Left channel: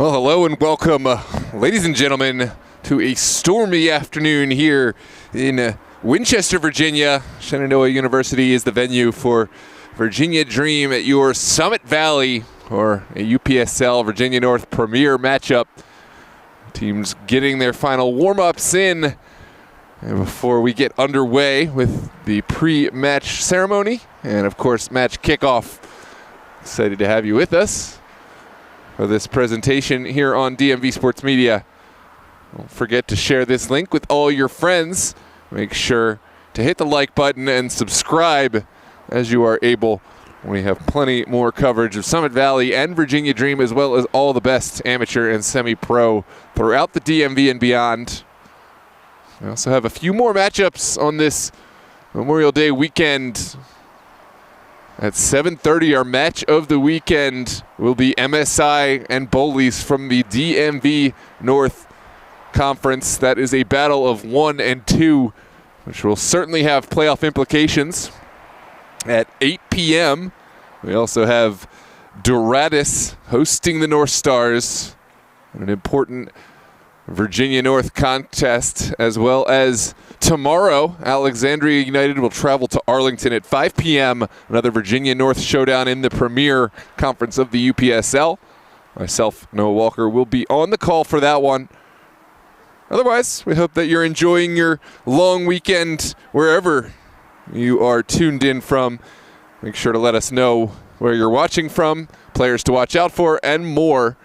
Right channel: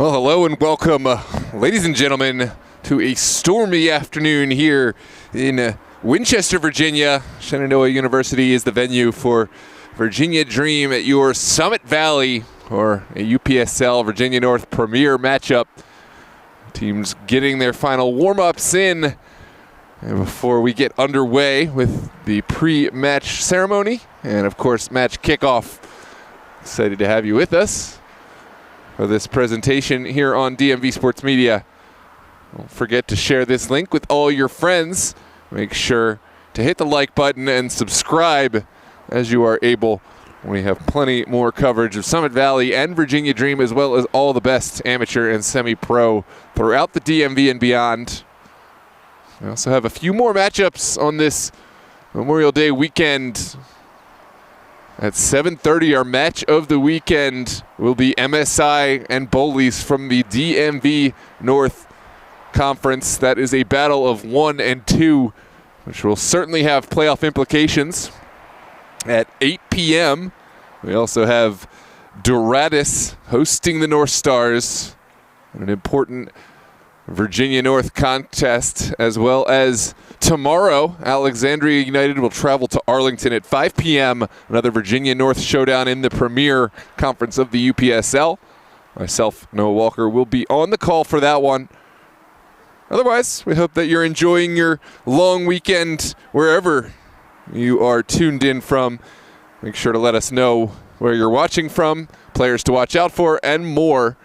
Well, hello and welcome, ladies and gentlemen, to a stormy afternoon here in Winchester, Virginia. Shenandoah University is the venue for Virginia Dream at your Summit Valley, or a UPSL Virginia North Premier matchup. Teams getting their final warm-ups in and before we get underway with the pre-match ceremony and, of course, match kickoff. Excited to have you with us for this presentation here on DMV Sports Media. Don't forget to share this link with all your friends. Make sure to hit the like button and subscribe as you are able. We have plenty more coverage of Summit Valley and Virginia Dream, as well as all the best amateur and semi-pro throughout the DMV and beyond. We also have a few more matchups on this Memorial Day weekend. At 7:30, our match of the weekend will be MSI and Bowleys from the DMV North Conference. That is a battle of 1 and 2, which will certainly have playoff implications. At 8 p.m., we also have Doradus hosting the North Stars, an important Virginia North contest, as well as tomorrow, Alexandria United will travel to Arlington at 5 p.m., another Virginia North showdown in the Premier Conference of the UPSL. Myself, Noah Walker, will be on the call for that one. Otherwise, we hope that you're enjoying your long weekend wherever you are tuned in from. Make sure to let us know where you're watching from, players to watch out for, and more.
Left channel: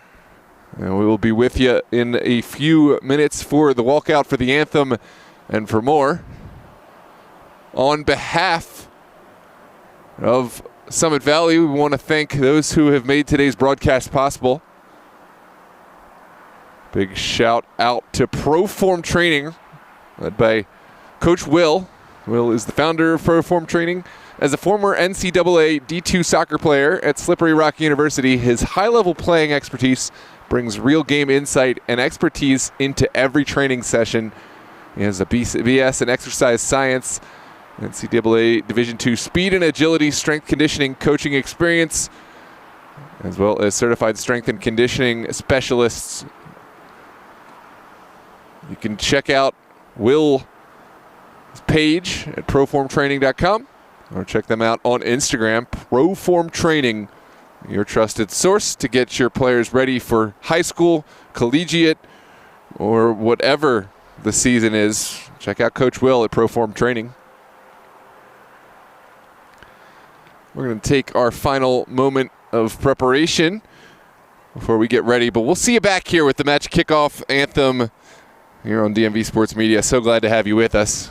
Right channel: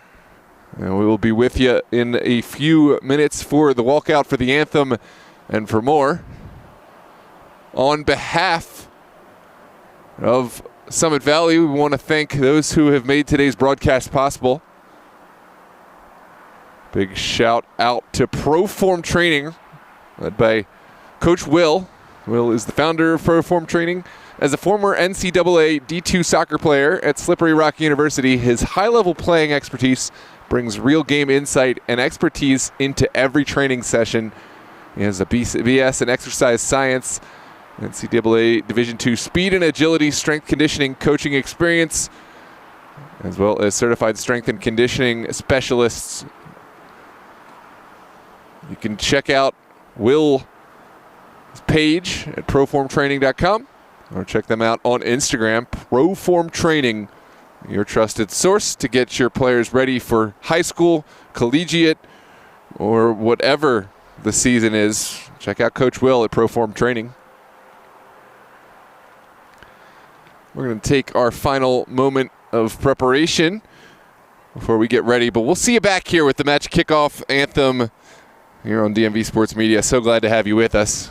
And we will be with you in a few minutes for the walkout for the anthem and for more. On behalf of Summit Valley, we want to thank those who have made today's broadcast possible. Big shout out to Proform Training, led by Coach Will. Will is the founder of Proform Training. As a former NCAA D2 soccer player at Slippery Rock University, his high-level playing expertise brings real game insight and expertise into every training session. He has a BS in exercise science, NCAA Division II speed and agility, strength conditioning, coaching experience, as well as certified strength and conditioning specialists. You can check out Will's page at proformtraining.com or check them out on Instagram, Proform Training, your trusted source to get your players ready for high school, collegiate, or whatever the season is. Check out Coach Will at Proform Training. We're going to take our final moment of preparation before we get ready, but we'll see you back here with the match kickoff anthem here on DMV Sports Media. So glad to have you with us.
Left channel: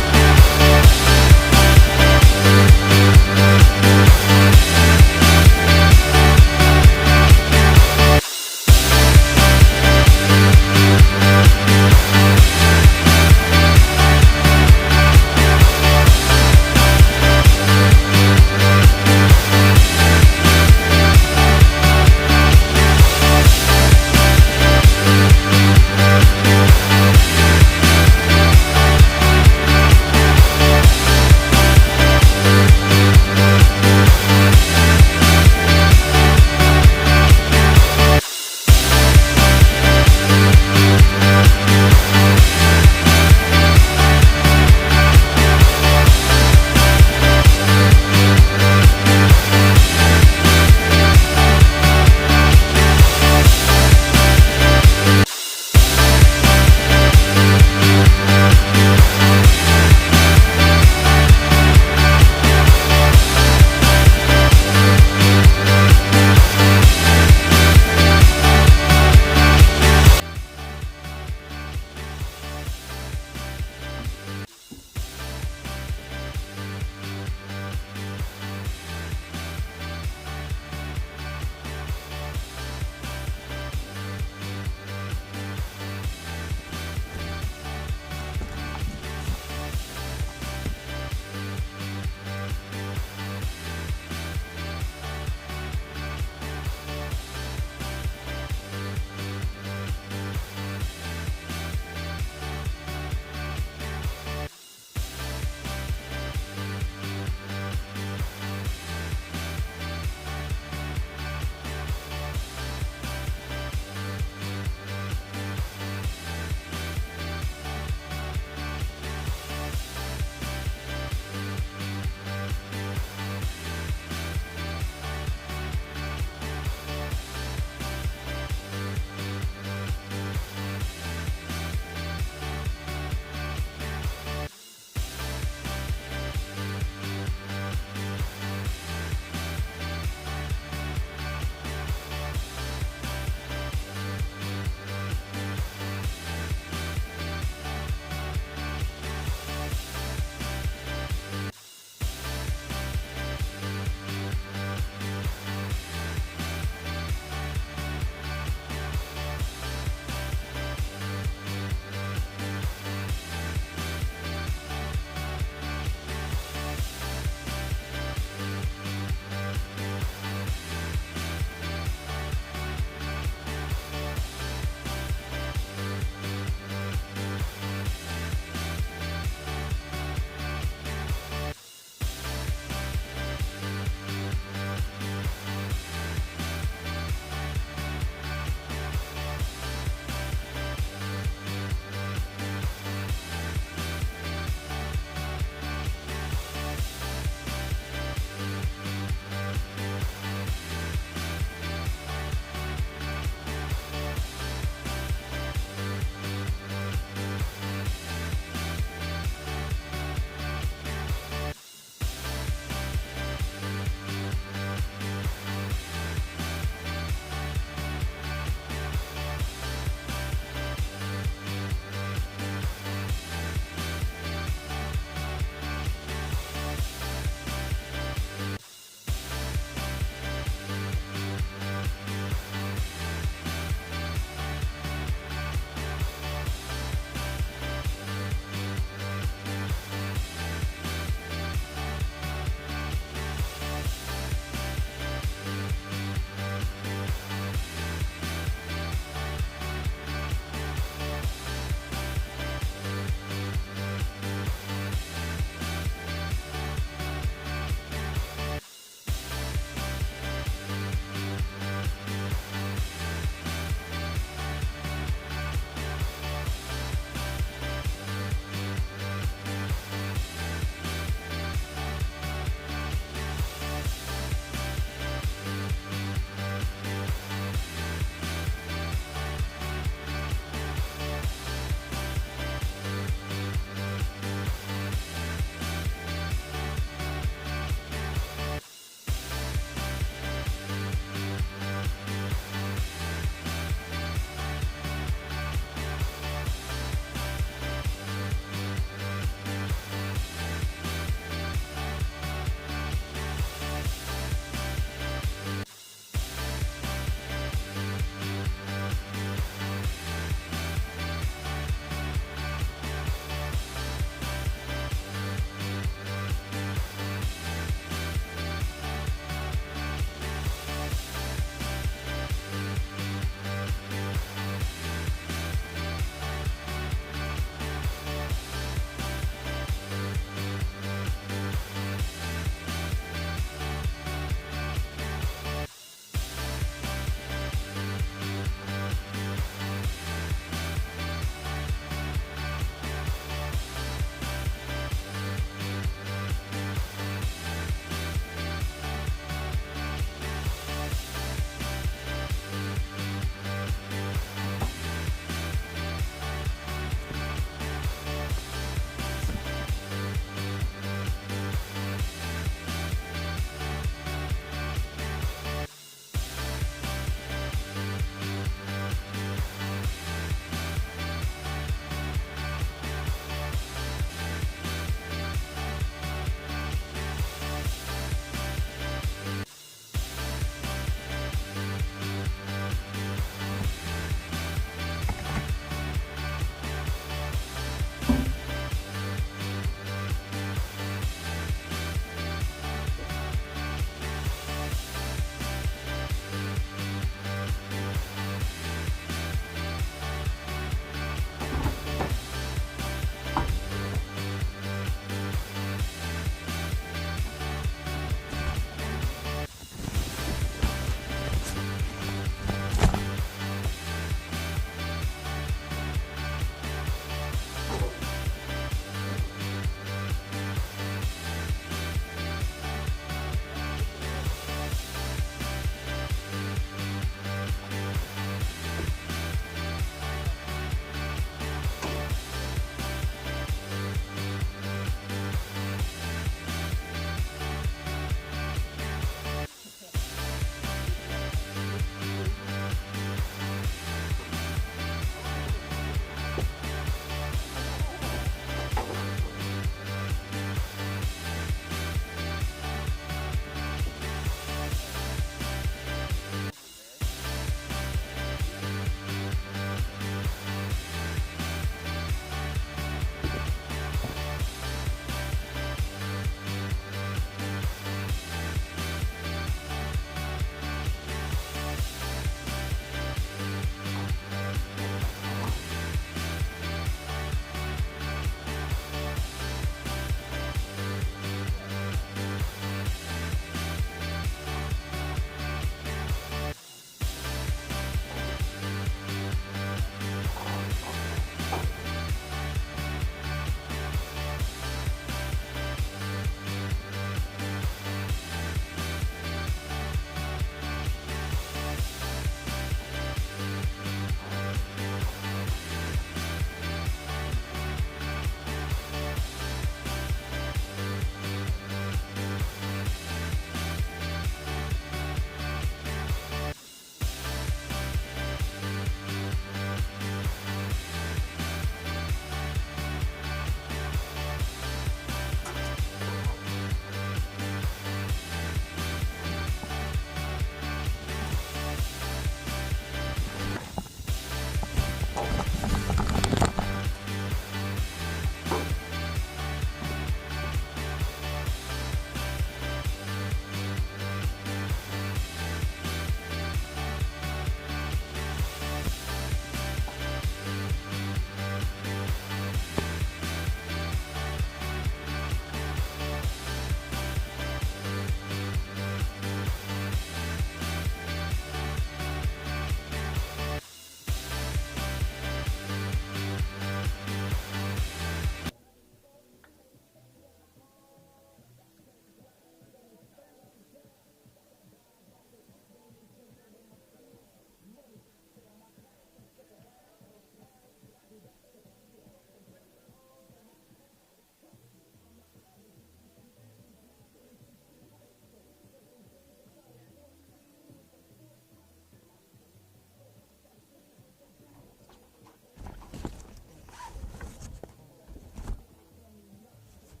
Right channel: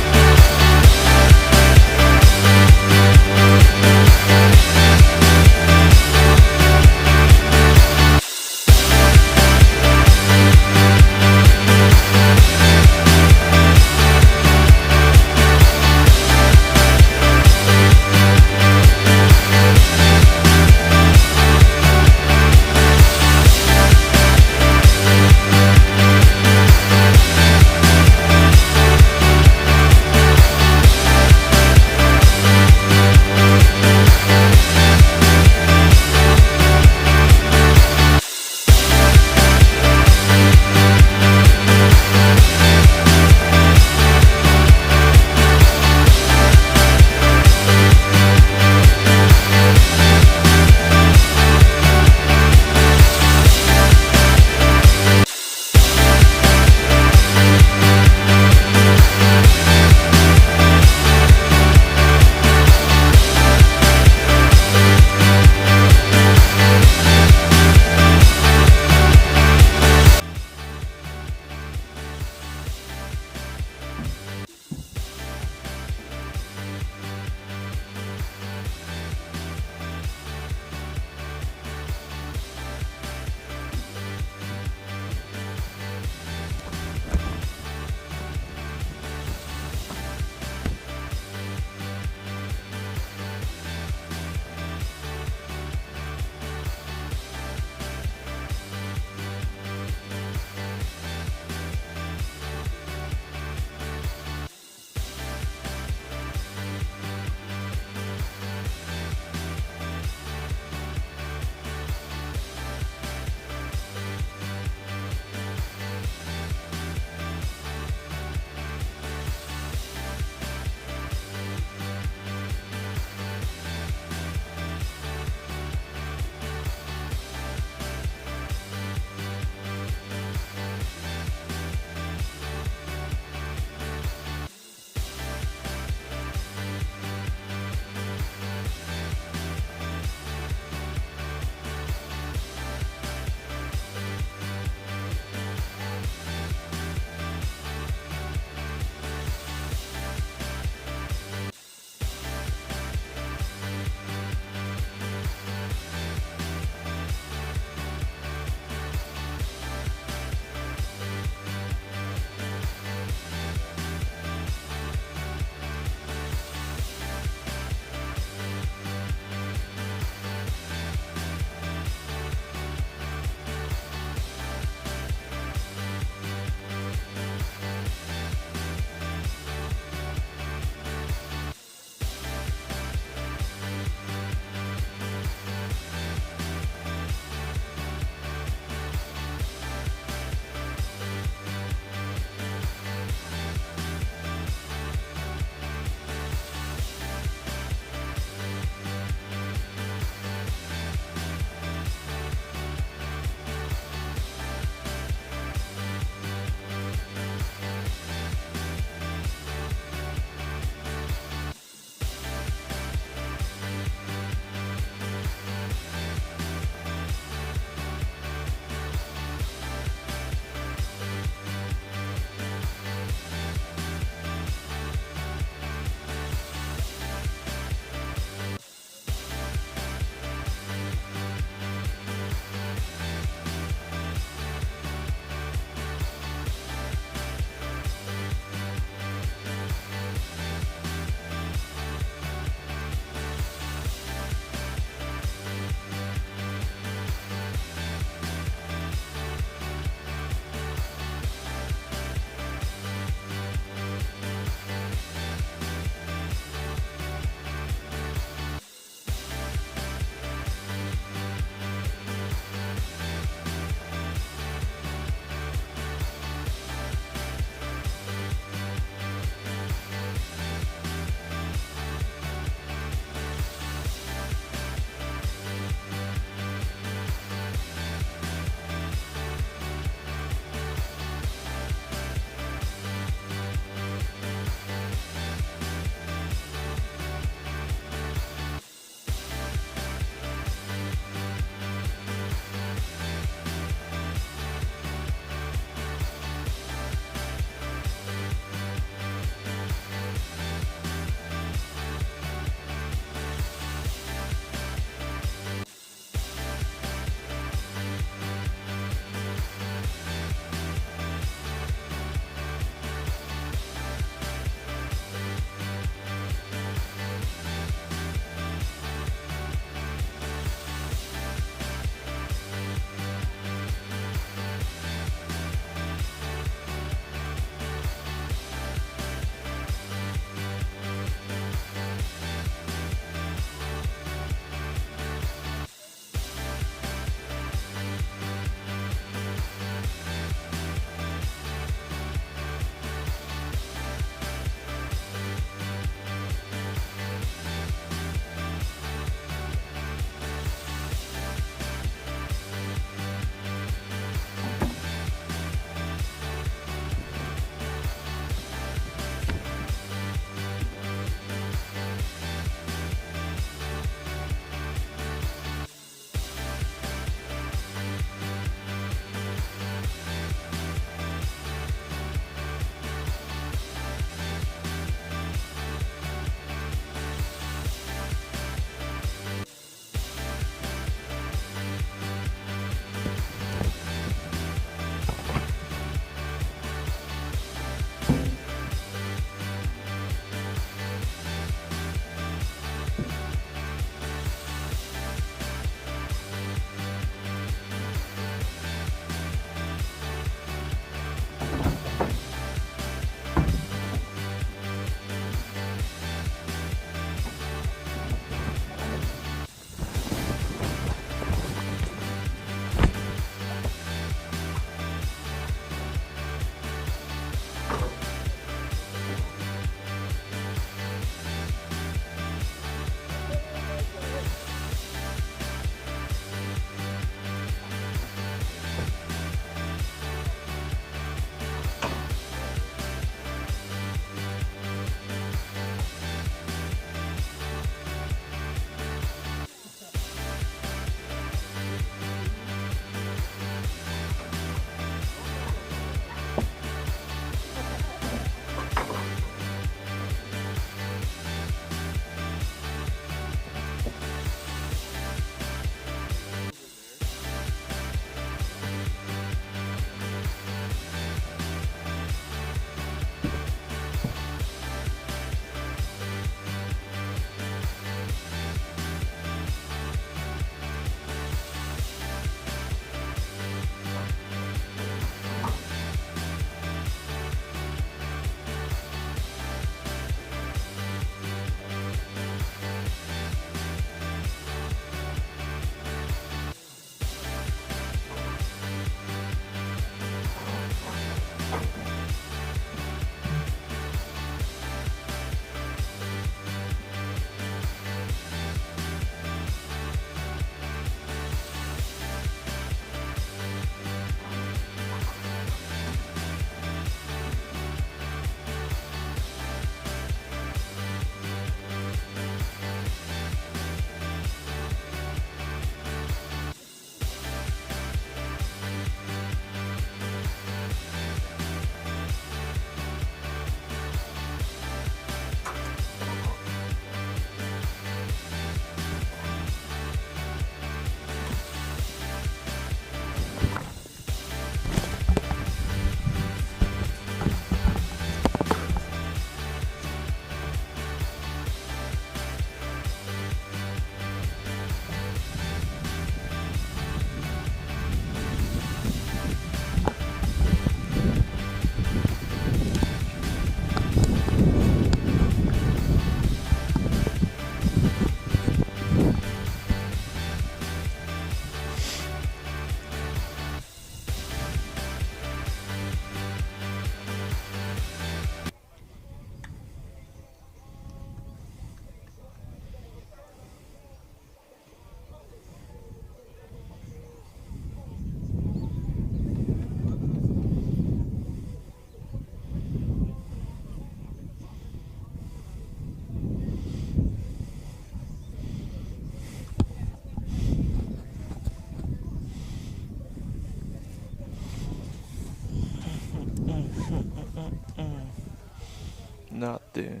nothing.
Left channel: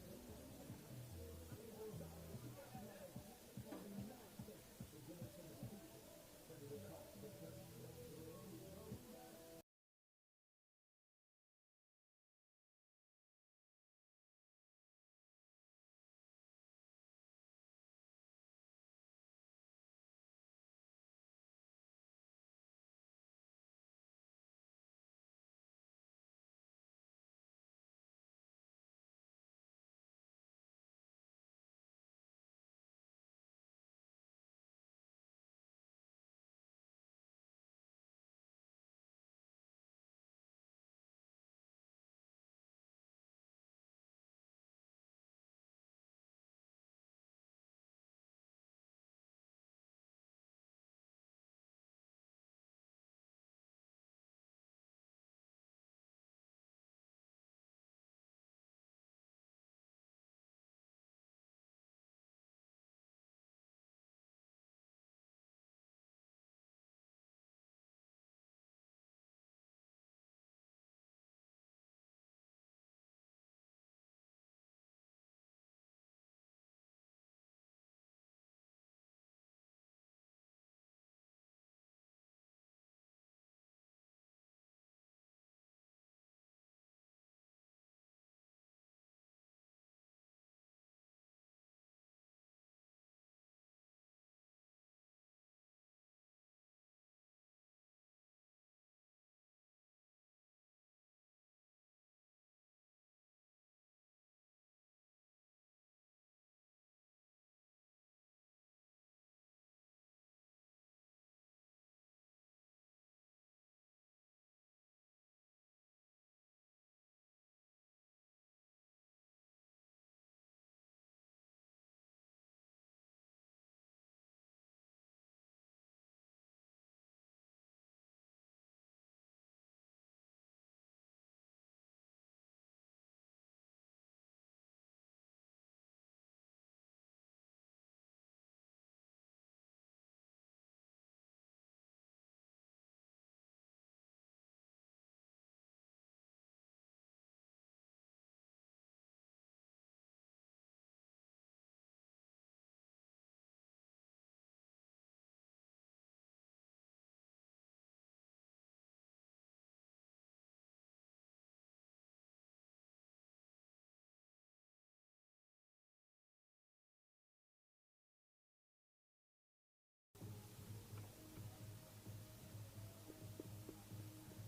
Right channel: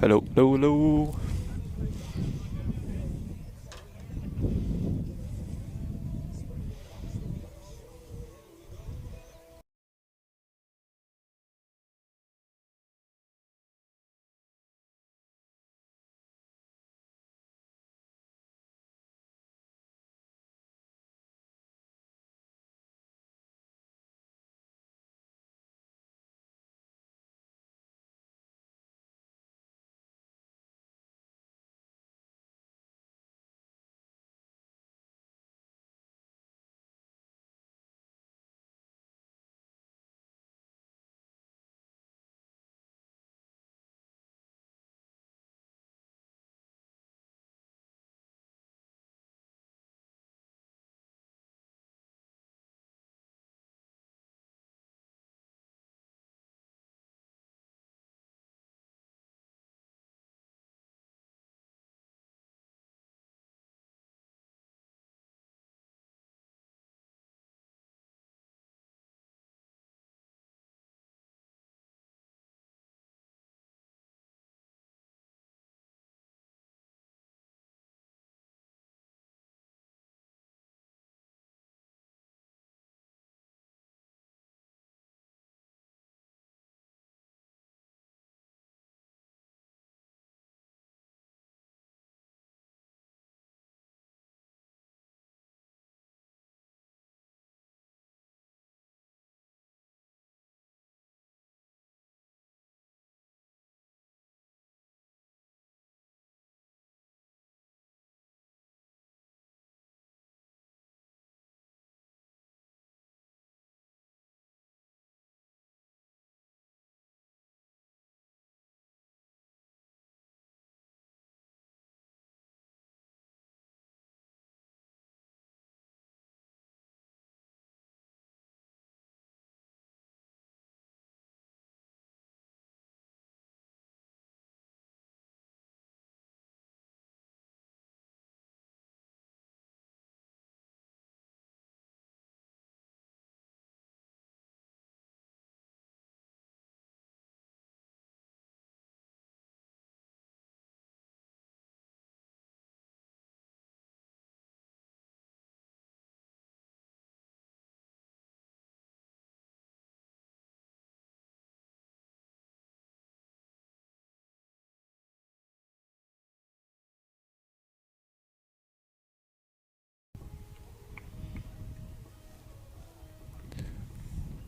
Hello, hello, hello.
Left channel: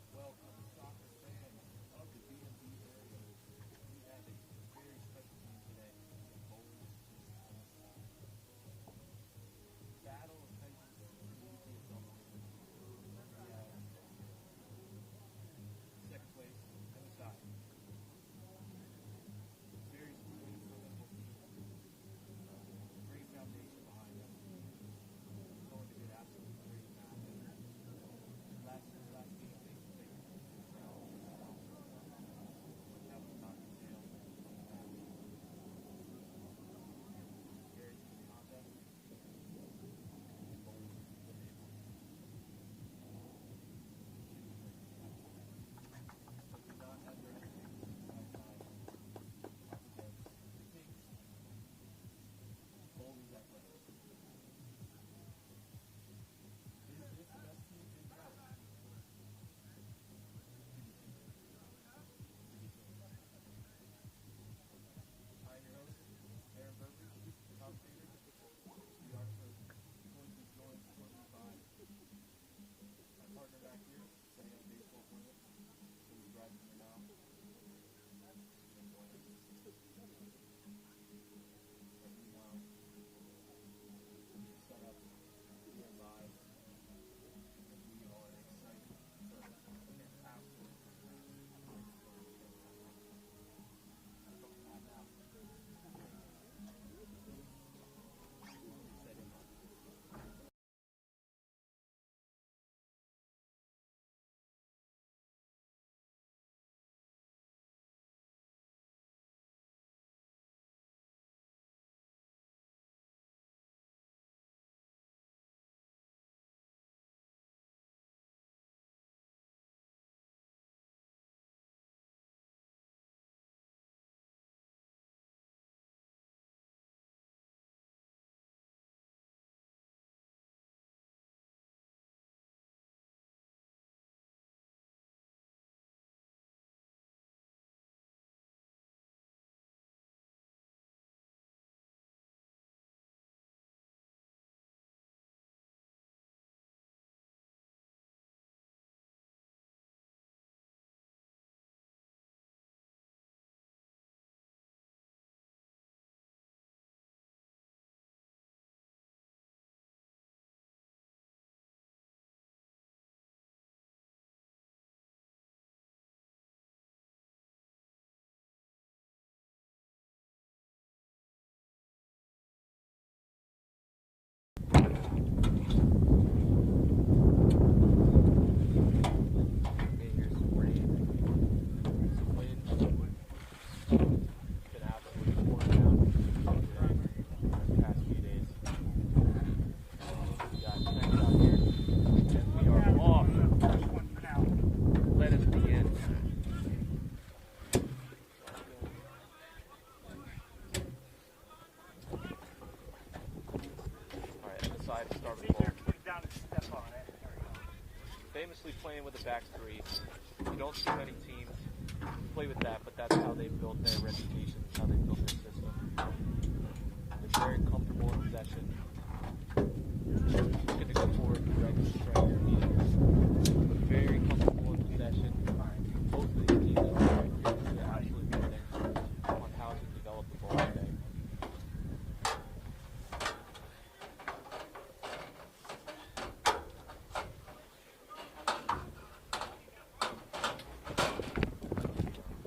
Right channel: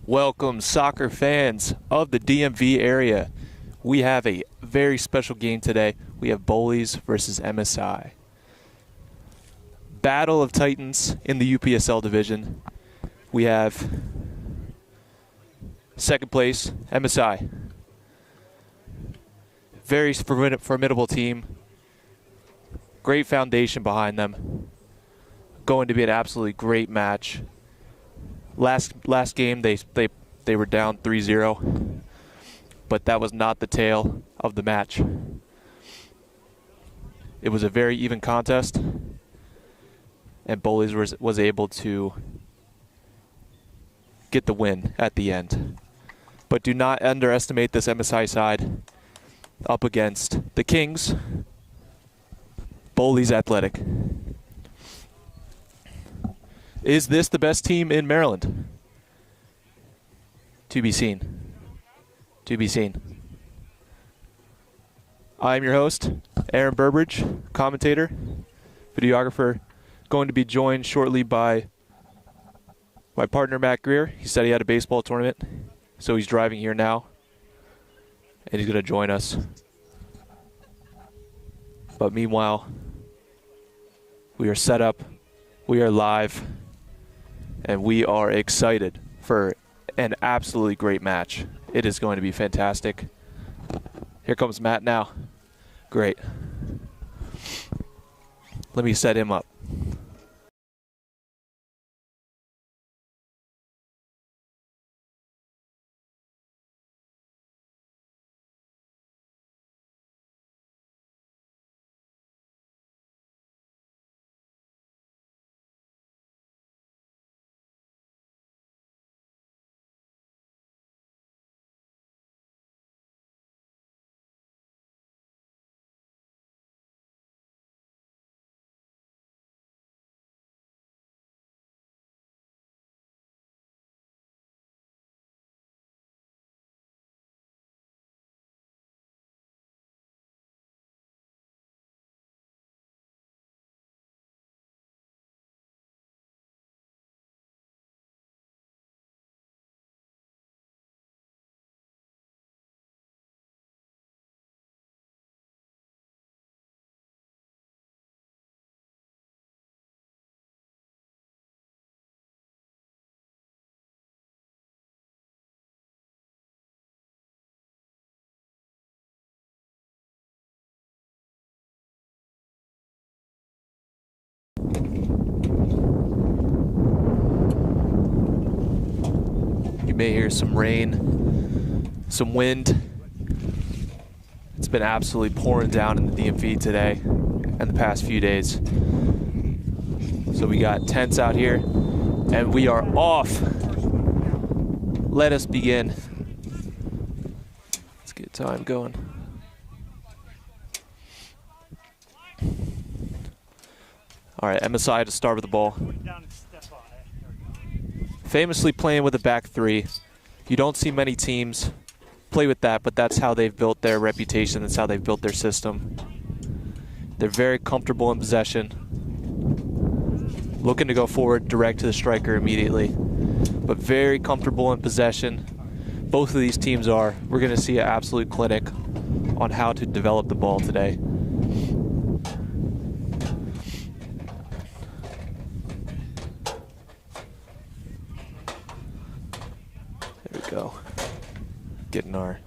Welcome, soccer fans of the DMV area. We have a very special game today. We have Bullies versus MSI. Battle of Titans in the UPSL division. We have second place, MSI. Very formidable team. Great foundation behind them. Going to be an absolutely great match. Last game they were down 3-0, but that was not the tale of the match. It was a very even contest, and Bowleys was able to get the win at the end. But do not underestimate this MSI side up against the Kings, Bowleys Athletic. Is this the best team in Maryland? To be seen. To be seen. I'm your host, Aaron Burbridge, commentator, videographer, going to be joined shortly by my partner, Matt Greer. He said he had a baseball tournament, so he's driving here now, and he's going to join us. But meanwhile, we are set up, we are live, and we are excited for an absolutely great match. It is going to be fantastic. Here comes Matt now. Great. Let me set him up. may hear some rain, some wind. It's been absolutely pouring down in the DMV today and the past few days. So we got tents out here and we are off. Let us begin. Let's get time going. All right, MSI to start with the ball. Famously playing with a back three. You don't see many teams play with that, but that's how they've built their reputation. That's how they've built their system. They're very comfortable in possession. Looking to go forward direct to the striker immediately, but very comfortable in possession. Both of these teams are. We're going to see an absolute clinic on how to develop the ball today. There we go. Getting our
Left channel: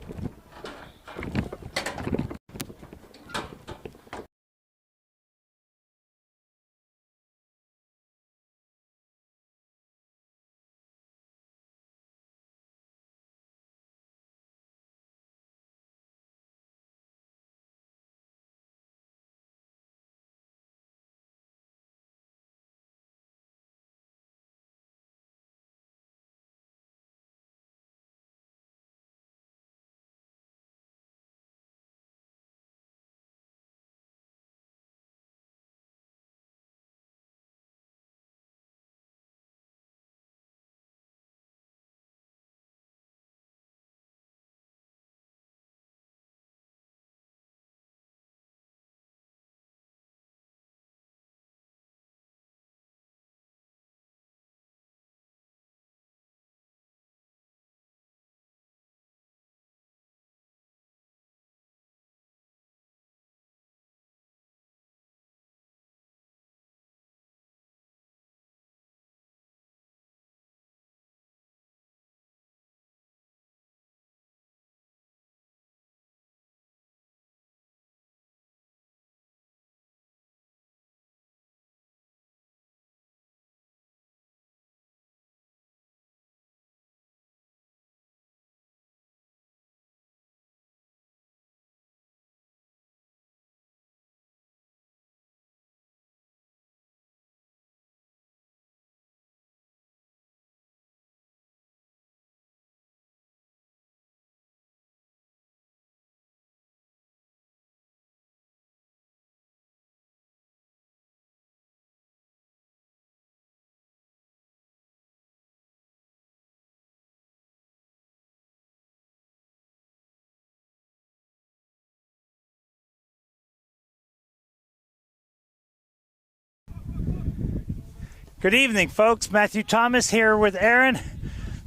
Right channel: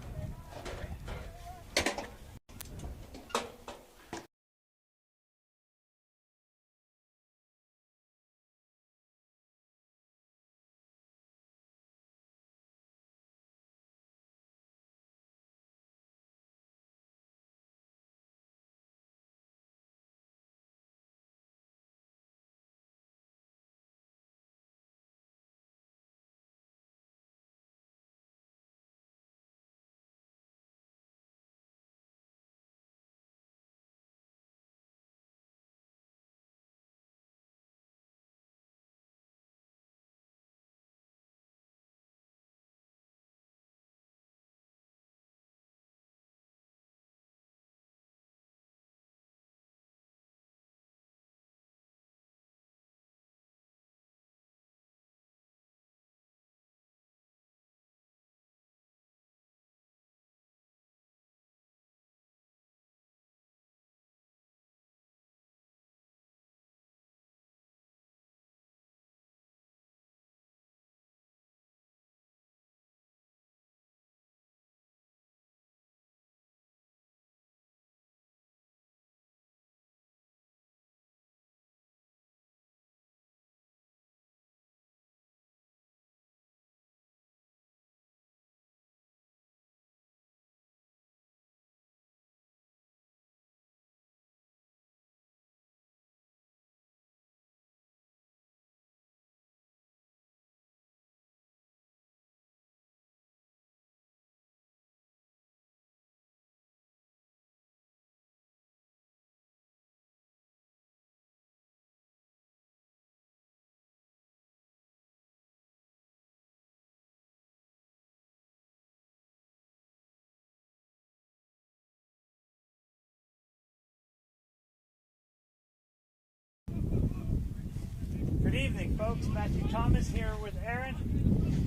Good evening, folks. Matthew Thomas here with Aaron.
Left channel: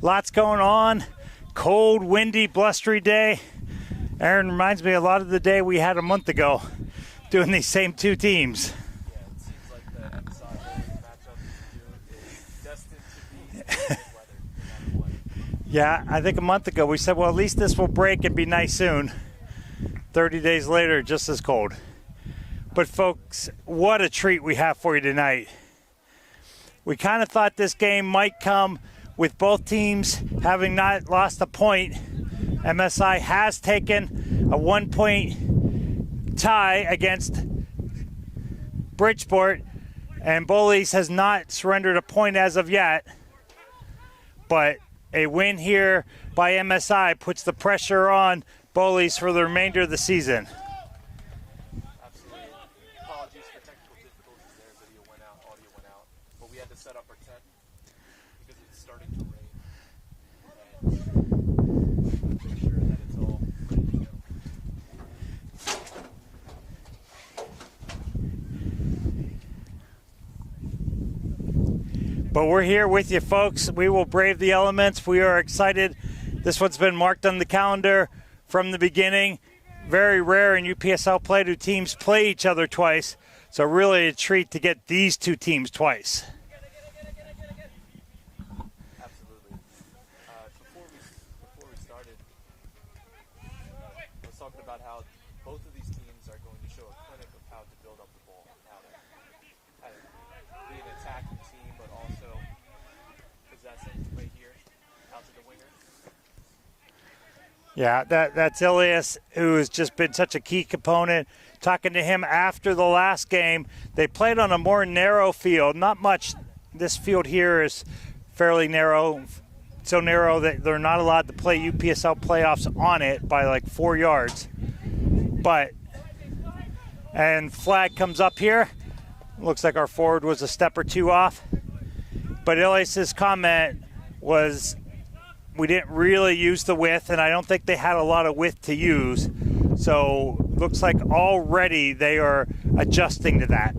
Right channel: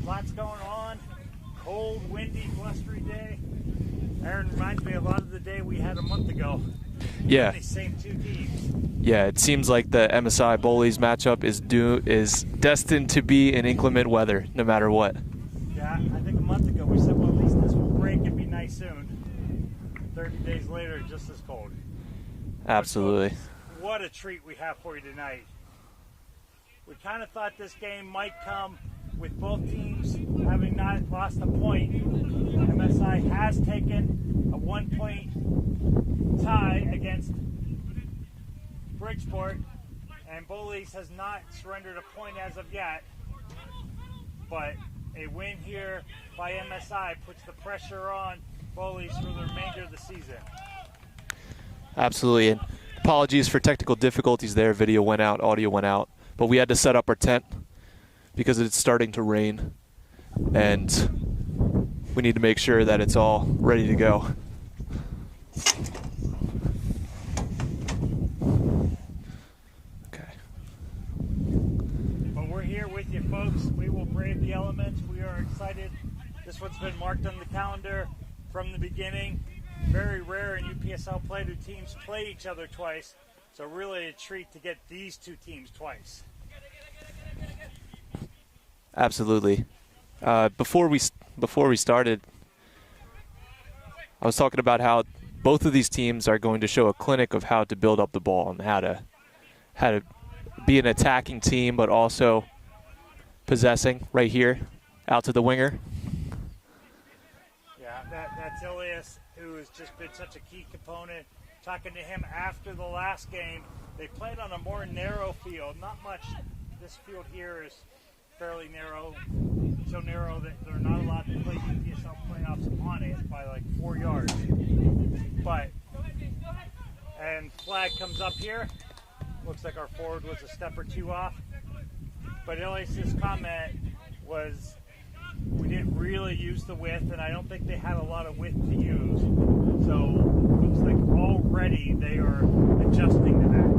Lots going on. Cold, windy, blustery day. Aaron reminds me a lot of the day we had a month ago doing these same two teams. Yeah, it seems like the MSI Bullies matchup is destined to be in inclement weather, no matter what. Yeah, I think a month ago we said, well, at least this will break and be nice soon. 30 days later, just as cold. Absolutely. But folks, what a treat we have for you tonight. We kind of thought this game might come with both teams having not lost a point. MSI has taken a 1-point tie against Bridgeport, and Bowleys has not surrendered a point as of yet. But a win here by MSI puts the pressure on Bowleys for the remainder of the season. Absolutely. And apologies for technical difficulties there. Video went out, audio went out. But we had to set up our tent because it's starting to rain, and we need to make sure that it's all ready to go. Okay. But we're here with you, folks. We will brave the elements. We are excited. This one's been marked on the calendar from the beginning. Very rare in UPSL play do teams play each other twice. So really a treat to get these two teams twice. Absolutely. Before we started, I was talking about how both of these teams are going to show a clinic of how to build up the ball and how to be an attacking team, but also possessing right here. Out to the winger. Yeah, that's Ilias, who has just been such a key component. Talking to him after the last game, they played on a more narrow field. Not much. This field here is fairly narrow, so narrow that they're not allowed to play UPSL playoffs on it by like 4 yards. And flag comes up here. Looks like our forward was a step or two off. But Ilias's comment was, we didn't really use the width, and I don't think they had a lot of width to use. So looks like already they are adjusting to that.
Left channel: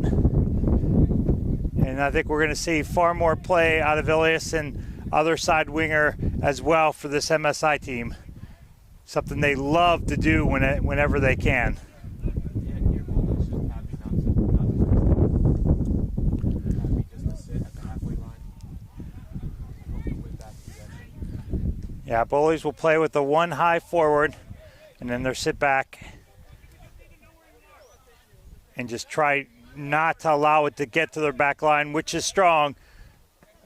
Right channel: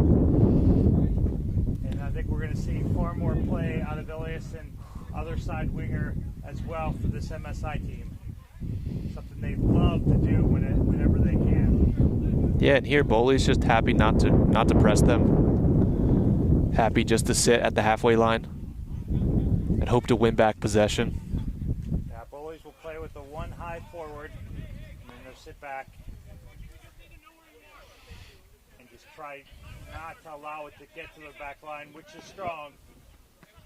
And I think we're going to see far more play out of Ilias and other side winger as well for this MSI team. Something they love to do whenever they can. Yeah, and here Bowleys just happy not to press them. Happy just to sit at the halfway line and hope to win back possession. Yeah, Bullies will play with the one high forward, and then they'll sit back and just try not to allow it to get to their back line, which is strong.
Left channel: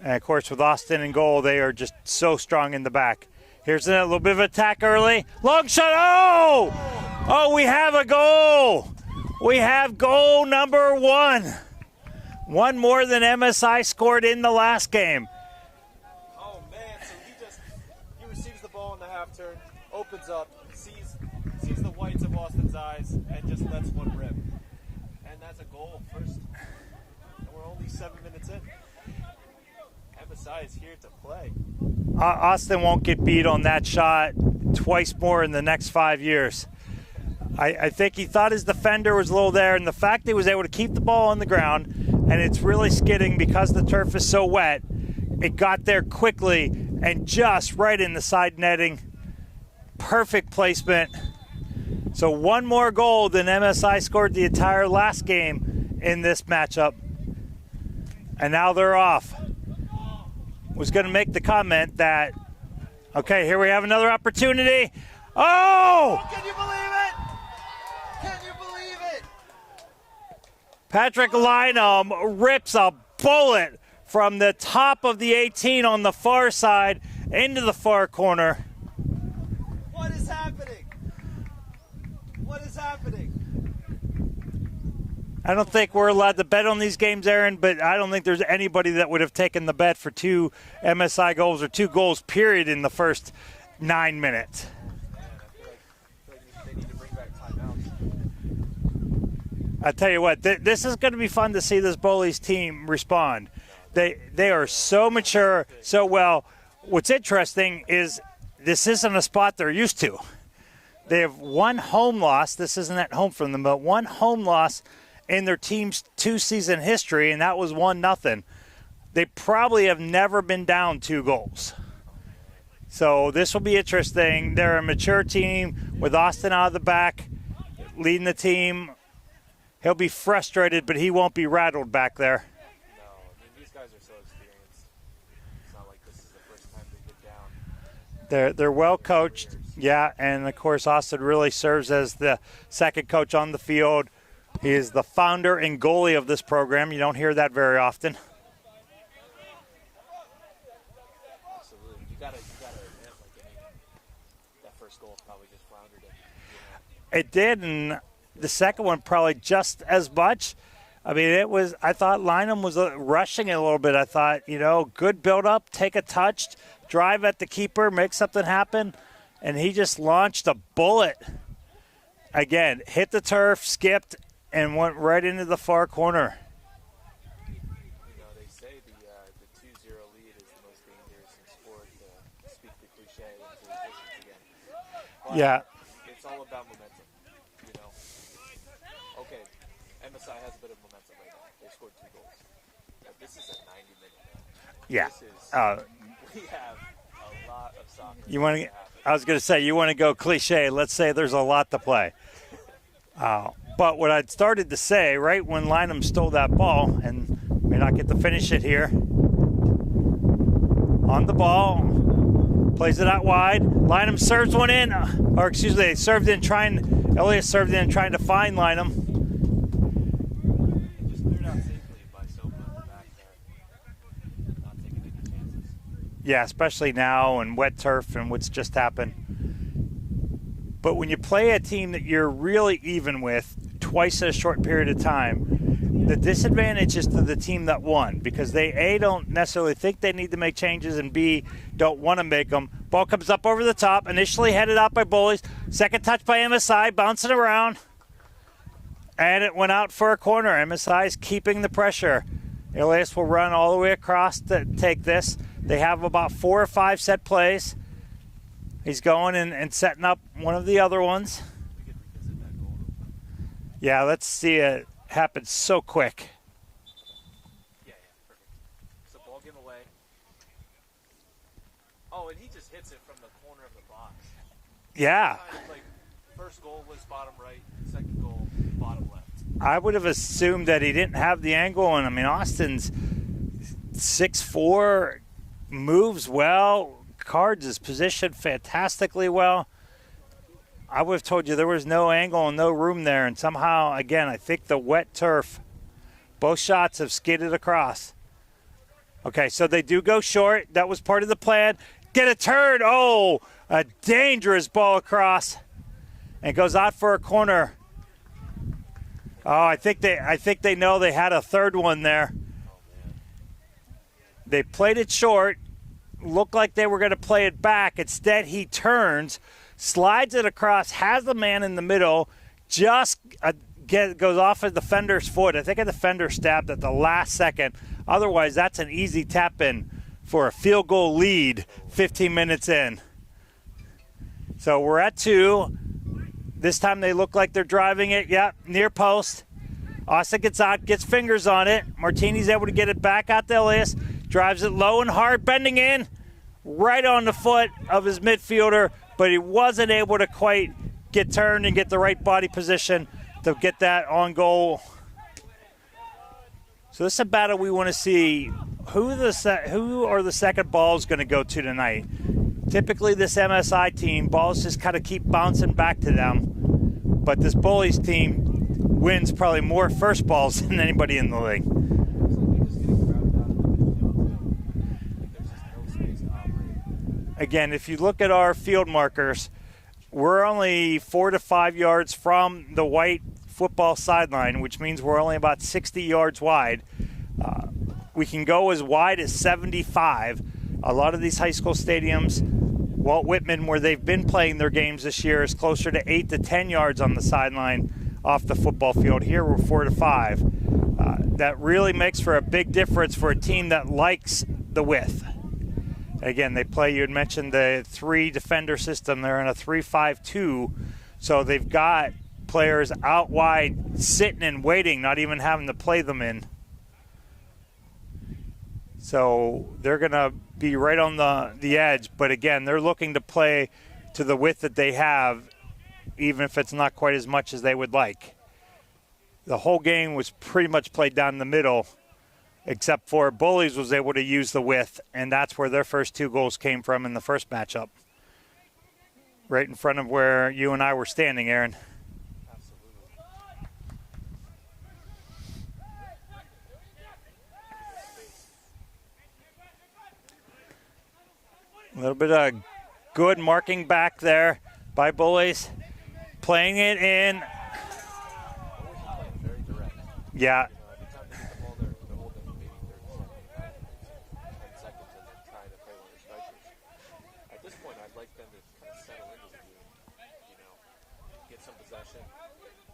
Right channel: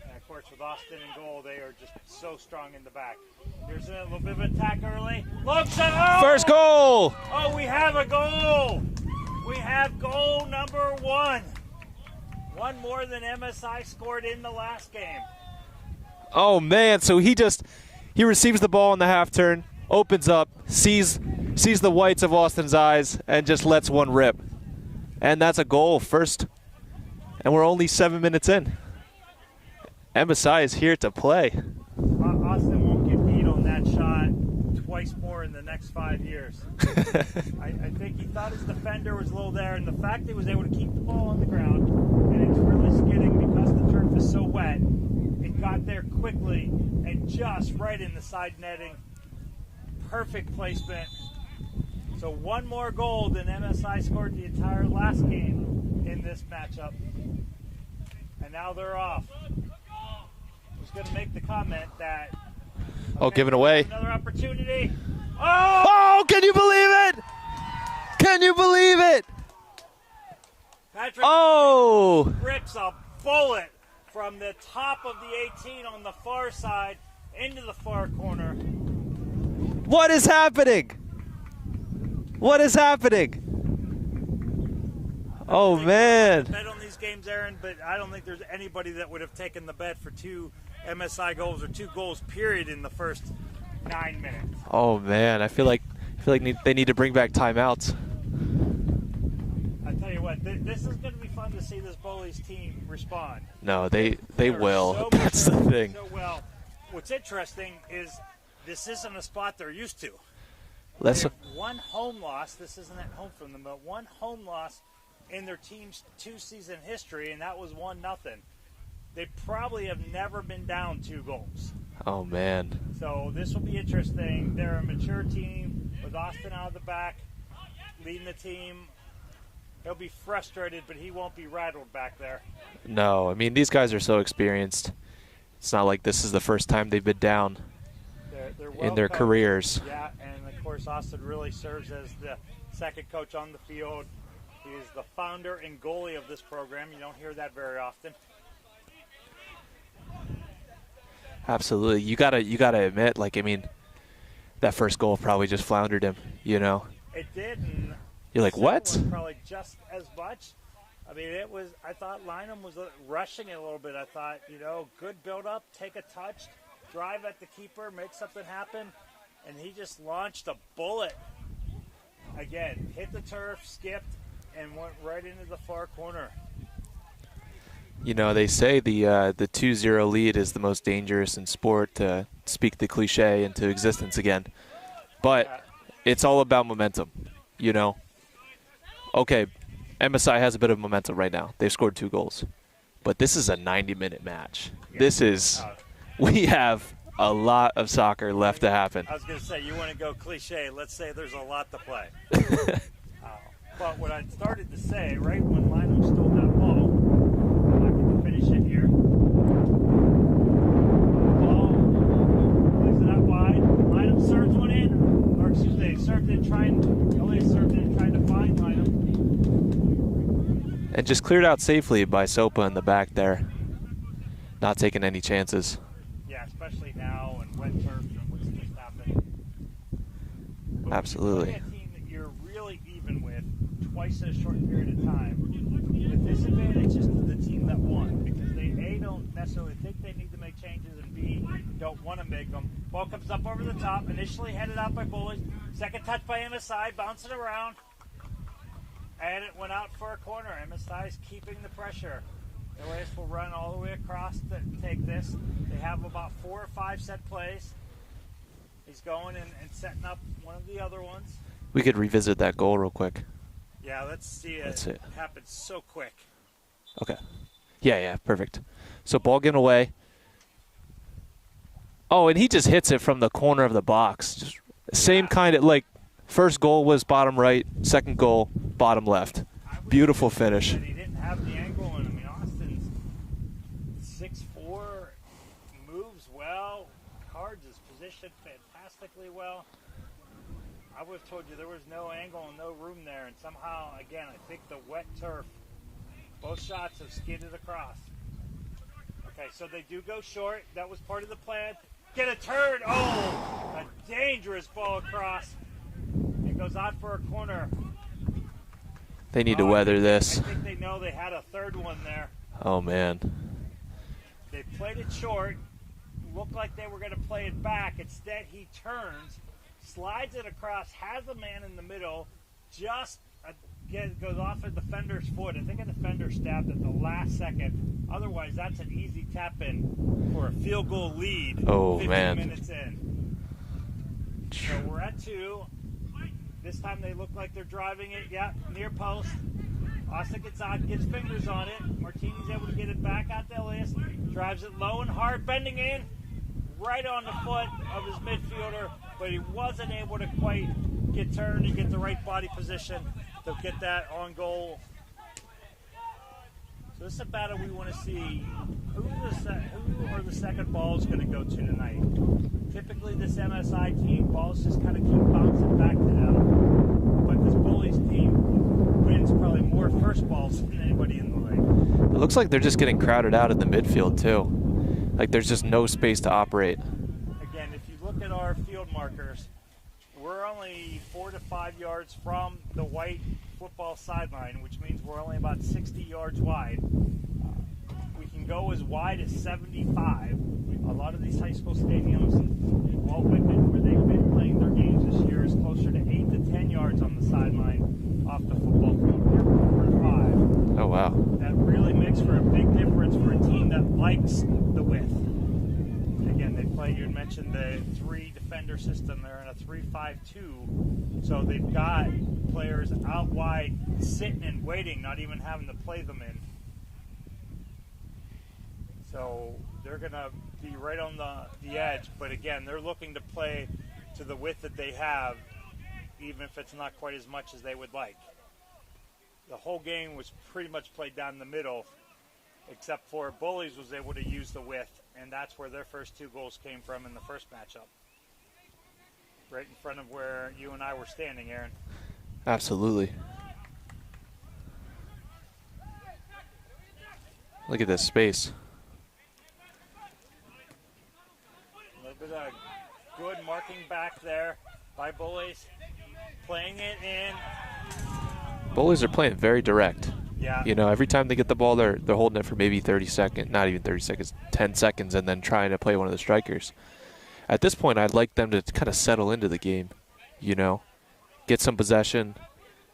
And of course, with Austin in goal, they are just so strong in the back. Here's a little bit of attack early. Long shot. Oh! First goal! Oh, we have a goal. We have goal number 1. One more than MSI scored in the last game. Oh man, so he receives the ball in the half turn, opens up, sees the whites of Austin's eyes, and just lets one rip. And that's a goal first. And we're only 7 minutes in. MSI is here to play. Austin won't get beat on that shot twice more in the next 5 years. I think he thought his defender was a little there, and the fact that he was able to keep the ball on the ground, and it's really skidding because the turf is so wet, it got there quickly and just right in the side netting. Perfect placement. So one more goal than MSI scored the entire last game in this matchup. And now they're off. Was going to make the comment that, okay, here we have another opportunity. Oh, can you believe it? Can you believe it? Patrick Lynham rips a bullet from the top of the 18 on the far side into the far corner. What is happening? What is happening? I don't think we're allowed to bet on these games, Aaron, but I don't think there's anybody that would have taken the bet for 2 MSI goals or 2 goals, period, in the first 9 minutes. Oh, man. I feel like they need to bring back timeouts. I tell you what, this is going to be fun to see this Bullies team respond. No, they are will. so mature, That's the thing. so well. What's interesting is this isn't a spot they're used to. They have one home loss. This isn't at home from them, but one home loss in their team's 2-season history, and that was 1-0. They probably have never been down 2 goals. Oh, man. So this will be interesting. They're a mature team with Austin out of the back, leading the team. He'll be frustrated, but he won't be rattled back there. No, I mean, these guys are so experienced. It's not like this is the first time they've been down. They're well in their coached. careers. Yeah, and of course Austin really serves as the second coach on the field. He is the founder and goalie of this program. You don't hear that very often. Absolutely. You gotta admit, like, I mean, that first goal probably just floundered him, you know? It did, and You're the like, second what? one probably just as much. I mean, I thought Lynham was rushing it a little bit. I thought, good build-up, take a touch, drive at the keeper, make something happen, and he just launched a bullet. Again, hit the turf, skipped, and went right into the far corner. You know, they say the 2-0 lead is the most dangerous in sport, to speak the cliche into existence again. But It's all about momentum, you know. Okay, MSI has a bit of momentum right now. They've scored 2 goals. But this is a 90-minute match. Yeah. This is we have a lot of soccer left to happen. I was going to say, you want to go cliche. Let's say there's a lot to play. But what I'd started to say, right when Lynham stole that ball, and we not get to finish it here, on the ball, plays it out wide. Lynham serves one in, Ilias served in trying to find Lynham. And just cleared out safely by Sopa in the back there. Not taking any chances. Yeah, especially now and wet turf and what's just happened. But when you play a team that you're really even with twice in a short period of time, the disadvantage is to the team that won because they, A, don't necessarily think they need to make changes, and B, don't want to make them. Ball comes up over the top, initially headed out by Bullies. Second touch by MSI, bouncing around. And it went out for a corner. MSI is keeping the pressure. Elias will run all the way across to take this. They have about 4 or 5 set plays. He's going and setting up one of the other ones. We could revisit that goal real quick. Yeah, let's see it happen so quick. Okay. Yeah, perfect. So ball given away. Oh, and he just hits it from the corner of the box. Just same kind of, like, first goal was bottom right, second goal, bottom left. I would have assumed that he didn't have the angle, and I mean, Austin's 6'4", moves well, cards his position fantastically well. I would have told you there was no angle and no room there, and somehow, again, I think the wet turf, both shots have skidded across. Okay, so they do go short. That was part of the plan. Get a turn. Oh, a dangerous ball across. And goes out for a corner. They need to weather this. I think they know they had a third one there. Oh, man. They played it short. Looked like they were going to play it back. Instead, he turns, slides it across, has the man in the middle, just goes off of the defender's foot. I think the defender stabbed at the last second. Otherwise, that's an easy tap-in for a field goal lead 15 minutes in. So we're at 2. This time they look like they're driving it. Yep, near post. Austin gets out, gets fingers on it. Martini's able to get it back out to Elias. Drives it low and hard, bending in. Right on the foot of his midfielder, but he wasn't able to quite get turned and get the right body position to get that on goal. So this is a battle we want to see. Who are the second balls going to go to tonight? Typically this MSI team, balls just kind of keep bouncing back to them. But this Bullies team wins probably more first balls than anybody in the league. It looks like they're just getting crowded out in the midfield too. Like there's just no space to operate. Again, if you look at our field markers, we're only 4 to 5 yards from the white football sideline, which means we're only about 60 yards wide. We can go as wide as 75. A lot of these high school stadiums, Walt Whitman, where they've been playing their games this year, is closer to 8 to 10 yards on the sideline off the football field. Here we're 4 to 5. Oh, wow. That really makes for a big difference for a team that likes the width. Again, they play, you had mentioned the 3 defender system. They're in a 3-5-2, so they've got players out wide sitting and waiting, not even having to play them in. So they're going to be right on the edge, but again, they're looking to play to the width that they have, even if it's not quite as much as they would like. The whole game was pretty much played down the middle, except for Bullies was able to use the width, and that's where their first 2 goals came from in the first matchup. Right in front of where you and I were standing, Aaron. Absolutely. Look at this space. A little bit of good marking back there by Bullies. Playing it in. Bullies are playing very direct. Yeah. You know, every time they get the ball, they're holding it for maybe 30 seconds, not even 30 seconds, 10 seconds, and then trying to play one of the strikers. At this point, I'd like them to kind of settle into the game, you know, get some possession,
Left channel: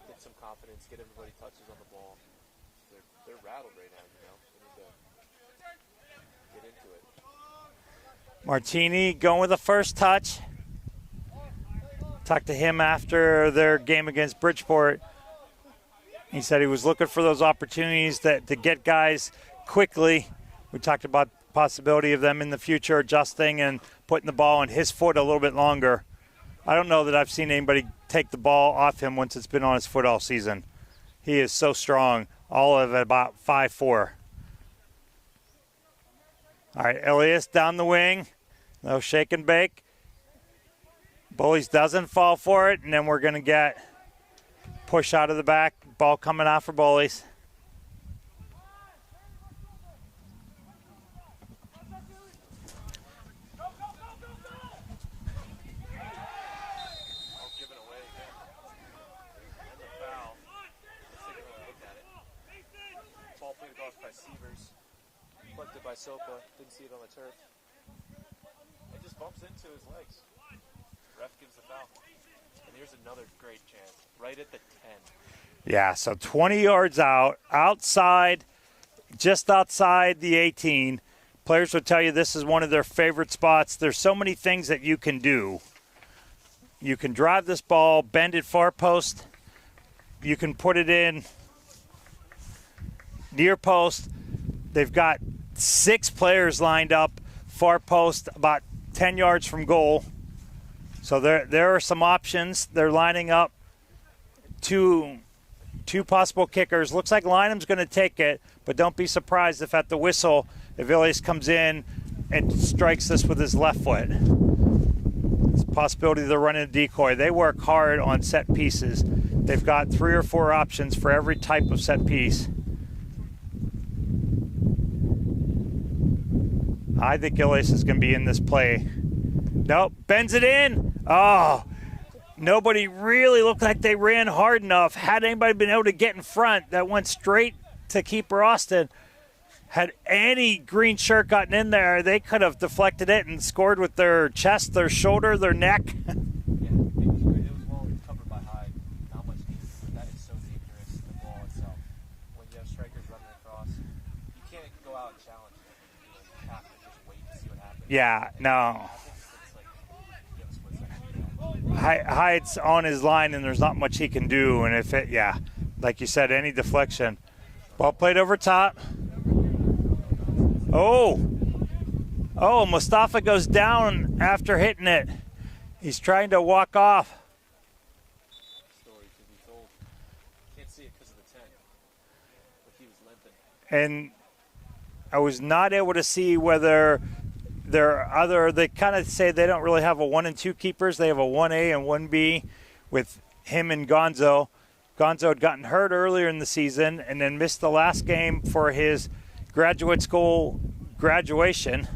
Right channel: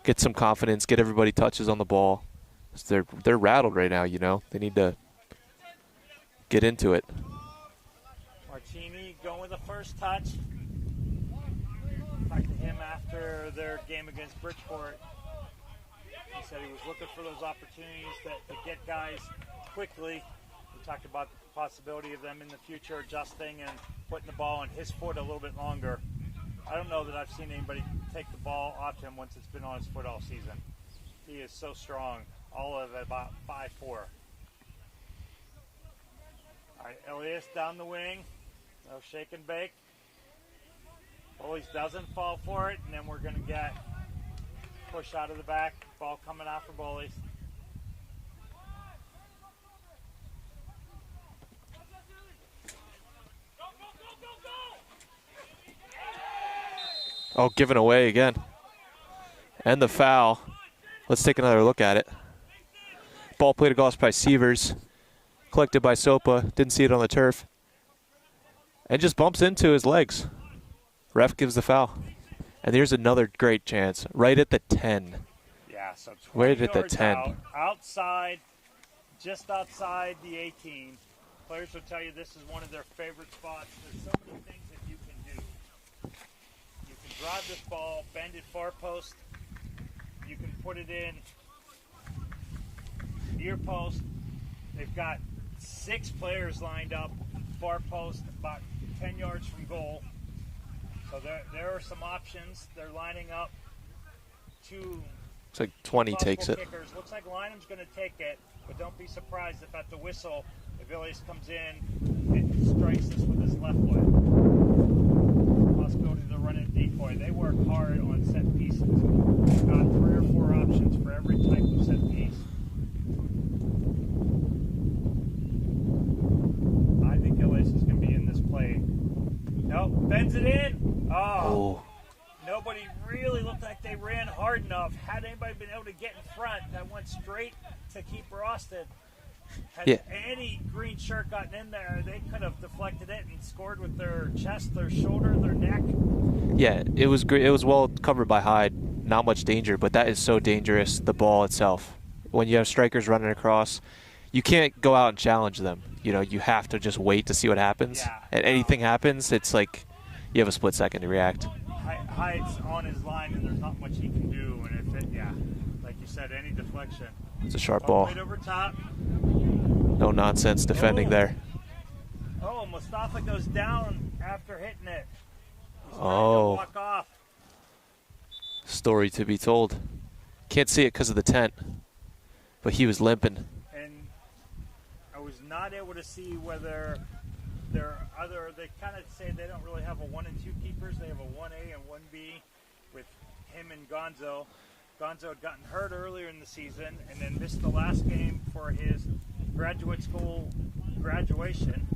get some confidence, get everybody touches on the ball. They're rattled right now, you know. They need to get into it. Martini going with the first touch. Talked to him after their game against Bridgeport. He said he was looking for those opportunities to get guys quickly. We talked about the possibility of them in the future adjusting and putting the ball on his foot a little bit longer. I don't know that I've seen anybody take the ball off him once it's been on his foot all season. He is so strong, all of it about 5'4". All right, Elias down the wing. No shake and bake. Bullies doesn't fall for it, and then we're going to get push out of the back. Ball coming out for Bullies. Oh, given away again. And the foul. Let's take another look at it. Ball played across by Sievers. Collected by Sopa. Didn't see it on the turf. And just bumps into his legs. Ref gives the foul. And here's another great chance. Right at the 10. Yeah, so 20 yards out, outside, just outside the 18. Players would tell you this is one of their favorite spots. There's so many things that you can do. You can drive this ball, bend it far post. You can put it in near post. They've got 6 players lined up, far post, about 10 yards from goal. So there are some options. They're lining up two possible kickers. Looks like Lynham's going to take it, but don't be surprised if at the whistle, Bowleys comes in and strikes this with his left foot. It's a possibility they're running a decoy. They work hard on set pieces. They've got 3 or 4 options for every type of set piece. I think Gillies is going to be in this play. Nope, bends it in. Oh. Nobody really looked like they ran hard enough. Had anybody been able to get in front, that went straight to keeper Austin. Had any green shirt gotten in there, they could have deflected it and scored with their chest, their shoulder, their neck. Yeah, it was great. It was well covered by Hyde. Not much danger, but that is so dangerous, the ball itself. When you have strikers running across, you can't go out and challenge them. You know, you have to just wait to see what happens. Yeah. And anything happens, it's like you have a split second to react. Hyde's on his line, and there's not much he can do. And if it, like you said, any deflection. It's a sharp ball. Played over top. No nonsense defending there. Oh, Mustafa goes down after hitting it. He's trying to walk off. Story to be told. Can't see it because of the tent, but he was limping. And I was not able to see whether they kind of say they don't really have a 1 and 2 keepers. They have a 1A and 1B with him and Gonzo. Gonzo had gotten hurt earlier in the season and then missed the last game for his graduate school graduation.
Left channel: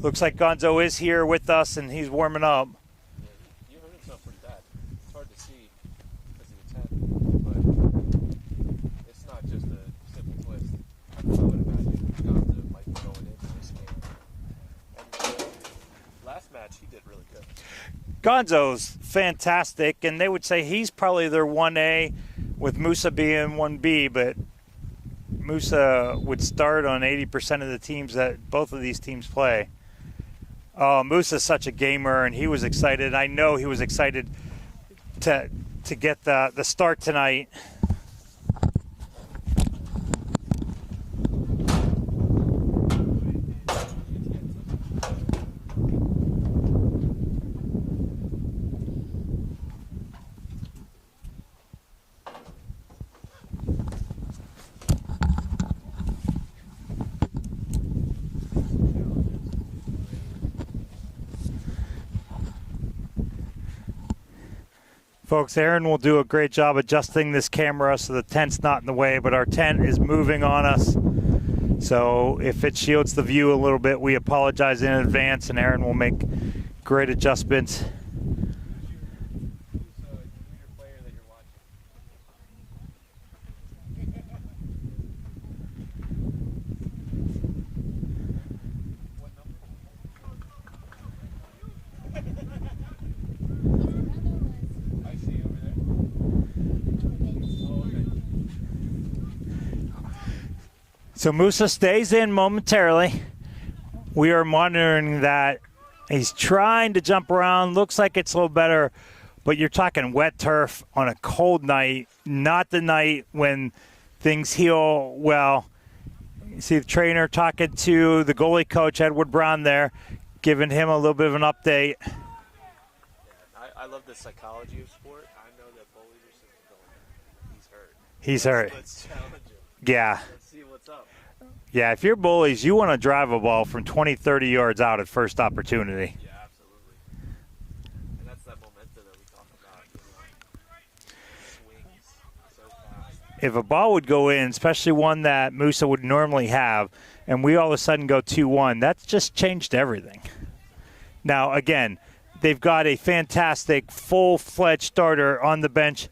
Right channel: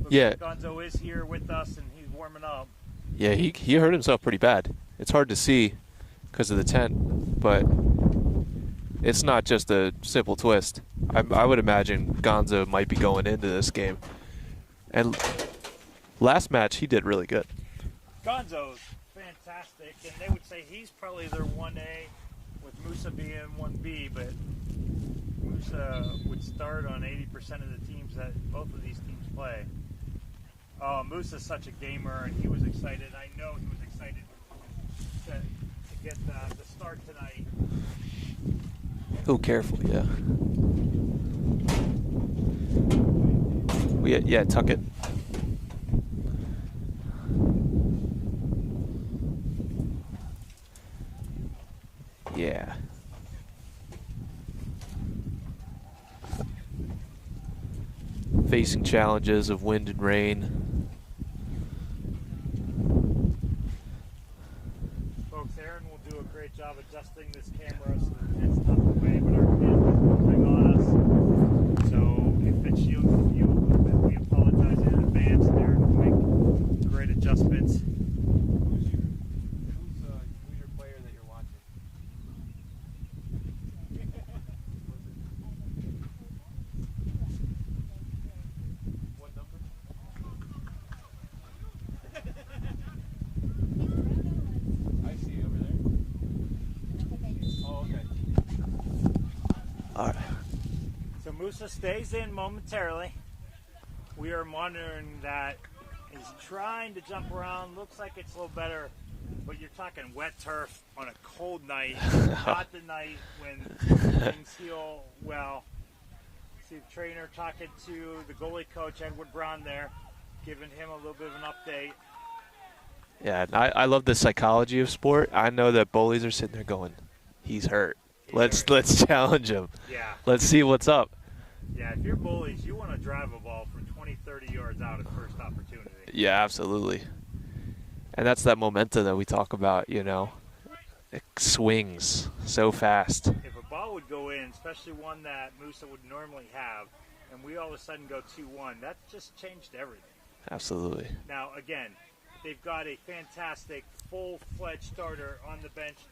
Looks like Gonzo is here with us and he's warming up. Yeah, he hurt himself pretty bad. It's hard to see because of the tent, but it's not just a simple twist. I would imagine Gonzo might be going into this game. And last match, he did really good. Gonzo's fantastic, and they would say he's probably their 1A with Musa being 1B, but Musa would start on 80% of the teams that both of these teams play. Musa's such a gamer, and he was excited. I know he was excited to get the start tonight. Oh, careful, yeah. Yeah, tuck it. Yeah. Facing challenges of wind and rain. Folks, Aaron will do a great job adjusting this camera so the tent's not in the way, but our tent is moving on us. So if it shields the view a little bit, we apologize in advance, and Aaron will make great adjustments. So Musa stays in momentarily. We are monitoring that. He's trying to jump around. Looks like it's a little better, but you're talking wet turf on a cold night, not the night when things heal well. You see the trainer talking to the goalie coach, Edward Brown there, giving him a little bit of an update. Yeah, I love the psychology of sport. I know that Bullies are sitting there going, he's hurt. Let's challenge him. Yeah. Let's see what's up. Yeah, if you're Bullies, you want to drive a ball from 20, 30 yards out at first opportunity. Yeah, absolutely. And that's that momentum that we talk about, you know. It swings so fast. If a ball would go in, especially one that Musa would normally have, and we all of a sudden go 2-1, that's just changed everything. Absolutely. Now, again, they've got a fantastic, full-fledged starter on the bench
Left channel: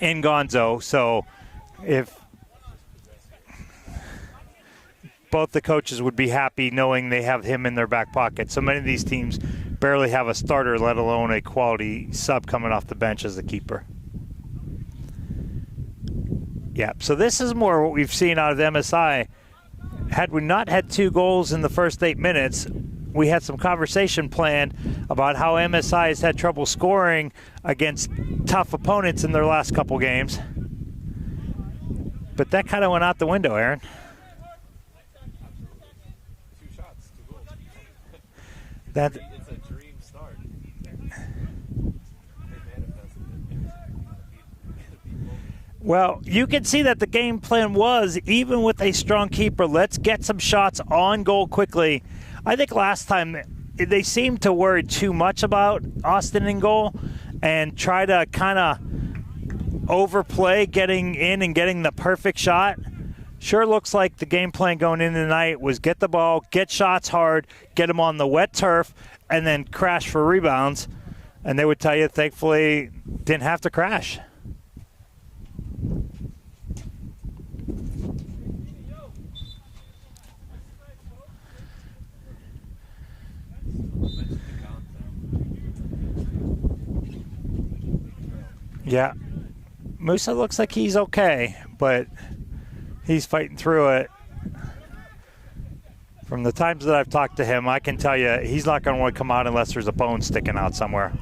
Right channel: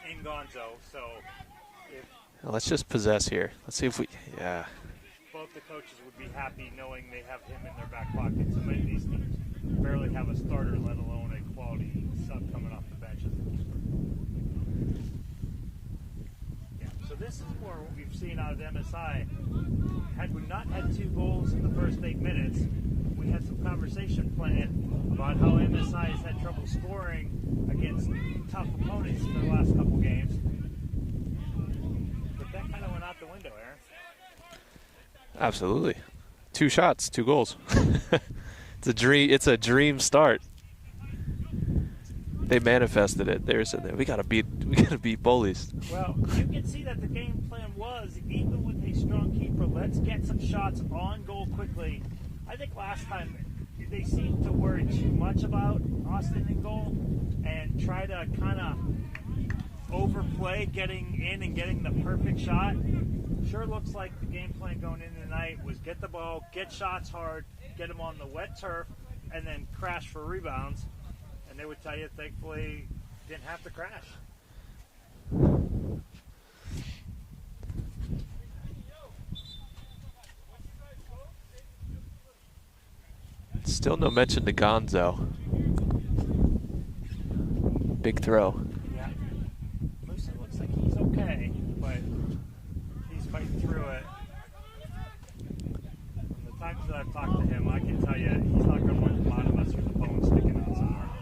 in Gonzo. So if let's just possess here. Let's see if we, both the coaches would be happy knowing they have him in their back pocket. So many of these teams barely have a starter, let alone a quality sub coming off the bench as the keeper. Yeah, so this is more what we've seen out of MSI. Had we not had 2 goals in the first 8 minutes, we had some conversation planned about how MSI has had trouble scoring against tough opponents in their last couple games. But that kind of went out the window, Aaron. absolutely. 2 shots, 2 goals. It's a dream. It's a dream start. They manifested it. They're sitting there. We gotta beat Bullies. Well, you can see that the game plan was, even with a strong keeper, let's get some shots on goal quickly. I think last time they seemed to worry too much about Austin in goal and try to kind of overplay getting in and getting the perfect shot. Sure looks like the game plan going in tonight was get the ball, get shots hard, get them on the wet turf, and then crash for rebounds. And they would tell you, thankfully, didn't have to crash. Still no mention to Gonzo. Big throw. Yeah. Musa looks like he's okay, but he's fighting through it. From the times that I've talked to him, I can tell you he's not going to want to come out unless there's a bone sticking out somewhere.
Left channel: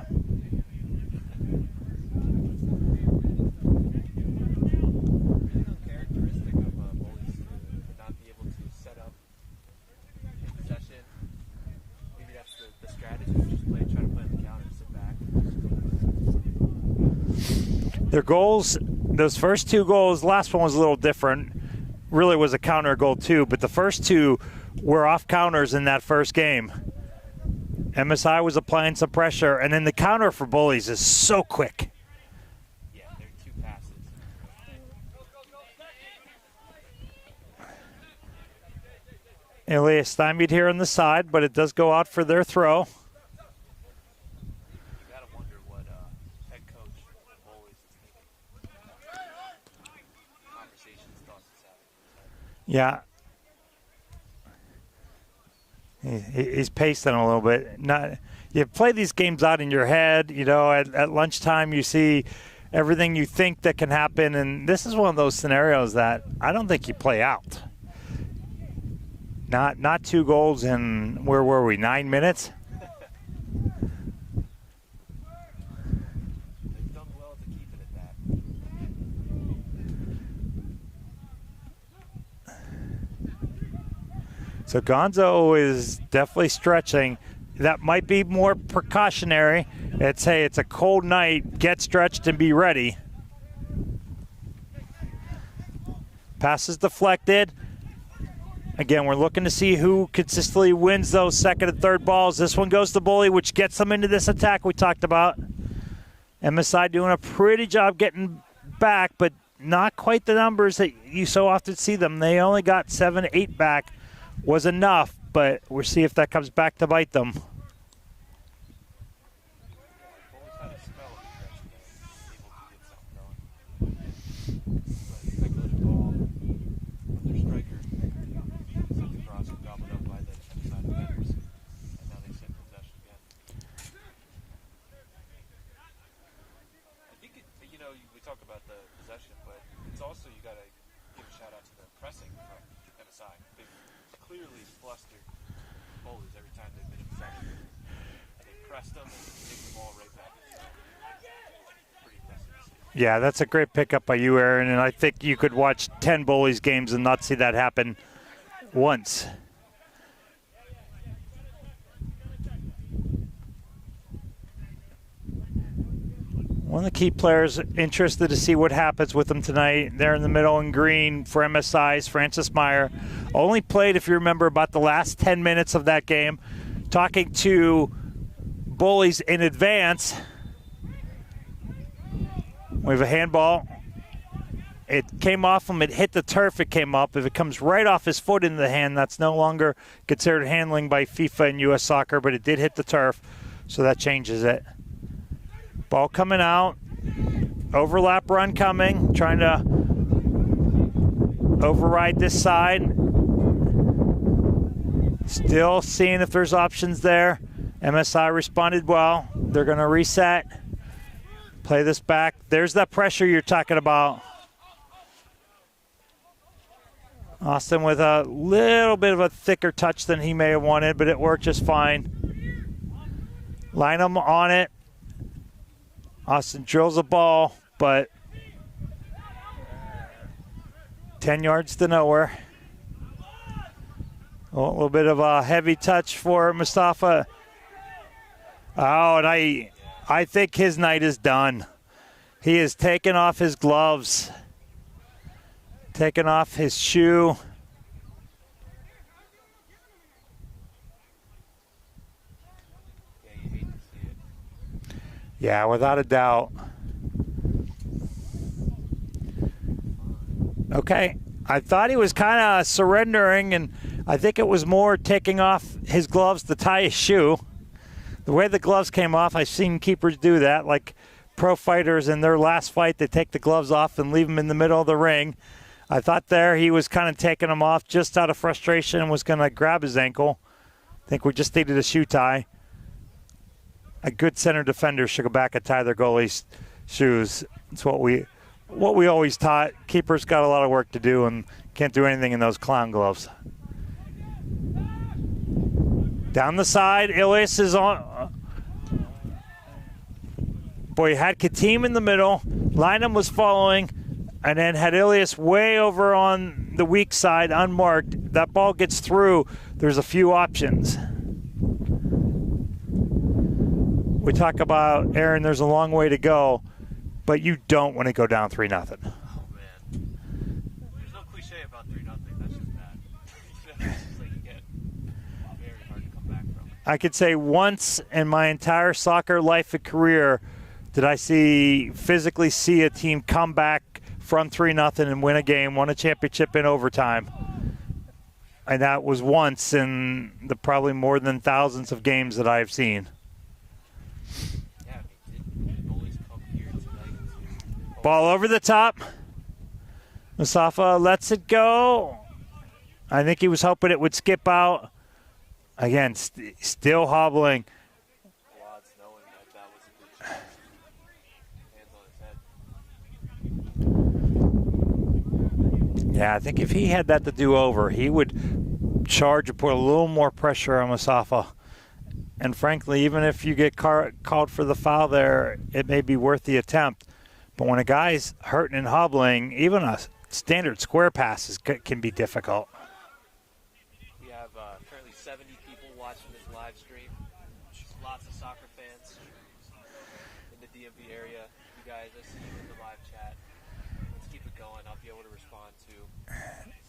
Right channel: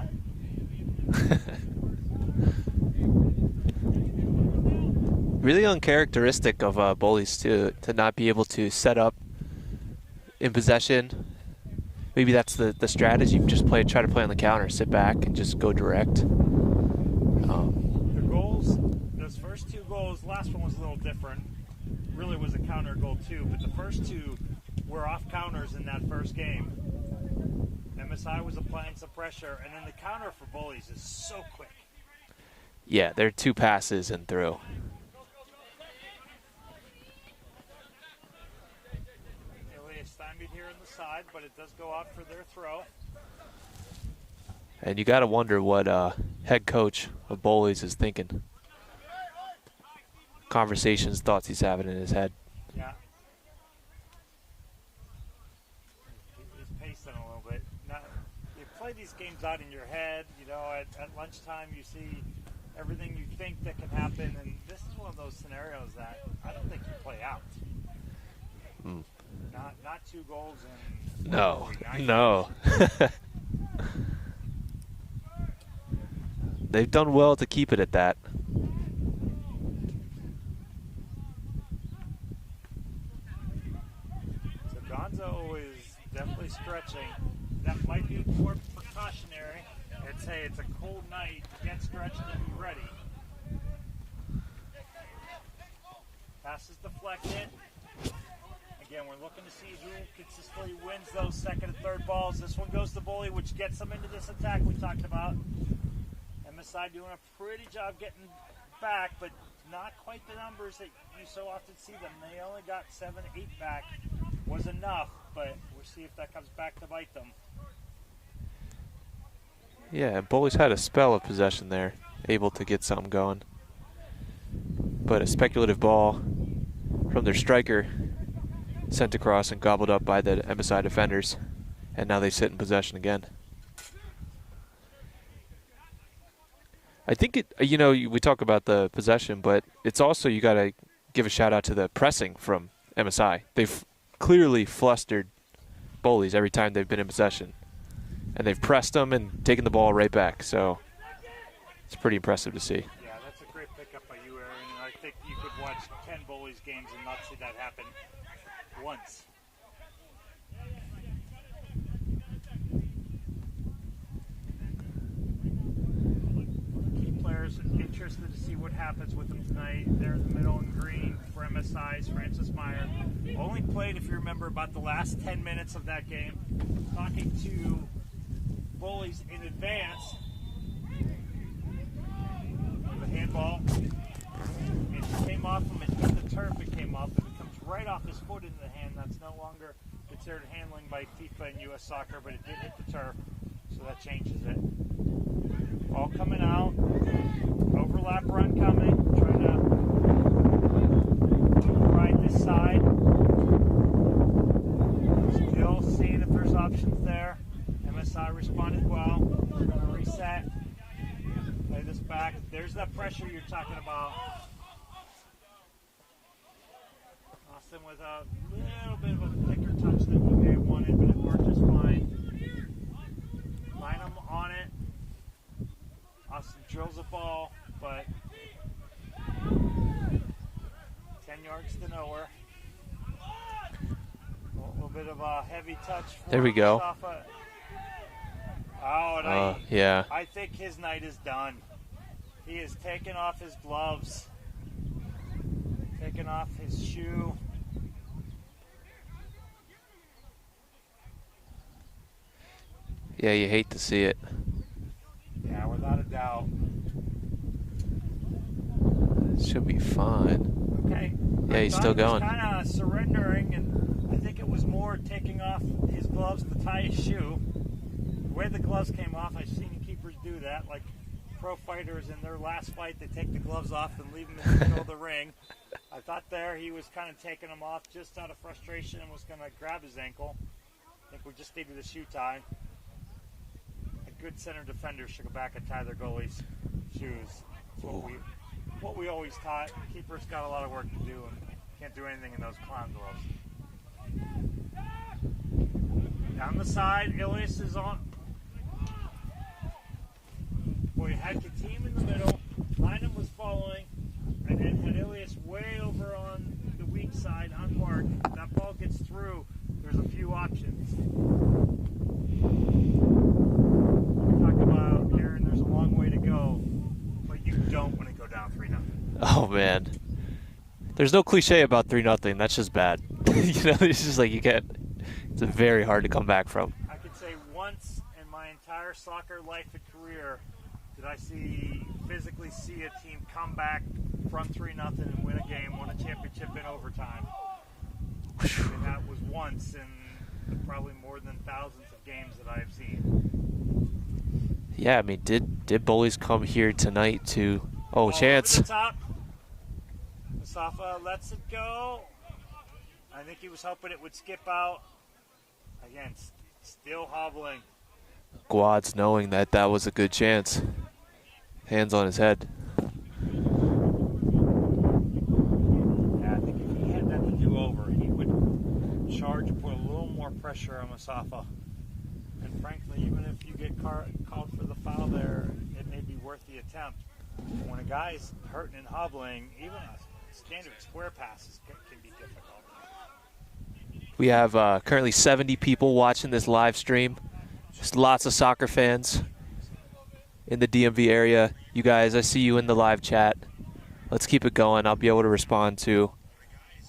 Really uncharacteristic of Bullies to not be able to set up in possession. Maybe that's the strategy. Just try to play on the counter, sit back, and just go direct. Their goals, those first 2 goals, last one was a little different. Really was a counter goal too, but the first 2 were off counters in that first game. MSI was applying some pressure, and then the counter for Bullies is so quick. Yeah, they're 2 passes and through. Elias stymied here on the side, but it does go out for their throw. And you got to wonder what head coach of Bowleys is thinking. Conversations, thoughts he's having in his head. Yeah. He's pacing a little bit. You play these games out in your head. You know, at lunchtime you see everything you think that can happen, and this is one of those scenarios that I don't think you play out. Not 2 goals in, where were we, 9 minutes? They've done well to keep it at that. So Gonzo is definitely stretching. That might be more precautionary. It's, hey, it's a cold night, get stretched and be ready. Pass is deflected. Again, we're looking to see who consistently wins those second and third balls. This one goes to Bully, which gets them into this attack we talked about. MSI doing a pretty job getting back, but not quite the numbers that you so often see them. They only got 7, 8 back was enough, but we'll see if that comes back to bite them. Yeah, and Bullies had a spell of possession there, able to get something going. But a speculative ball from their striker sent across and gobbled up by the MSI defenders, and now they sit in possession again. I think it, you know, we talk about the possession, but it's also, you got to give a shout out to the pressing from MSI. They've clearly flustered Bullies every time they've been in possession, and they've pressed them and taken the ball right back. So it's pretty impressive to see. Yeah, that's a great pickup by you, Aaron, and I think you could watch 10 Bullies games and not see that happen once. One of the key players interested to see what happens with them tonight. They're in the middle in green for MSI's Francis Meyer. Only played, if you remember, about the last 10 minutes of that game. Talking to Bullies in advance. We have a handball. It came off him, it hit the turf, it came up. If it comes right off his foot into the hand, that's no longer considered handling by FIFA and US Soccer, but it did hit the turf. so that changes it. Ball coming out, overlap run coming, trying to override this side. Still seeing if there's options there. MSI responded well. They're going to reset, play this back. There's that pressure you're talking about. Austin with a little bit of a thicker touch than he may have wanted, but it worked just fine. Line him on it. Austin drills a ball, but 10 yards to nowhere. A little bit of a heavy touch for Mustafa. Oh, and I think his night is done. He has taken off his gloves, taken off his shoe. Yeah, you hate to see it. Yeah, without a doubt. Should be fine. Okay. Yeah, I thought he was kind of surrendering, and I think it was more taking off his gloves to tie his shoe. The way the gloves came off, I've seen keepers do that, like pro fighters in their last fight, they take the gloves off and leave them in the middle of the ring. I thought there he was kind of taking them off just out of frustration and was going to grab his ankle. I think we just needed a shoe tie. A good center defender should go back and tie their goalie's shoes. It's what we always taught. Keepers got a lot of work to do and can't do anything in those clown gloves. Down the side, Ilias is on. Boy, you had Katim in the middle. Lynham was following, and then had Ilias way over on the weak side, unmarked. That ball gets through. There's a few options. We talk about, Aaron, there's a long way to go, but you don't want to go down 3-0. Oh, man. There's no cliche about 3-0. That's just bad. You know, it's just like you get. It's very hard to come back from. I could say once in my entire soccer life and career did I physically see a team come back from 3-0 and win a game, won a championship in overtime. And that was once in the probably more than thousands of games that I've seen. Yeah, I mean, did Bullies come here tonight to ball chance. Over the top. Mustafa lets it go. I think he was hoping it would skip out. Again, still hobbling. Guad's knowing that was a good chance. Hands on his head. Yeah, I think if he had that to do over, he would charge and put a little more pressure on Mustafa. And frankly, even if you get called for the foul there, it may be worth the attempt. But when a guy's hurting and hobbling, even a standard square pass can be difficult. We have currently 70 people watching this live stream. Just lots of soccer fans in the DMV area. You guys, I see you in the live chat. Let's keep it going. I'll be able to respond to.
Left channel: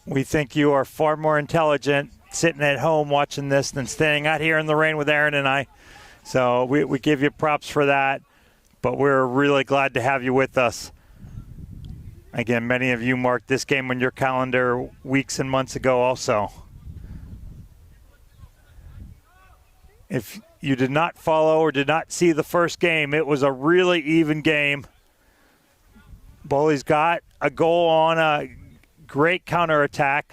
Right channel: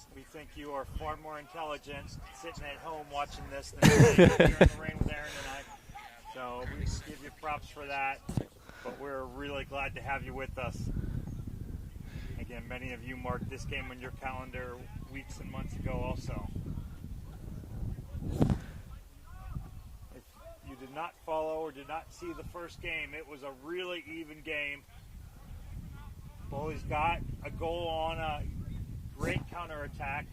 We think you are far more intelligent sitting at home watching this than staying out here in the rain with Aaron and I. So we give you props for that. But we're really glad to have you with us. Again, many of you marked this game on your calendar weeks and months ago also. If you did not follow or did not see the first game, it was a really even game. Bullies got a goal on a great counterattack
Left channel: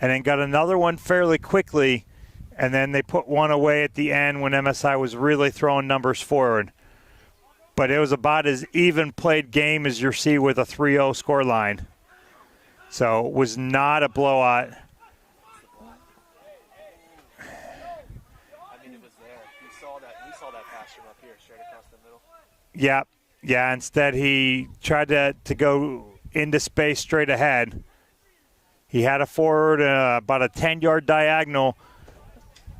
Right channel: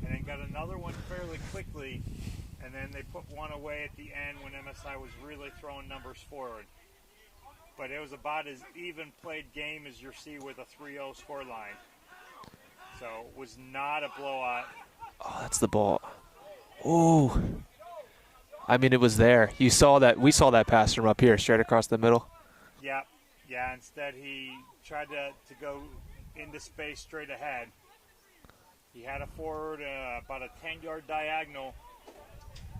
and then got another one fairly quickly, and then they put one away at the end when MSI was really throwing numbers forward. But it was about as even played game as you see with a 3-0 scoreline. So it was not a blowout. Oh, that's the ball. Ooh. I mean, it was there. You saw that. We saw that pass from up here, straight across the middle. Yeah. Yeah, instead he tried to go into space straight ahead. He had a forward, about a 10-yard diagonal,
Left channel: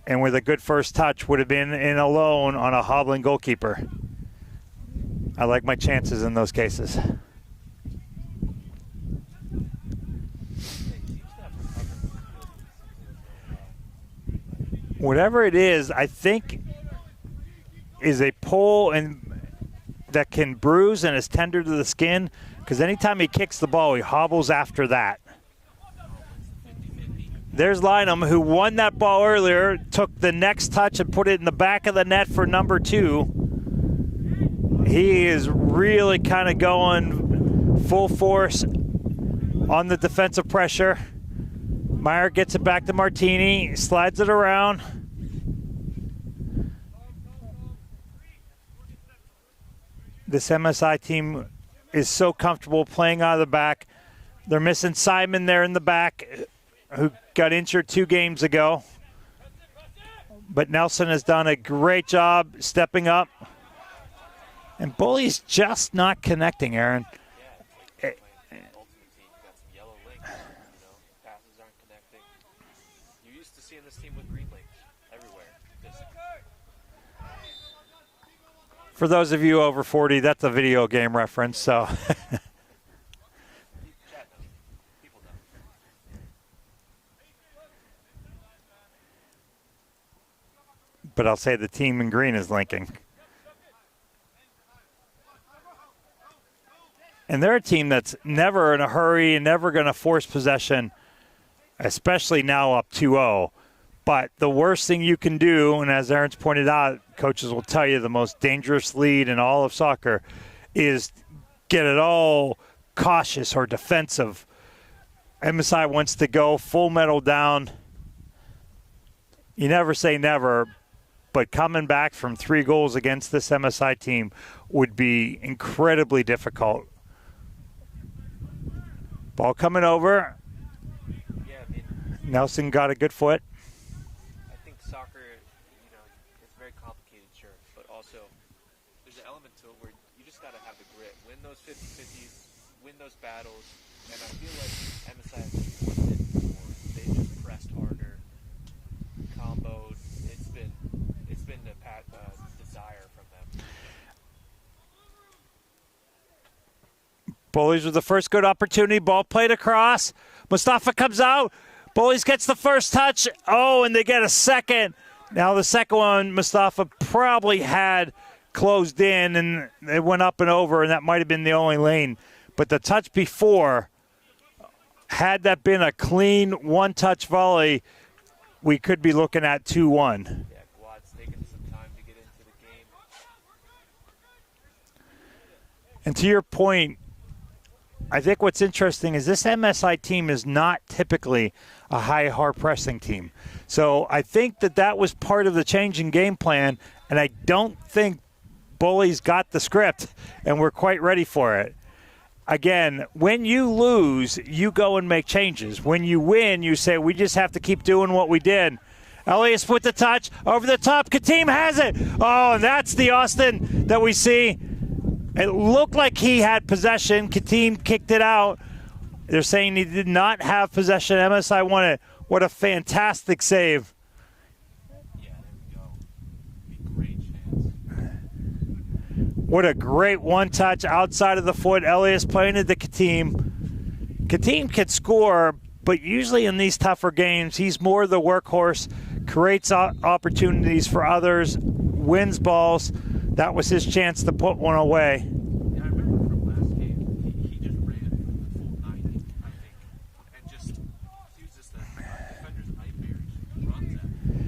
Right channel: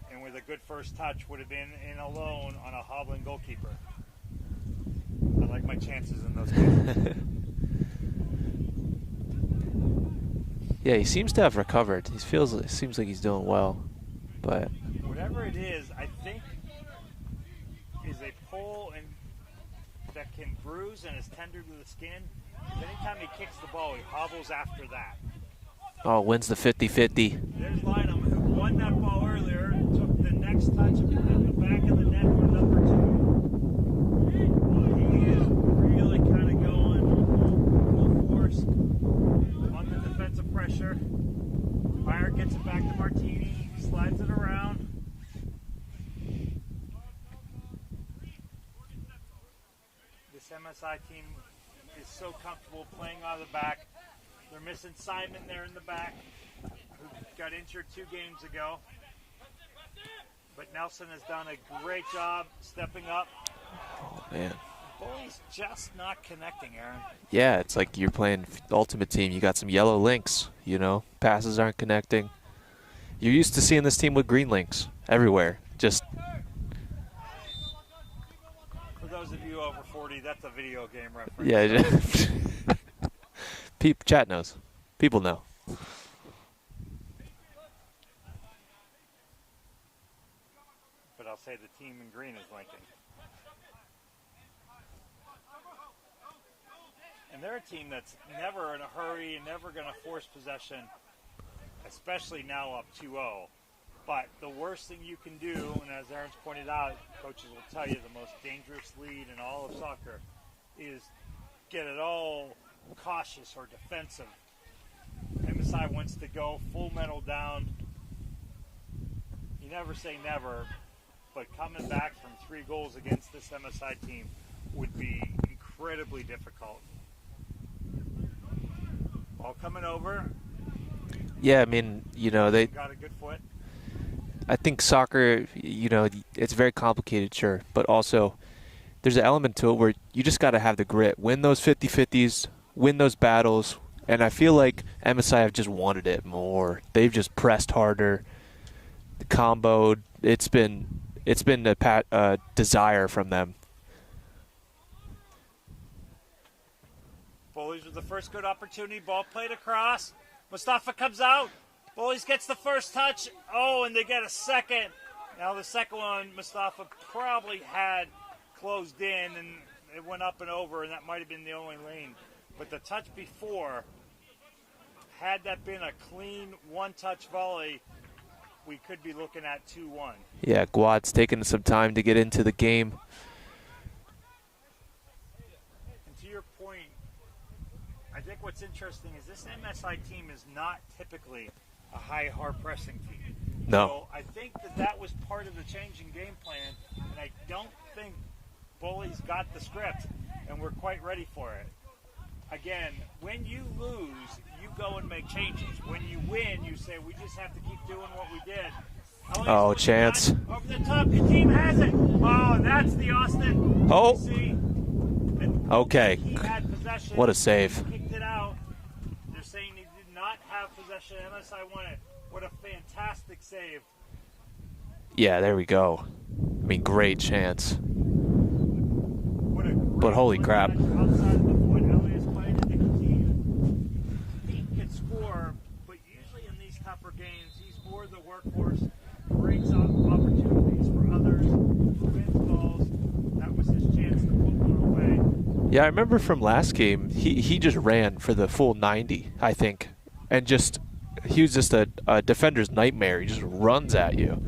and with a good first touch would have been in alone on a hobbling goalkeeper. I like my chances in those cases. Yeah, he seems to have recovered. It seems like he's doing well. But whatever it is, I think is a pull and that can bruise and is tender to the skin, because anytime he kicks the ball, he hobbles after that. Oh, wins the 50-50. There's Lynham, who won that ball earlier, took the next touch and put it in the back of the net for number 2. He is really kind of going full force on the defensive pressure. Meyer gets it back to Martini, slides it around. This MSI team is so comfortable playing out of the back. They're missing Simon there in the back, who got injured 2 games ago. But Nelson has done a great job stepping up. Oh, man. And Bullies just not connecting, Aaron. Yeah, it's like you're playing Ultimate Team. You got some yellow links, you know. Passes aren't connecting. You're used to seeing this team with green links everywhere. Just for those of you over 40, that's a video game reference. Yeah, so. Chat knows. People know. But I'll say the team in green is linking. And they're a team that's never in a hurry and never going to force possession, especially now up 2-0. But the worst thing you can do, and as Aaron's pointed out, coaches will tell you the most dangerous lead in all of soccer is get it all cautious or defensive. MSI wants to go full metal down. You never say never, but coming back from 3 goals against this MSI team would be incredibly difficult. Ball coming over. Yeah, I mean, you know, Nelson got a good foot. I think soccer, you know, it's very complicated, sure, but also there's an element to it where you just got to have the grit, win those 50-50s, win those battles, and I feel like MSI have just wanted it more. They've just pressed harder, comboed. It's been a desire from them. Bullies with the first good opportunity. Ball played across. Mustafa comes out. Bullies gets the first touch. Oh, and they get a second. Now the second one, Mustafa probably had closed in, and it went up and over, and that might have been the only lane. But the touch before, had that been a clean one-touch volley, we could be looking at 2-1. Yeah, Guad's taking some time to get into the game. And to your point, I think what's interesting is this MSI team is not typically a high hard pressing team. No. So I think that was part of the change in game plan, and I don't think Bullies got the script and we're quite ready for it. Again, when you lose, you go and make changes. When you win, you say, we just have to keep doing what we did. Elias with the touch over the top. Katim has it. Oh, and that's the Austin that we see. It looked like he had possession. Katim kicked it out. They're saying he did not have possession. MSI won it. What a fantastic save. Yeah, there we go. I mean, great chance. What a great one-touch outside of the foot. Elias playing it to Katim. Katim can score, but usually in these tougher games, he's more the workhorse, creates opportunities for others, wins balls. That was his chance to put one away. Yeah, I remember from last game, he just ran for the full 90, I think. And he was just a defender's nightmare. He just runs at you.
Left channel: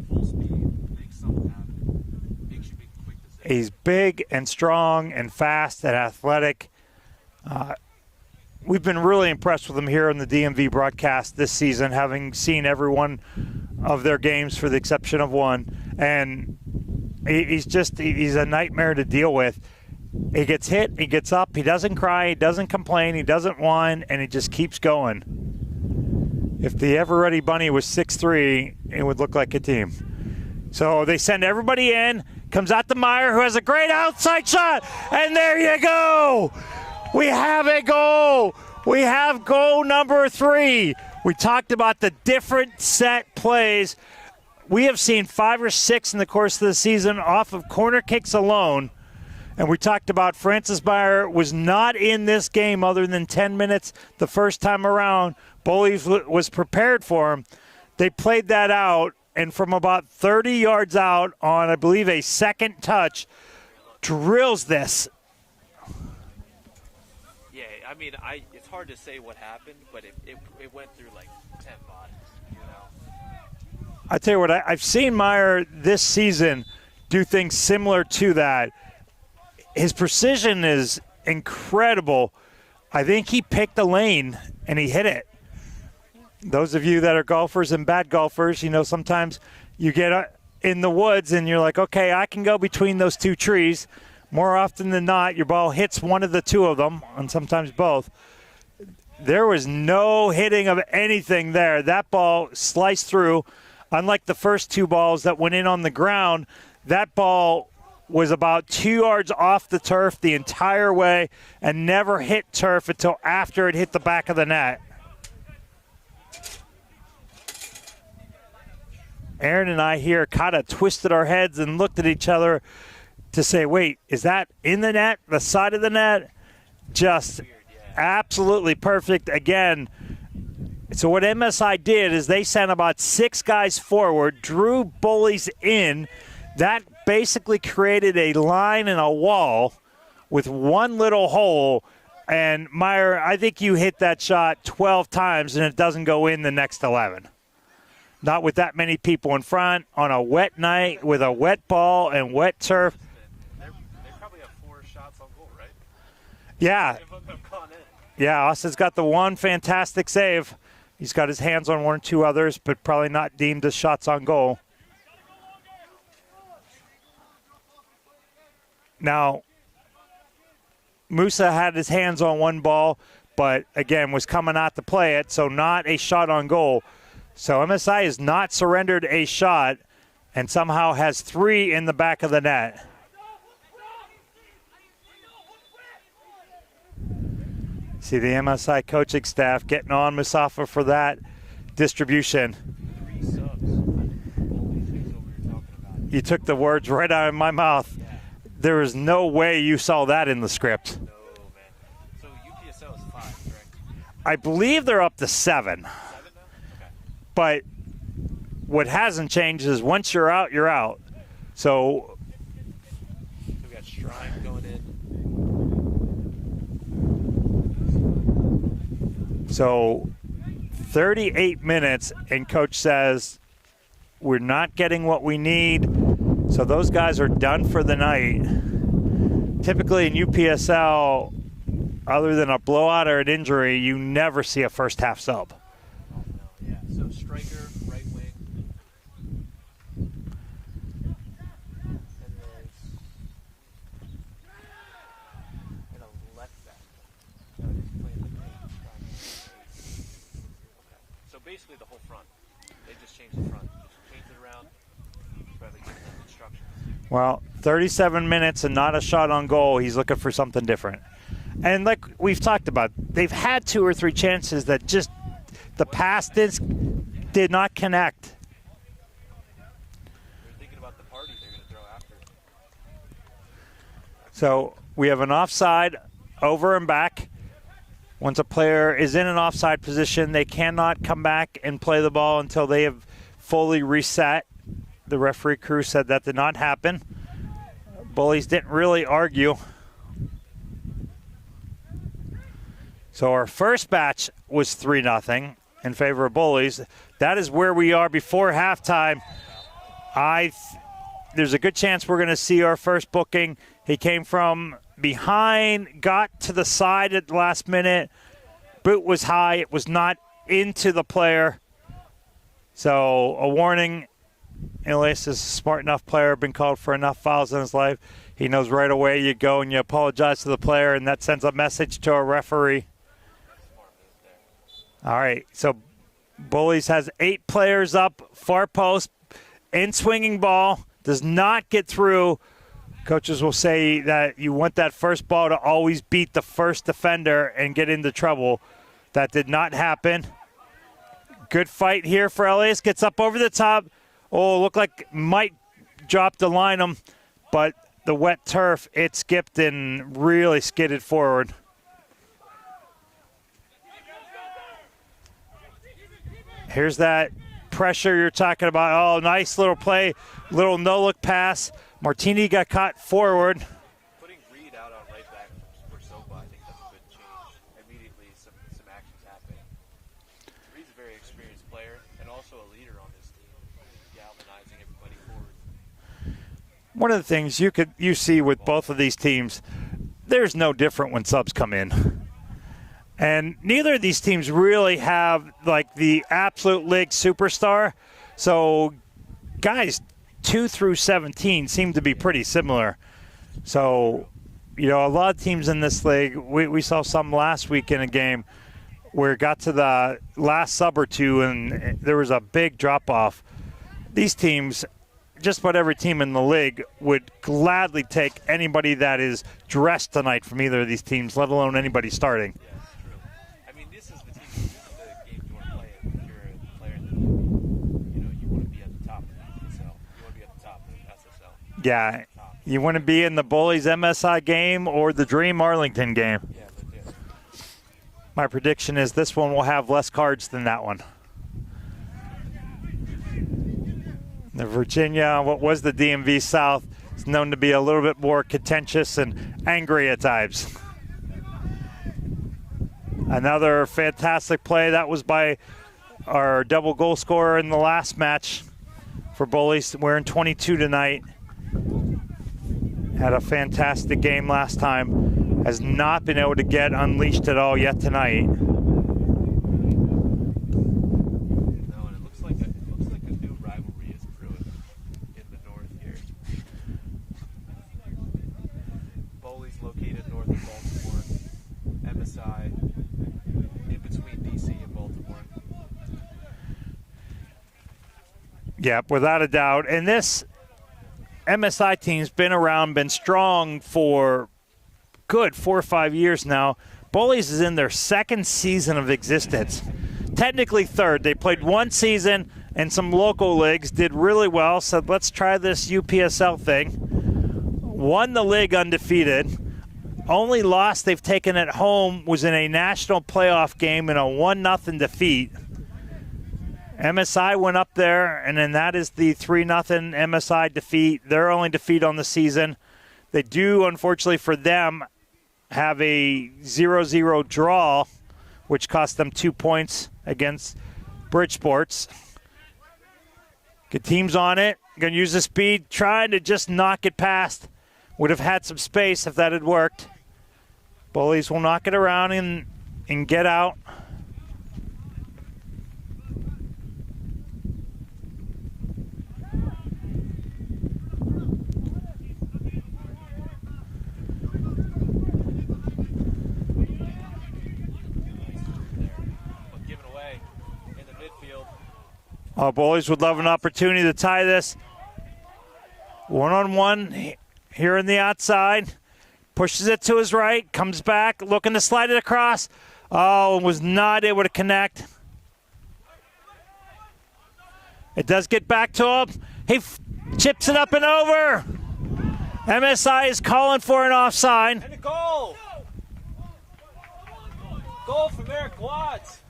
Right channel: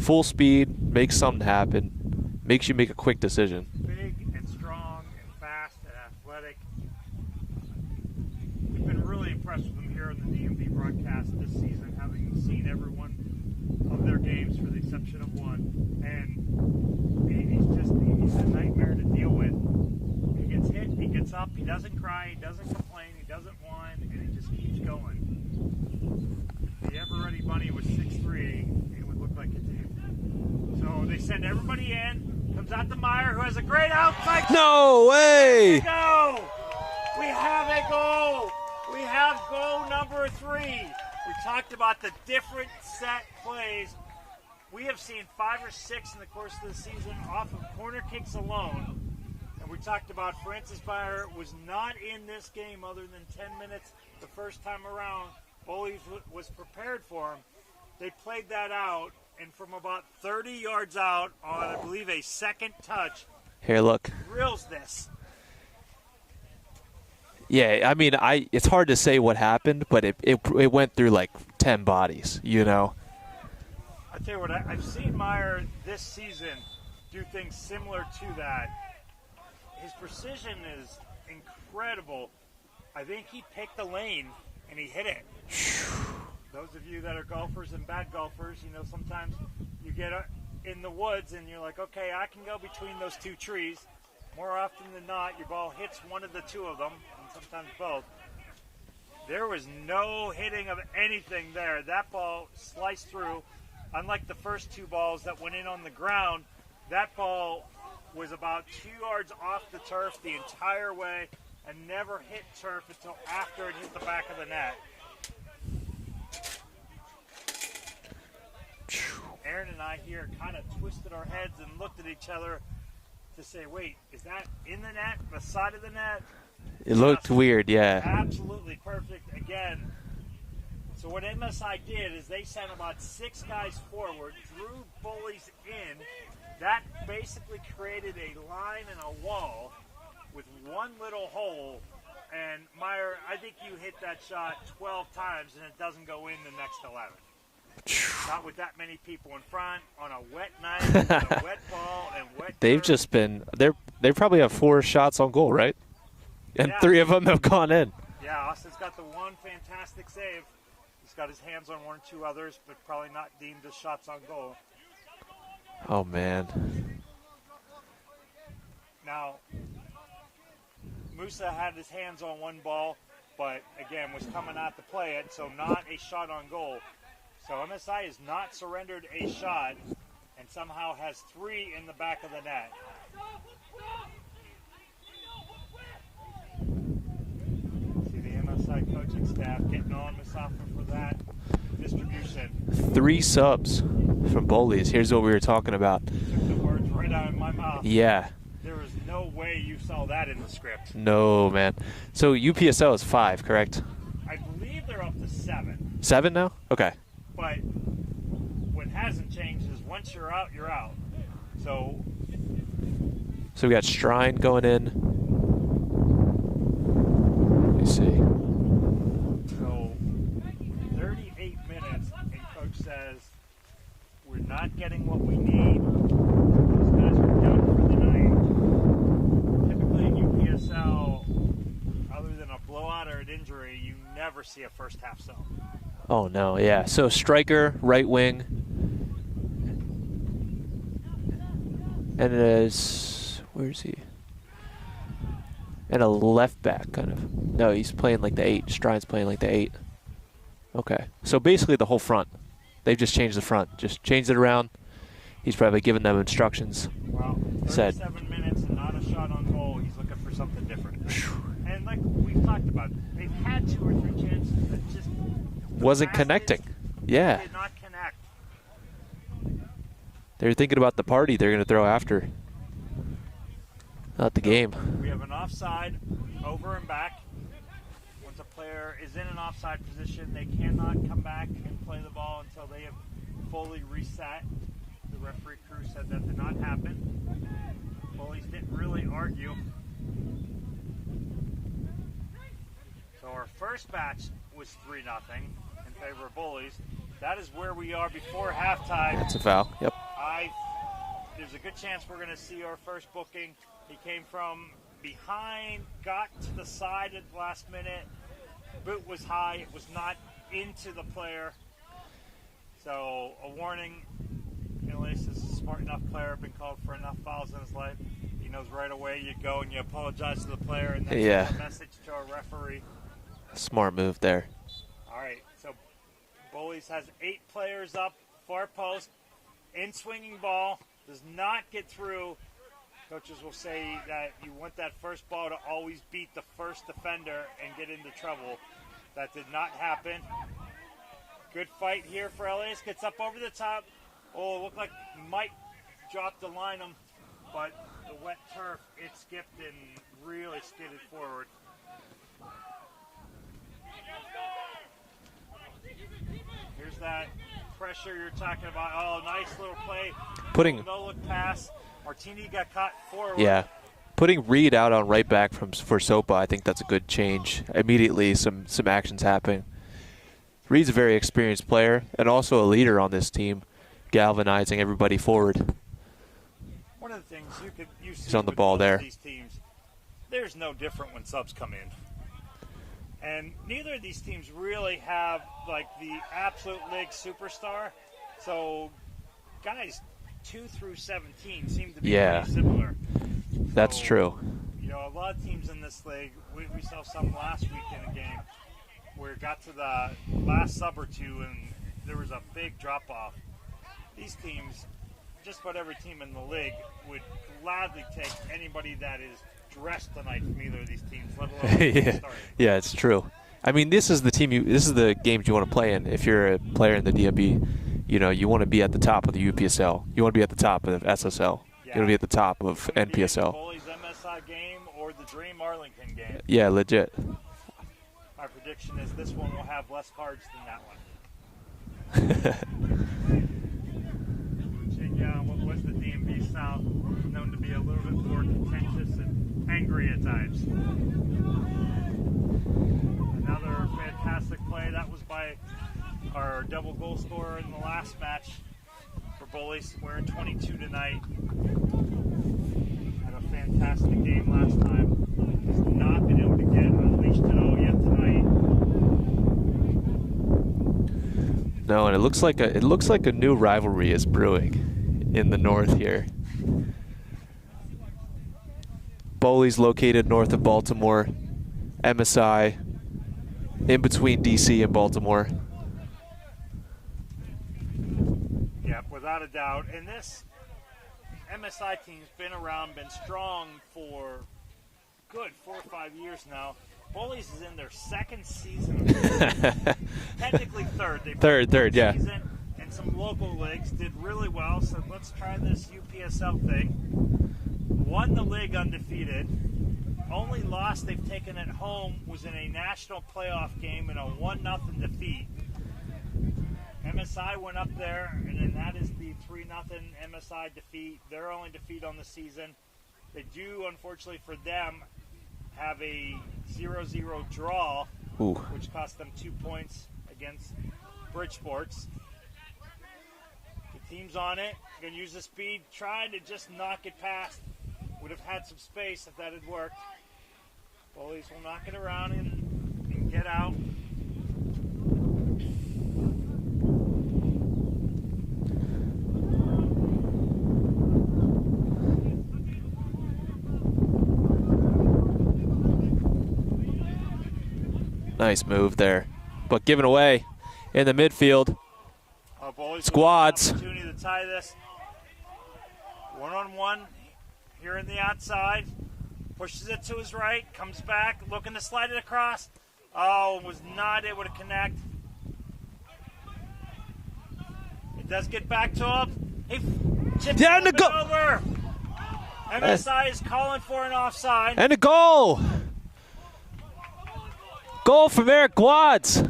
Full speed, makes something happen, makes you make a quick decision. He's big and strong and fast and athletic. We've been really impressed with him here on the DMV broadcast this season, having seen every one of their games for the exception of one. And he's a nightmare to deal with. He gets hit, he gets up, he doesn't cry, he doesn't complain, he doesn't whine, and he just keeps going. If the Ever-Ready Bunny was 6'3", it would look like a team. So they send everybody in, comes out to Meyer, who has a great outside shot, and there you go! We have a goal! We have goal number 3. We talked about the different set plays. We have seen 5 or 6 in the course of the season off of corner kicks alone. And we talked about Francis Meyer was not in this game other than 10 minutes the first time around. Bullies was prepared for him. They played that out, and from about 30 yards out on, I believe, a second touch, here, look, drills this. Yeah, I mean, it's hard to say what happened, but it went through like 10 bodies, you know. I tell you what, I've seen Meyer this season do things similar to that. His precision is incredible. I think he picked a lane and he hit it. Those of you that are golfers and bad golfers, you know, sometimes you get in the woods and you're like, okay, I can go between those two trees. More often than not, your ball hits one of the two of them, and sometimes both. There was no hitting of anything there. That ball sliced through. Unlike the first two balls that went in on the ground, that ball was about 2 yards off the turf the entire way and never hit turf until after it hit the back of the net. Aaron and I here kind of twisted our heads and looked at each other to say, wait, is that in the net, the side of the net? It looked weird, yeah. Absolutely perfect. Again, so what MSI did is they sent about 6 guys forward, drew Bullies in. That basically created a line and a wall with one little hole. And, Meyer, I think you hit that shot 12 times and it doesn't go in the next 11. Not with that many people in front on a wet night with a wet ball and wet turf. They've just been – they probably have 4 shots on goal, right? And yeah. 3 of them have gone in. Yeah, Austin's got the one fantastic save. He's got his hands on 1 or 2 others, but probably not deemed as shots on goal. Oh, man. Now, Musa had his hands on 1 ball, but, again, was coming out to play it, so not a shot on goal. So MSI has not surrendered a shot and somehow has 3 in the back of the net. See the MSI coaching staff getting on Musafa for that distribution. 3 subs from Bowleys. Here's what we were talking about. You took the words right out of my mouth. Yeah. There is no way you saw that in the script. No, man. So UPSL is 5, correct? I believe they're up to 7. 7 now? Okay. But what hasn't changed is once you're out, you're out. So we got Shrine going in. Let me see. So 38 minutes, and coach says we're not getting what we need. So those guys are done for the night. Typically in UPSL, other than a blowout or an injury, you never see a first half sub. Oh, no, yeah. So striker, right wing. And where is he? And a left back, kind of. No, he's playing like the 8. Strine's playing like the 8. Okay. So basically the whole front. They've just changed the front. Just changed it around. He's probably giving them instructions. Well, 37 minutes and not a shot on goal. He's looking for something different. And like we've talked about, they've had 2 or 3 chances that just the wasn't pass connecting. did not connect. They're thinking about the party they're going to throw after. Not the So game. we have an offside over and back. Once a player is in an offside position, they cannot come back and play the ball until they have fully reset. The referee crew said that did not happen. Bullies didn't really argue. So our first batch was 3-0 in favor of Bullies. That is where we are before halftime. That's a foul. Yep. There's a good chance we're going to see our first booking. He came from behind, got to the side at the last minute. Boot was high. It was not into the player. So a warning. Elias is a smart enough player, been called for enough fouls in his life. He knows right away you go and you apologize to the player, and that sends a message to a referee. Smart move there. All right, so Bullies has 8 players up, far post, in swinging ball, does not get through. Coaches will say that you want that first ball to always beat the first defender and get into trouble. That did not happen. Good fight here for Elias, gets up over the top. Oh, looked like might drop the line, but the wet turf, it skipped and really skidded forward. Here's that pressure you're talking about. Oh, nice little play, little no-look pass. Martini got caught forward. Yeah. Putting Reed out on right back for Sopa, I think that's a good change. Immediately, some actions happen. Reed's a very experienced player and also a leader on this team, galvanizing everybody forward. One of the things you see with both of these teams, there's no different when subs come in. And neither of these teams really have like the absolute league superstar. So guys 2 through 17 seem to be pretty similar. So, that's true. You know, a lot of teams in this league, we saw some last week in a game where it got to the last sub or two and there was a big drop-off. These teams, just about every team in the league, would gladly take anybody that is dressed tonight from either of these teams, let alone anybody starting. Yeah, it's true. I mean, this is the games you want to play in. If you're a player in the DMV, you know, you want to be at the top of the UPSL. You want to be at the top of SSL. Yeah. You want to be at the top of You want to be in the NPSL. Bullies MSI game or the Dream Arlington game. Yeah, legit. My prediction is this one will have less cards than that one. The Virginia, what was the DMV South, is known to be a little bit more contentious and angry at times. Another fantastic play. That was by our double goal scorer in the last match for Bullies, wearing 22 tonight. Had a fantastic game last time. Has not been able to get unleashed at all yet tonight. No, and it looks like a new rivalry is brewing in the north here. Bowleys located north of Baltimore, MSI in between DC and Baltimore. Yeah, without a doubt. And this MSI team's been around, been strong for good 4 or 5 years now. Bullies is in their second season of existence. Technically third. They played one season and some local leagues, did really well, said let's try this UPSL thing. Won the league undefeated. Only loss they've taken at home was in a national playoff game in a 1-0 defeat. MSI went up there, and then that is the 3-0 MSI defeat, their only defeat on the season. They do, unfortunately for them, have a 0-0 draw, which cost them 2 points against Bridgeports. Good teams on it. Going to use the speed, trying to just knock it past. Would have had some space if that had worked. Bullies will knock it around and get out. Nice move there, but given away in the midfield. Oh, Bullies would love an opportunity to tie this. One-on-one here on the outside. Pushes it to his right, comes back, looking to slide it across. Oh, was not able to connect. It does get back to him. He chips it up and over. MSI is calling for an offside. And a goal. Goal from Eric Watts.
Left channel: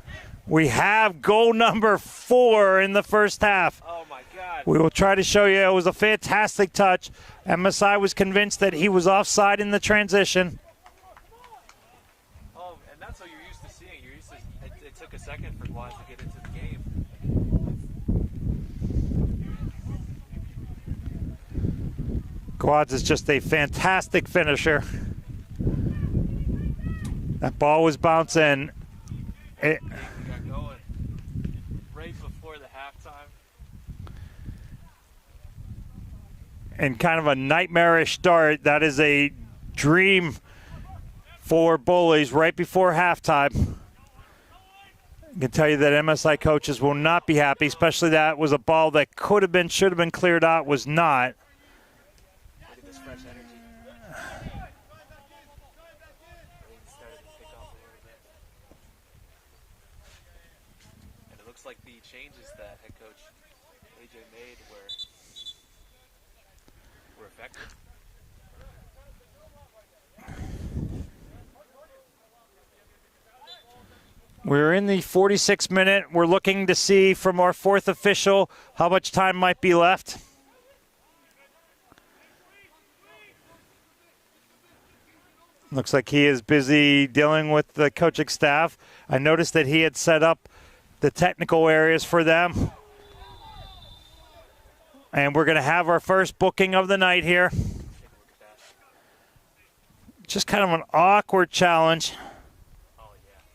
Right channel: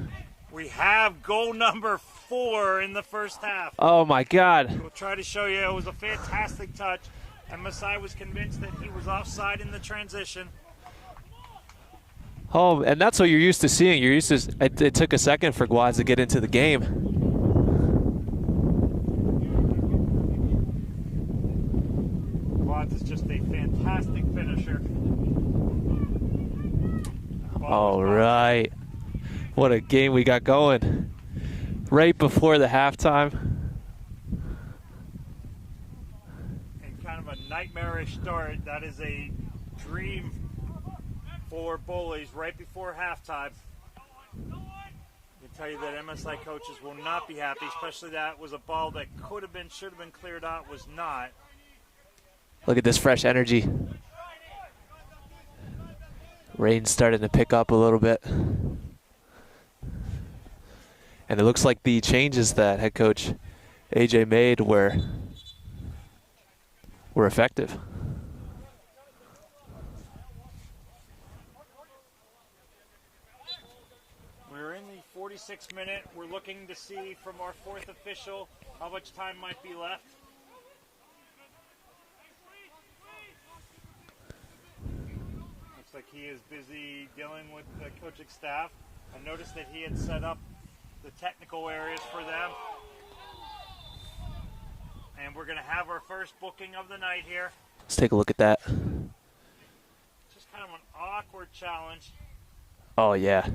We have goal number 4 in the first half. Oh, my God. We will try to show you. It was a fantastic touch. MSI was convinced that he was offside in the transition. Oh, and that's what you're used to seeing. You're used to. It took a second for Guads to get into the game. Guads is just a fantastic finisher. That ball was bouncing. Right. What a game we got going. Right before the halftime. And kind of a nightmarish start. That is a dream for Bullies right before halftime. I can tell you that MSI coaches will not be happy, especially that was a ball that could have been, should have been cleared out, was not. Look at this fresh energy. Rain's starting to pick up a little bit. And it looks like the changes that head coach AJ made were effective. We're in the 46th minute. We're looking to see from our fourth official how much time might be left. Looks like he is busy dealing with the coaching staff. I noticed that he had set up the technical areas for them. And we're going to have our first booking of the night here. Let's take a look at that. Just kind of an awkward challenge. Oh, yeah.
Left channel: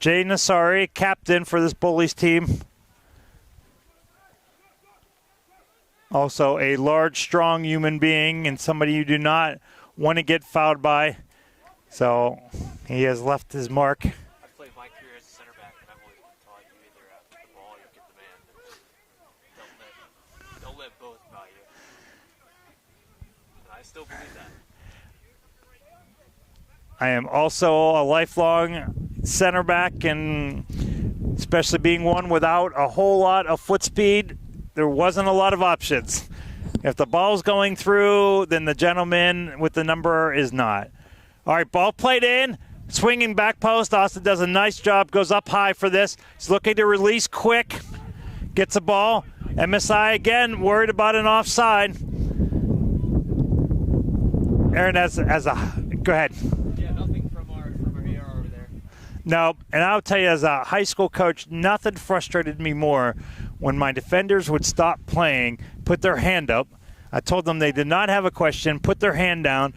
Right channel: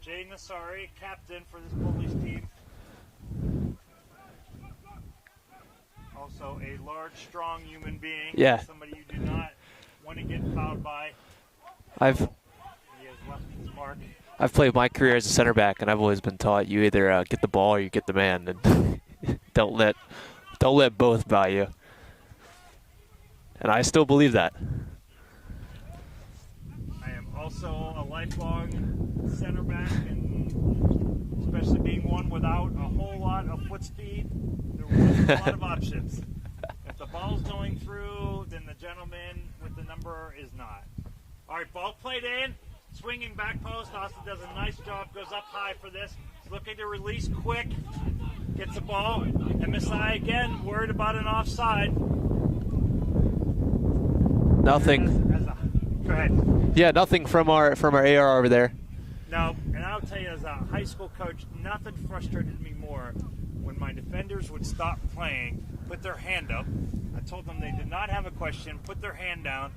Jay Nassari, captain for this Bullies team. Also a large, strong human being and somebody you do not want to get fouled by. So he has left his mark. I've played my career as a center back, and I've always been taught you either get the ball or you get the man, and don't let both by you. And I still believe that. I am also a lifelong center back, and especially being one without a whole lot of foot speed, there wasn't a lot of options. If the ball's going through, then the gentleman with the number is not. All right, ball played in, swinging back post. Austin does a nice job, goes up high for this. He's looking to release quick, gets a ball. MSI again worried about an offside. Nothing. Aaron, go ahead. Yeah, nothing from our AR over there. No, and I'll tell you, as a high school coach, nothing frustrated me more when my defenders would stop playing, put their hand up. I told them they did not have a question, put their hand down.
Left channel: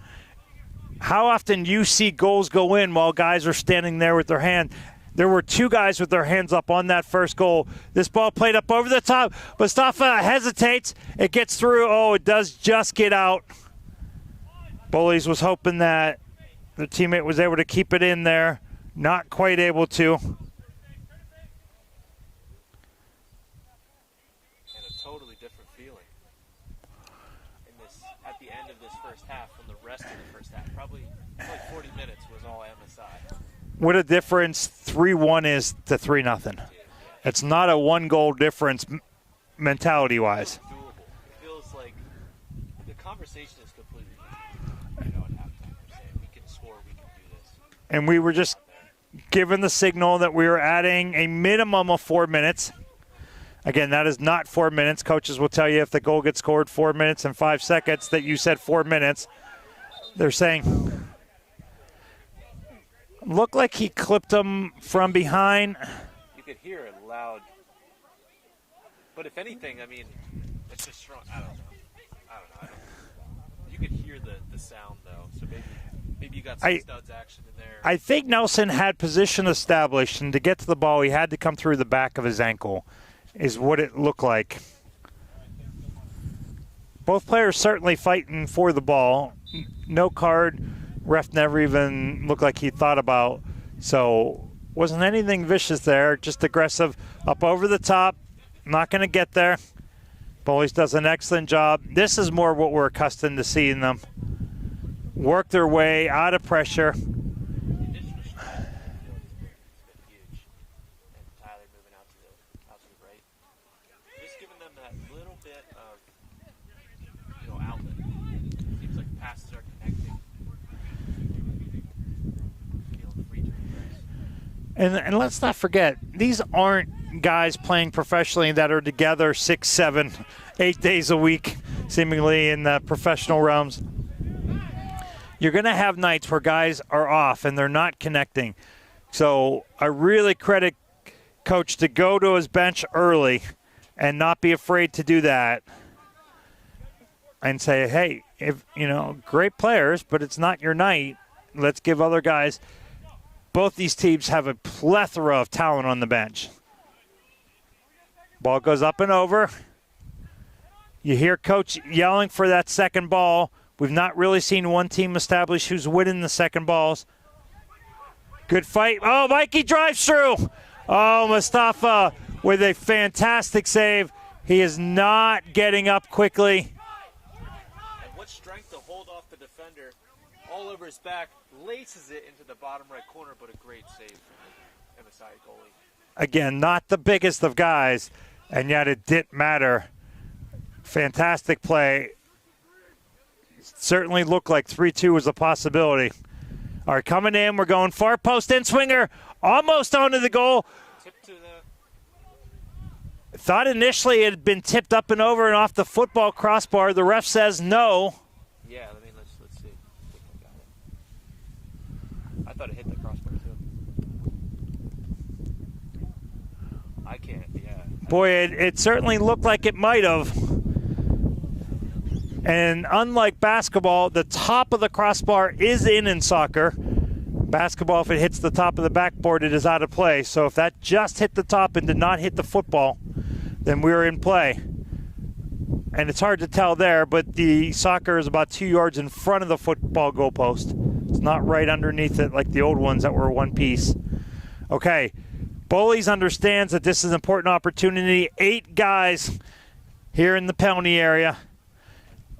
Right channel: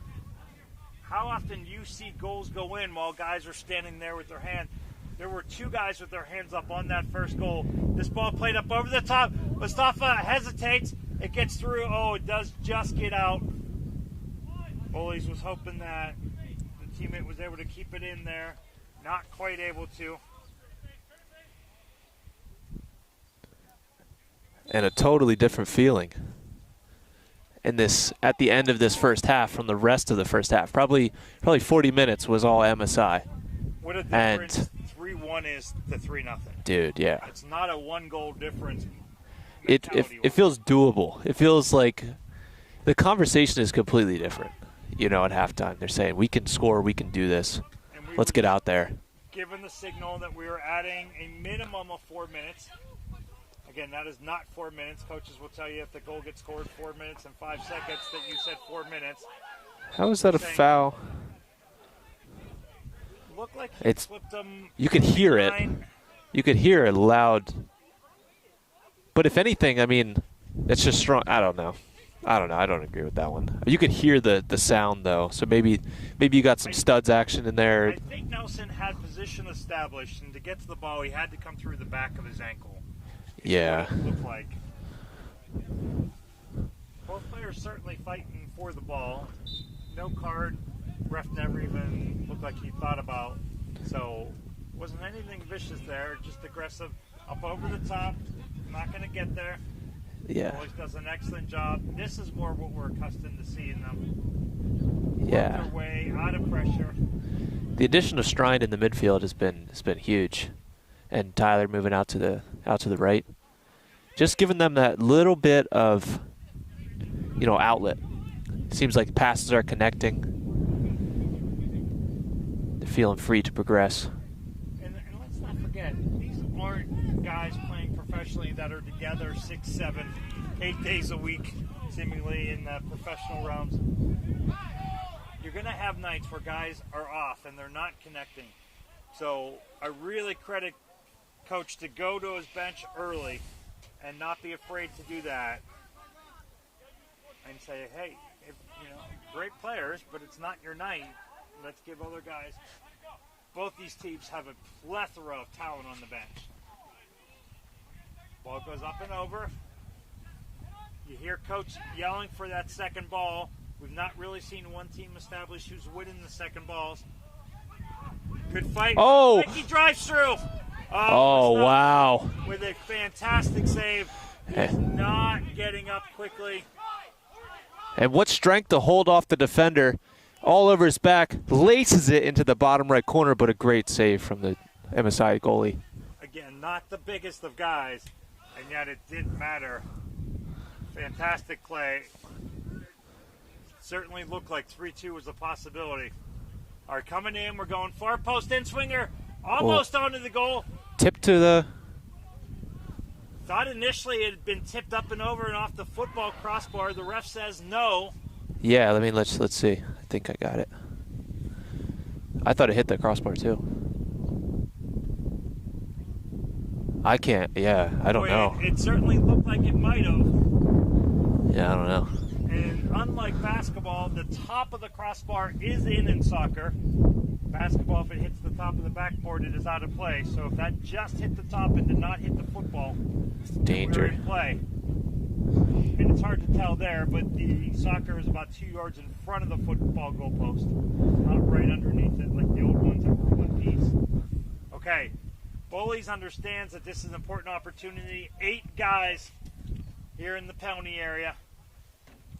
How often you see goals go in while guys are standing there with their hand? There were two guys with their hands up on that first goal. This ball played up over the top. Mustafa hesitates. It gets through. Oh, it does just get out. Bullies was hoping that the teammate was able to keep it in there. Not quite able to. And a totally different feeling in this at the end of this first half from the rest of the first half. Probably 40 minutes was all MSI. What a difference 3-1 is to 3-0. Dude, yeah. It's not a one-goal difference mentality-wise. It feels doable. It feels like the conversation is completely different. You know, at halftime, they're saying, we can score, we can do this. And we Let's were get just out there. Given the signal that we were adding a minimum of 4 minutes. Again, that is not 4 minutes. Coaches will tell you if the goal gets scored 4 minutes and 5 seconds that you said 4 minutes. How was They're that a saying, foul? Looked like he clipped him from behind. You could hear it loud. But if anything, I mean, it's just strong. I don't know. I don't agree with that one. You could hear the sound, though. So maybe you got some studs action in there. I think Nelson had position established, and to get to the ball, he had to come through the back of his ankle, is what it looked like. Both players certainly fighting for the ball. No card. Ref never even looked like he thought about. So wasn't anything vicious there, just aggressive. Up over the top. Not going to get there. Yeah. Bullies does an excellent job. This is more what we're accustomed to seeing them. Work their way out of pressure. The addition of Strine in the midfield has been huge, and Tyler moving out to the right, just giving them that little bit of outlet. It seems like passes are connecting. They're feeling free to progress. And let's not forget, these aren't guys playing professionally that are together 6, 7, 8 days a week, seemingly in the professional realms. You're going to have nights where guys are off and they're not connecting. So I really credit Coach to go to his bench early and not be afraid to do that and say, hey, great players, but it's not your night. Let's give other guys. Both these teams have a plethora of talent on the bench. Ball goes up and over. You hear Coach yelling for that second ball. We've not really seen one team establish who's winning the second balls. Good fight. Oh, Mikey drives through. Mustafa with a fantastic save. He is not getting up quickly. And what strength to hold off the defender. All over his back, laces it into the bottom right corner, but a great save from the MSI goalie. Again, not the biggest of guys, and yet it didn't matter. Fantastic play. Certainly looked like 3-2 was a possibility. All right, coming in, we're going far post in swinger, almost onto the goal. Tip to the... Thought initially it had been tipped up and over and off the football crossbar. The ref says no. Yeah, let's see. think I got it. I thought it hit the crossbar too. I can't. Yeah, I don't know. It certainly looked like it might have. Yeah, I don't know. And unlike basketball, the top of the crossbar is in soccer. Basketball, if it hits the top of the backboard, it is out of play. So if that just hit the top and did not hit the football, then we were in play. And it's hard to tell there, but the soccer is about 2 yards in front of the football goalpost. It's not right underneath it like the old ones that were one piece. Okay, Bullies understands that this is an important opportunity. 8 guys here in the penalty area.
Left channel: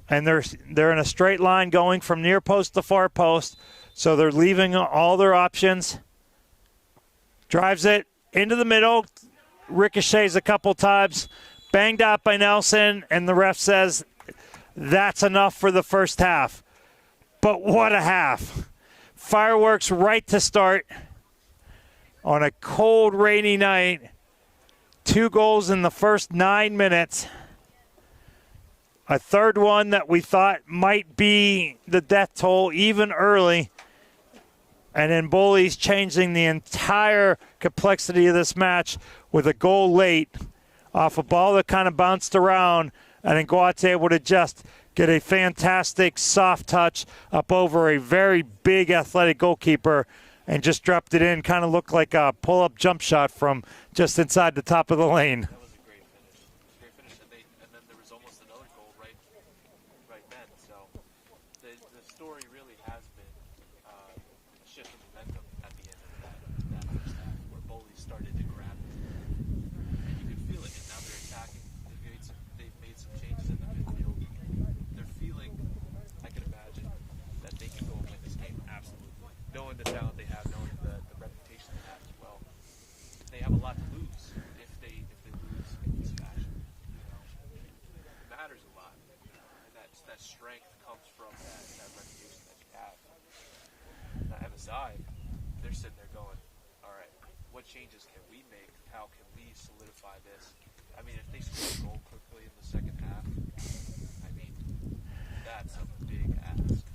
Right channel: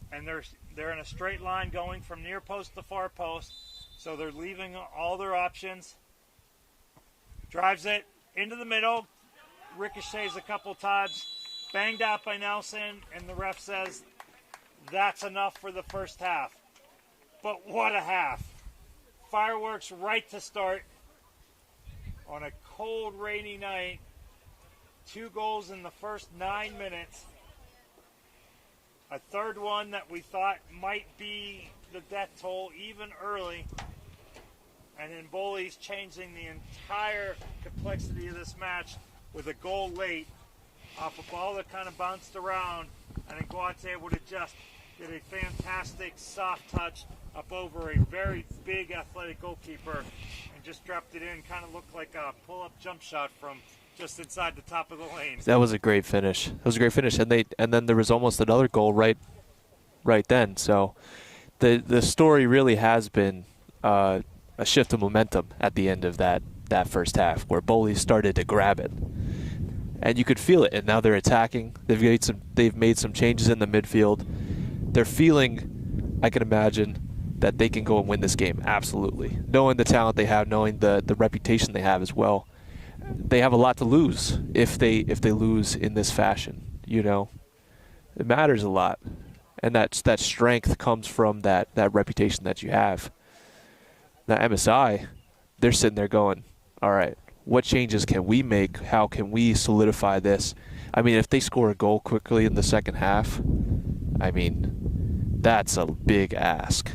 And they're in a straight line going from near post to far post. So they're leaving all their options. Drives it into the middle. Ricochets a couple times. Banged out by Nelson. And the ref says that's enough for the first half. But what a half. Fireworks right to start on a cold, rainy night. 2 goals in the first 9 minutes. A third one that we thought might be the death toll even early. And then Bullies changing the entire complexity of this match with a goal late off a ball that kind of bounced around. And then Guat's able to just get a fantastic soft touch up over a very big athletic goalkeeper and just dropped it in. Kind of looked like a pull-up jump shot from just inside the top of the lane. That was a great finish. It was a great finish, and then there was almost another goal right then. So the story really has been a shift of momentum at the end of that first half, where Bowleys started to grab it, and you could feel it. And now they're attacking. They've made some changes in the midfield. They're feeling, I can imagine, that they can go and win this game. Absolutely, knowing the talent they have, knowing the reputation they have as well. They have a lot to lose if they lose in this fashion. You know, it matters a lot, and that strength comes from that reputation that you have. Now MSI, they're sitting there going, all right, what changes can we make? How can we solidify this? I mean, if they score a goal quickly in the second half, I mean, that's a big ask.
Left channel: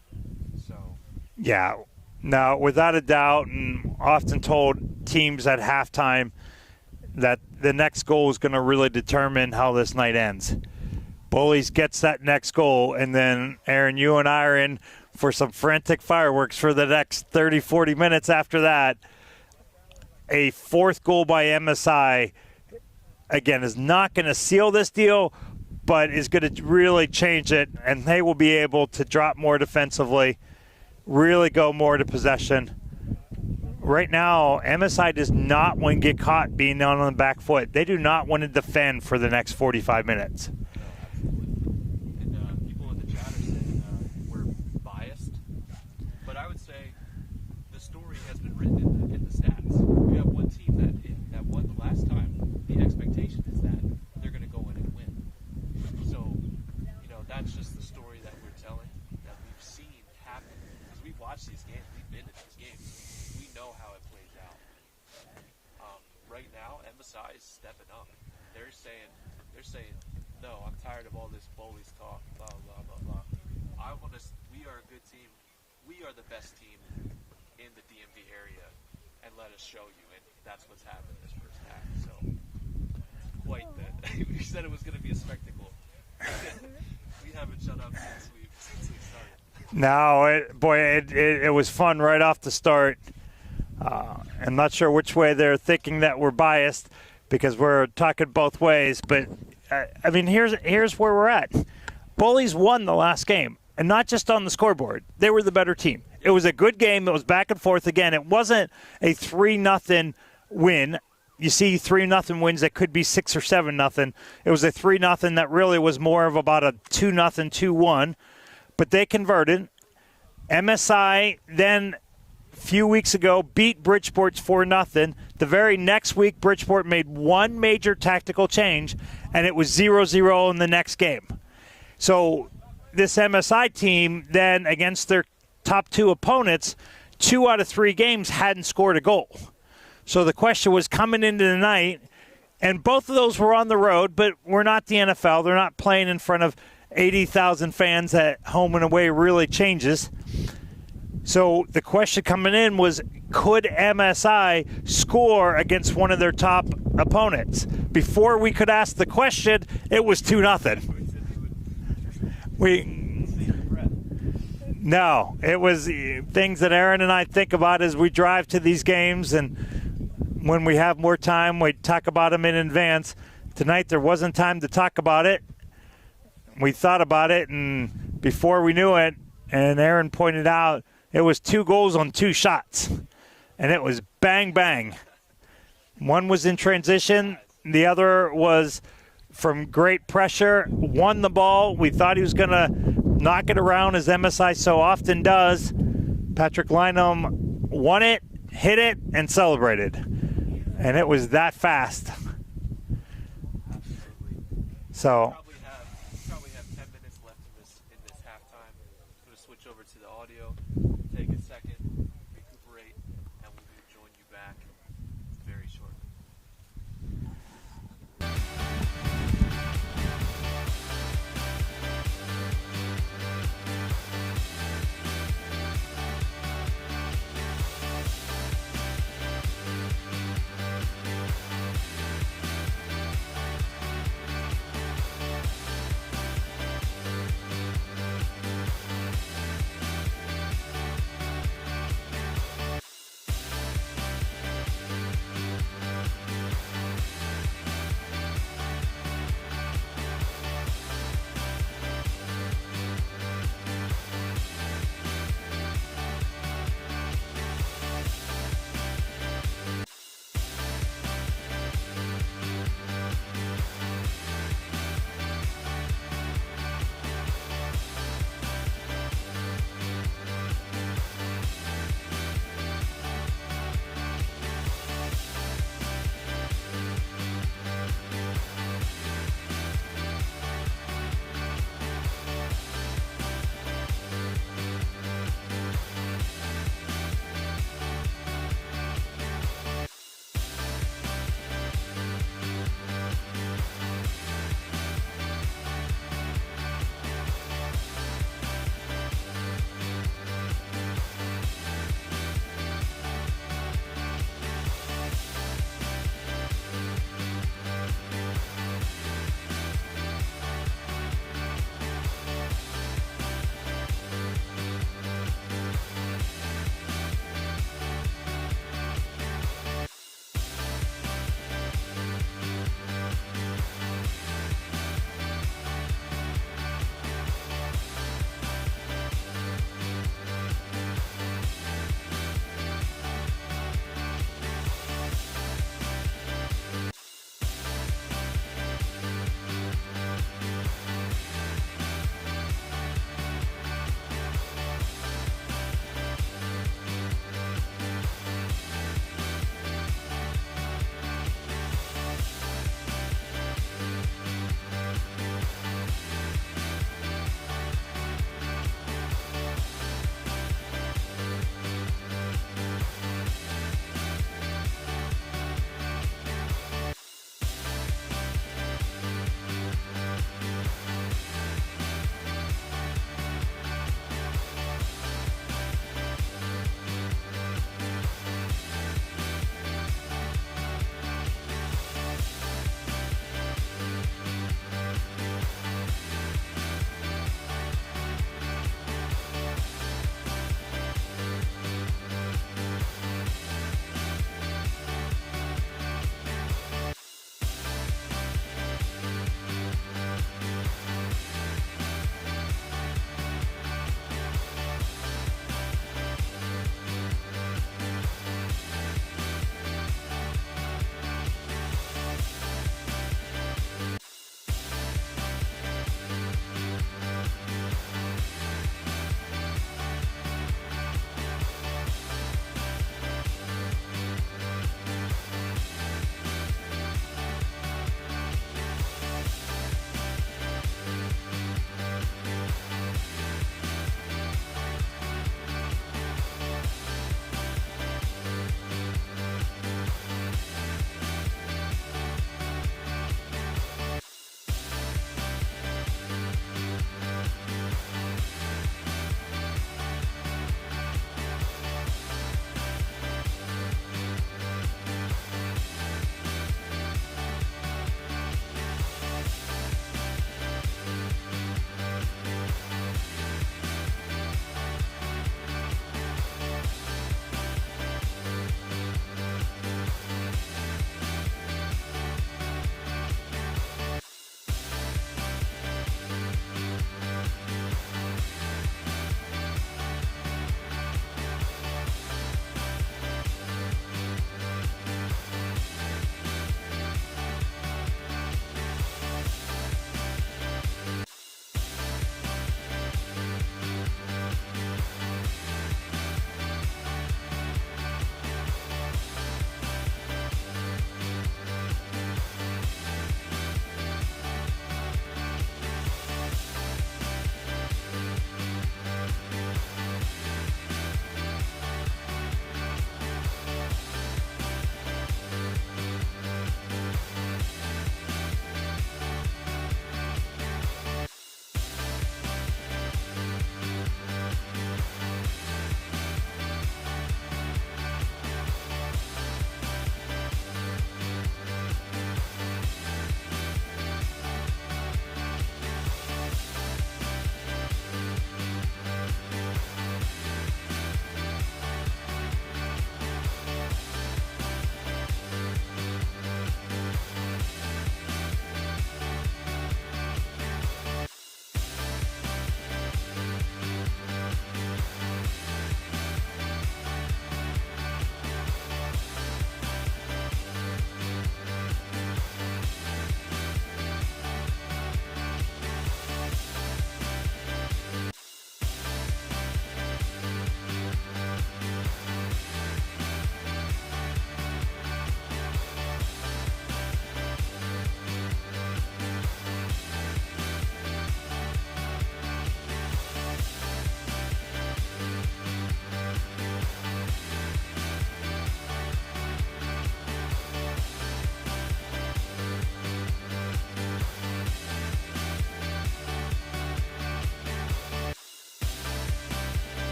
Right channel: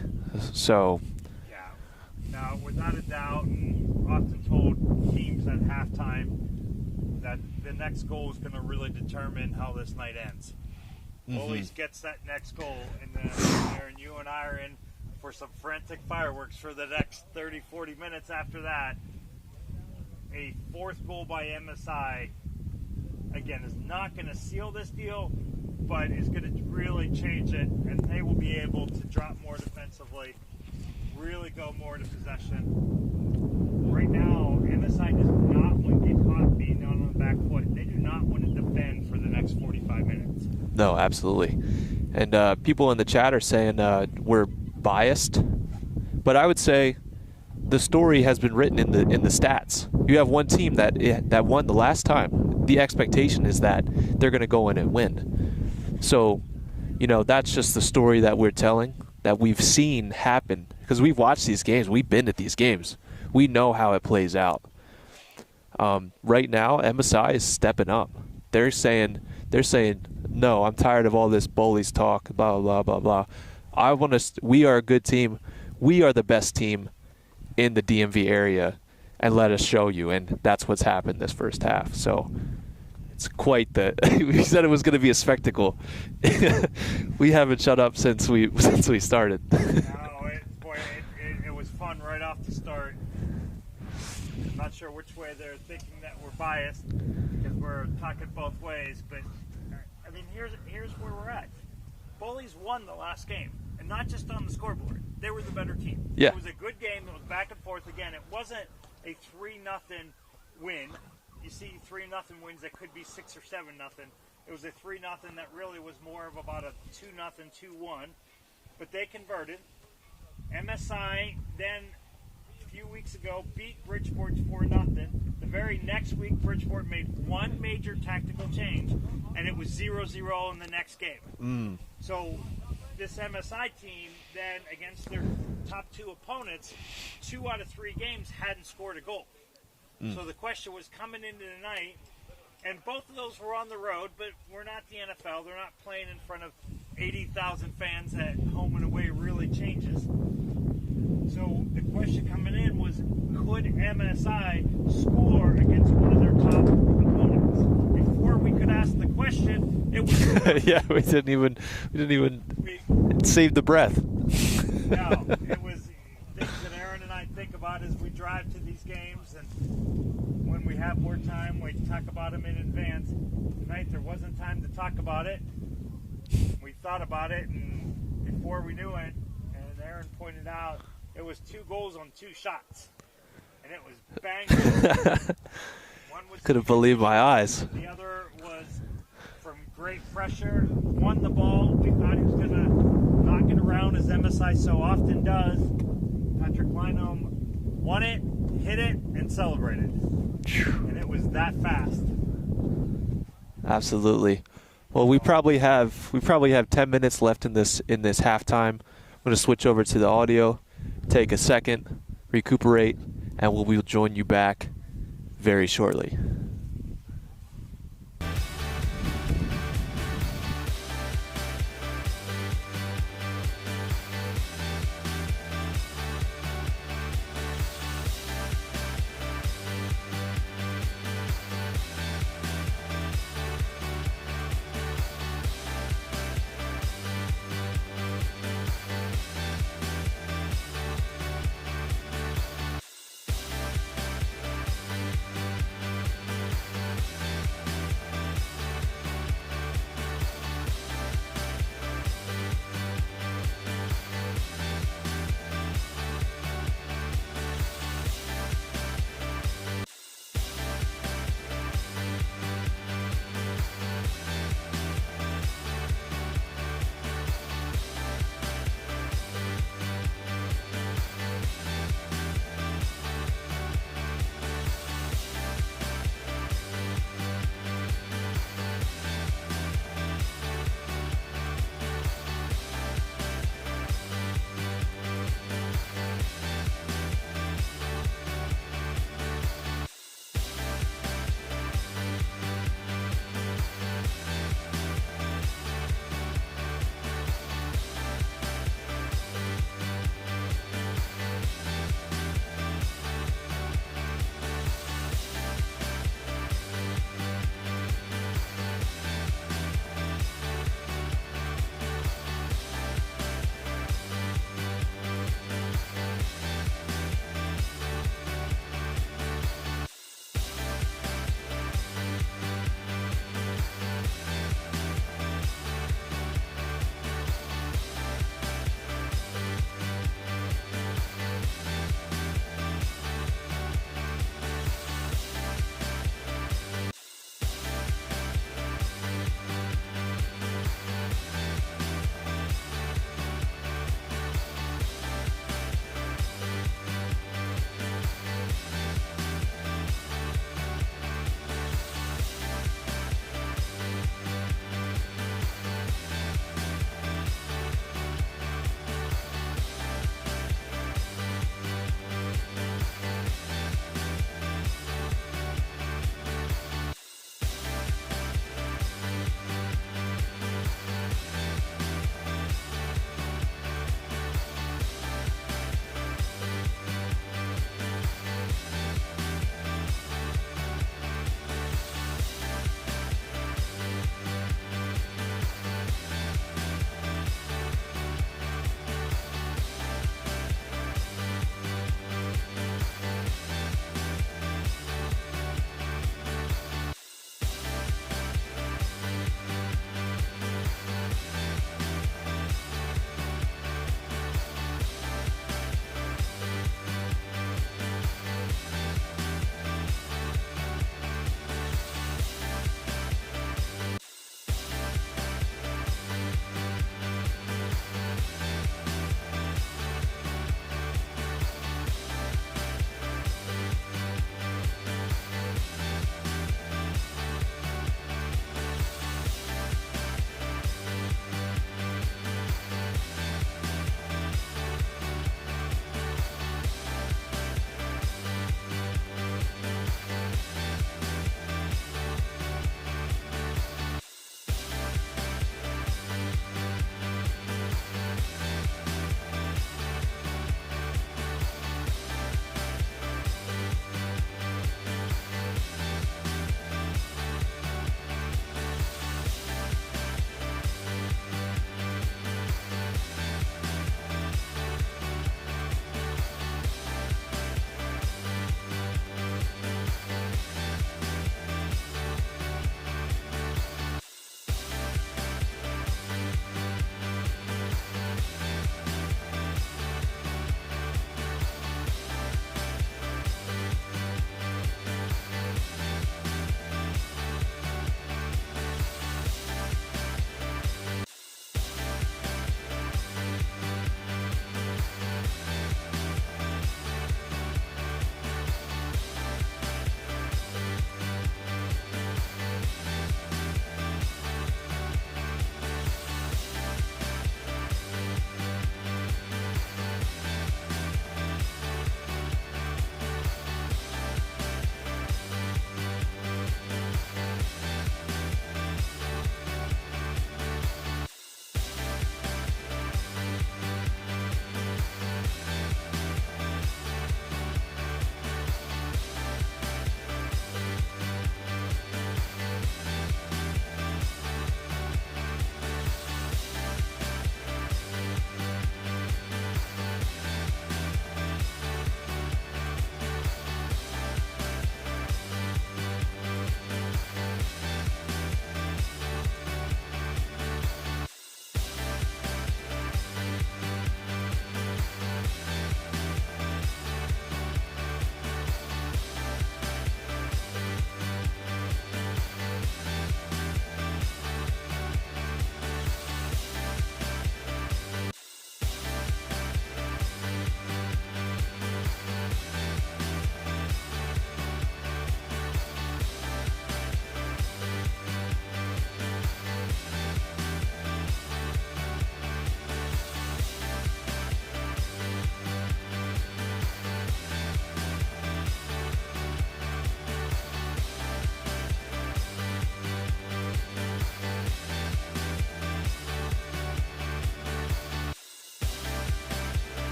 So yeah. Now, without a doubt, and often told teams at halftime that the next goal is going to really determine how this night ends. Bullies gets that next goal, and then, Aaron, you and I are in for some frantic fireworks for the next 30, 40 minutes after that. A 4th goal by MSI, again, is not going to seal this deal, but is going to really change it, and they will be able to drop more defensively, really go more to possession. Right now, MSI does not want to get caught being down on the back foot. They do not want to defend for the next 45 minutes. No, absolutely. And people in the chat are saying we're biased, but I would say the story has been written in the stats. You have one team that won the last time. The expectation is that they're going to go in and win. So, you know, that's just the story that we're telling, that we've seen happen. Because we've watched these games. We've been at these games. We know how it plays out. Right now, MSI is stepping up. They're saying, no, I'm tired of all this Bullies talk, blah, blah, blah, blah. We are a good team. We are the best team in the DMV area, and let us show you. And that's what's happened this first half. So it's quite we said it was going to be a spectacle. We haven't shut up since we started. No, it was fun right off the start. I'm not sure which way they're thinking that we're biased, because we're talking both ways. But I mean, here's where we're at. Bullies won the last game, and not just on the scoreboard. They were the better team. Yep. It was a good game. It was back and forth. Again, it wasn't a 3-0 win. You see 3-0 wins that could be 6 or 7-0. It was a 3-0 that really was more of about a 2-0, 2-1. But they converted. MSI then a few weeks ago beat Bridgeport's 4-0. The very next week, Bridgeport made one major tactical change, and it was 0-0 in the next game. So this MSI team then, against their top 2 opponents, 2 out of 3 games hadn't scored a goal. So the question was coming into the night, and both of those were on the road, but we're not the NFL. They're not playing in front of 80,000 fans at home and away really changes. So the question coming in was, could MSI score against one of their top opponents? Before we could ask the question, it was 2-0. Yeah, we didn't even save the breath. No, it was things that Aaron and I think about as we drive to these games, and when we have more time, we talk about them in advance. Tonight there wasn't time to talk about it. We thought about it, and before we knew it, and Aaron pointed out, it was 2 goals on 2 shots, and it was bang, bang. One was in transition. The other was from great pressure, won the ball. We thought he was going to knock it around, as MSI so often does. Patrick Lynham won it, hit it, and celebrated. And it was that fast. Absolutely. Well, we probably have 10 minutes left in this halftime. I'm going to switch over to the audio, take a second, recuperate, and we'll join you back very shortly.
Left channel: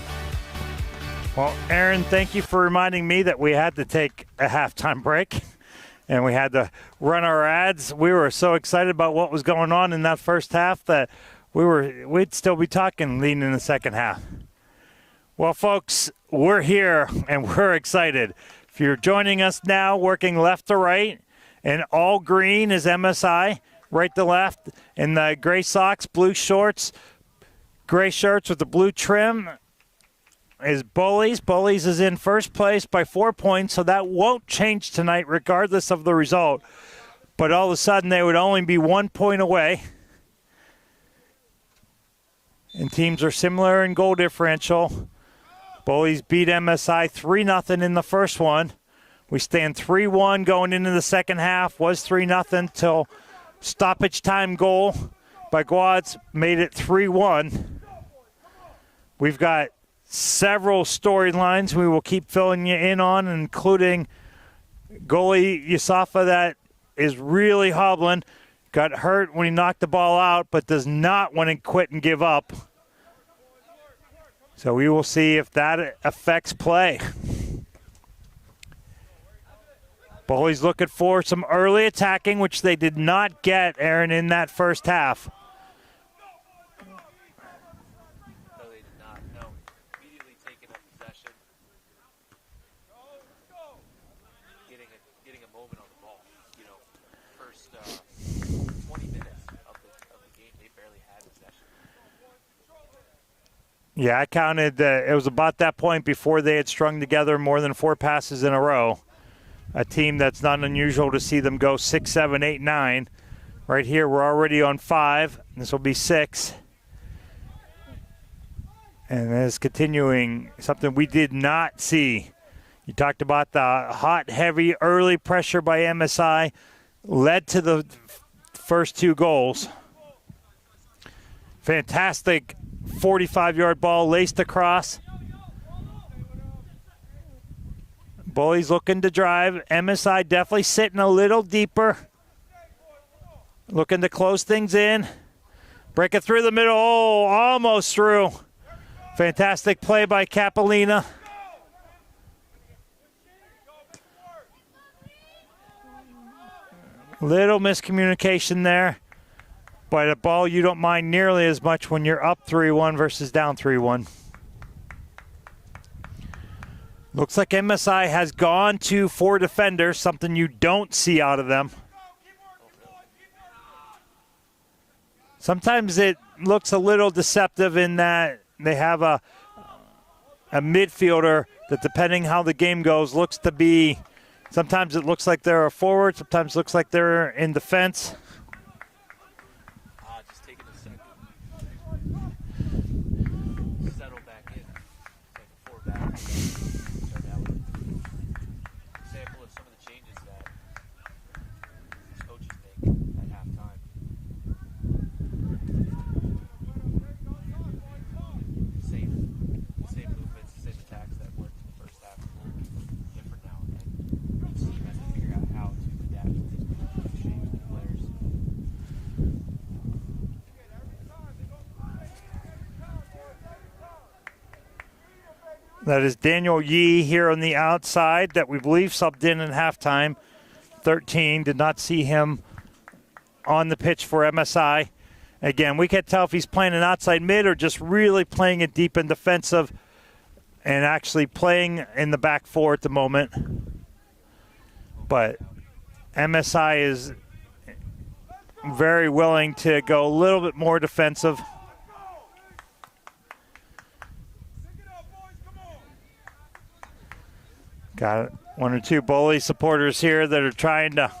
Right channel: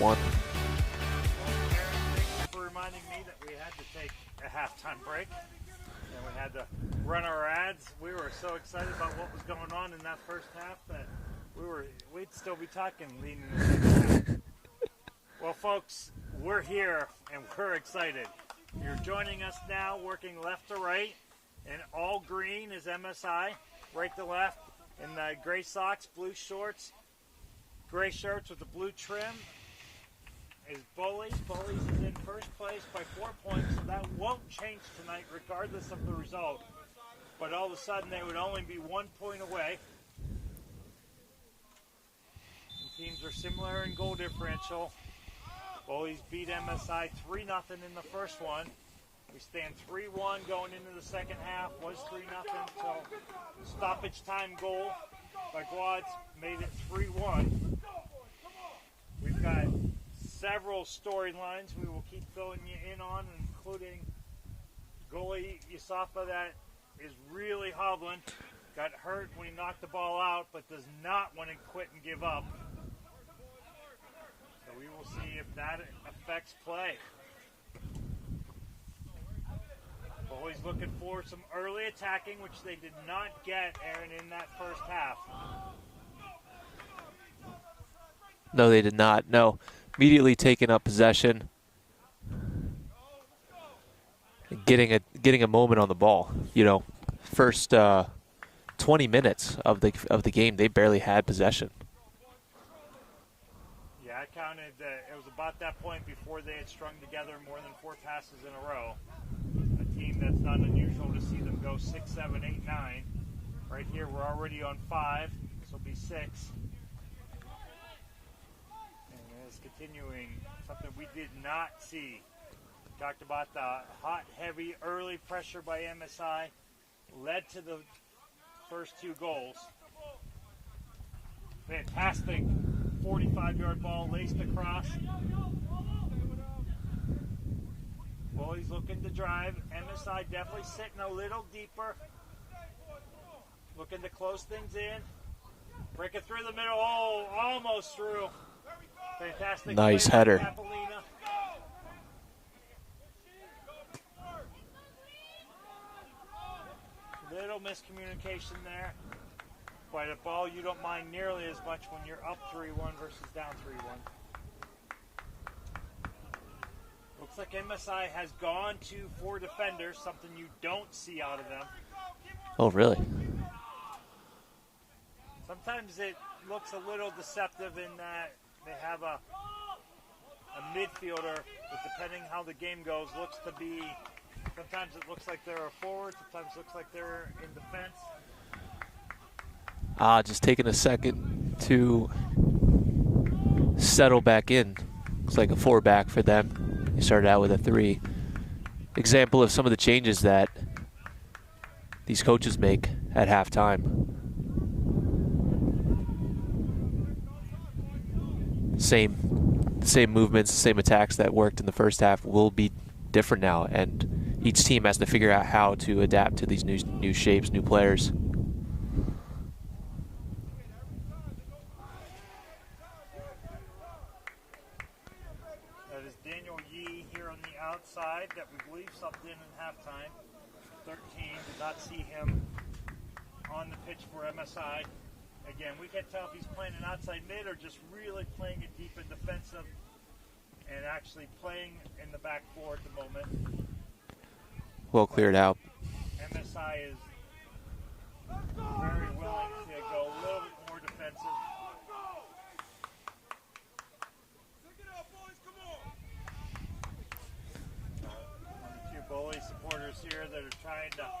one. Well, Aaron, thank you for reminding me that we had to take a halftime break and we had to run our ads. We were so excited about what was going on in that first half that we'd still be talking leading in the second half. Well, folks, we're here and we're excited. If you're joining us now, working left to right, and all green is MSI, right to left, and the gray socks, blue shorts, gray shirts with the blue trim is Bullies. Bullies is in first place by 4 points, so that won't change tonight regardless of the result. But all of a sudden, they would only be 1 point away. And teams are similar in goal differential. Bullies beat MSI 3-0 in the first one. We stand 3-1 going into the second half. Was 3-0 till stoppage time goal by Guads made it 3-1. We've got several storylines we will keep filling you in on, including goalie Yusafa that is really hobbling. Got hurt when he knocked the ball out, but does not want to quit and give up. So we will see if that affects play. Bullies looking for some early attacking, which they did not get, Aaron, in that first half. No, they did not. No. Immediately taking up possession. Getting a moment on the ball. You know, first 20 minutes of the game, they barely had possession. Yeah, I counted. It was about that point before they had strung together more than 4 passes in a row. A team that's not unusual to see them go 6, 7, 8, 9. Right here, we're already on 5. This will be 6. And it's continuing, something we did not see. You talked about the hot, heavy, early pressure by MSI led to the first 2 goals. Fantastic 45-yard ball laced across. Bullies looking to drive. MSI definitely sitting a little deeper. Looking to close things in. Break it through the middle. Oh, almost through. Fantastic Nice play header by Capellina. Little miscommunication there. But a ball you don't mind nearly as much when you're up 3-1 versus down 3-1. Looks like MSI has gone to 4 defenders, something you don't see out of them. Oh, really? Sometimes it looks a little deceptive in that they have a midfielder that, depending how the game goes, looks to be, sometimes it looks like they're a forward, sometimes it looks like they're in defense. Just taking a second to settle back in. Looks like a 4-back for them. He started out with a 3. Example of some of the changes that these coaches make at halftime. Same movements, same attacks that worked in the first half will be different now, and each team has to figure out how to adapt to these new shapes, new players. That is Daniel Yee here on the outside that we believe subbed in halftime. 13, did not see him on the pitch for MSI. Again, we can't tell if he's playing an outside mid or just really playing it deep and defensive and actually playing in the back 4 at the moment. Well cleared out. MSI is very willing to go a little bit more defensive. Got 1 or 2 Bully supporters here that are trying to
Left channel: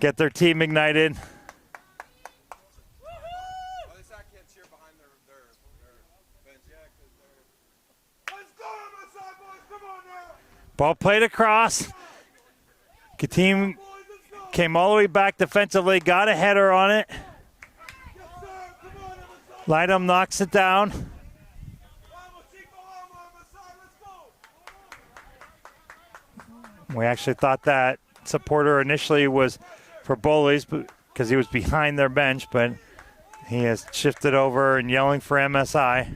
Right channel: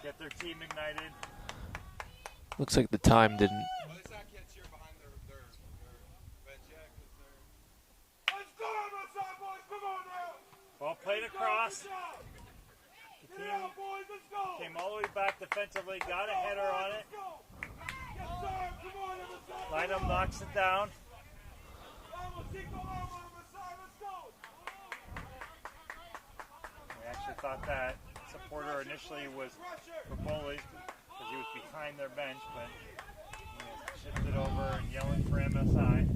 get their team ignited. Looks like the time didn't. Ball played across. The team came all the way back defensively, got a header on it. Lightham knocks it down. We actually thought that supporter initially was for Bullies because he was behind their bench, but he has shifted over and yelling for MSI.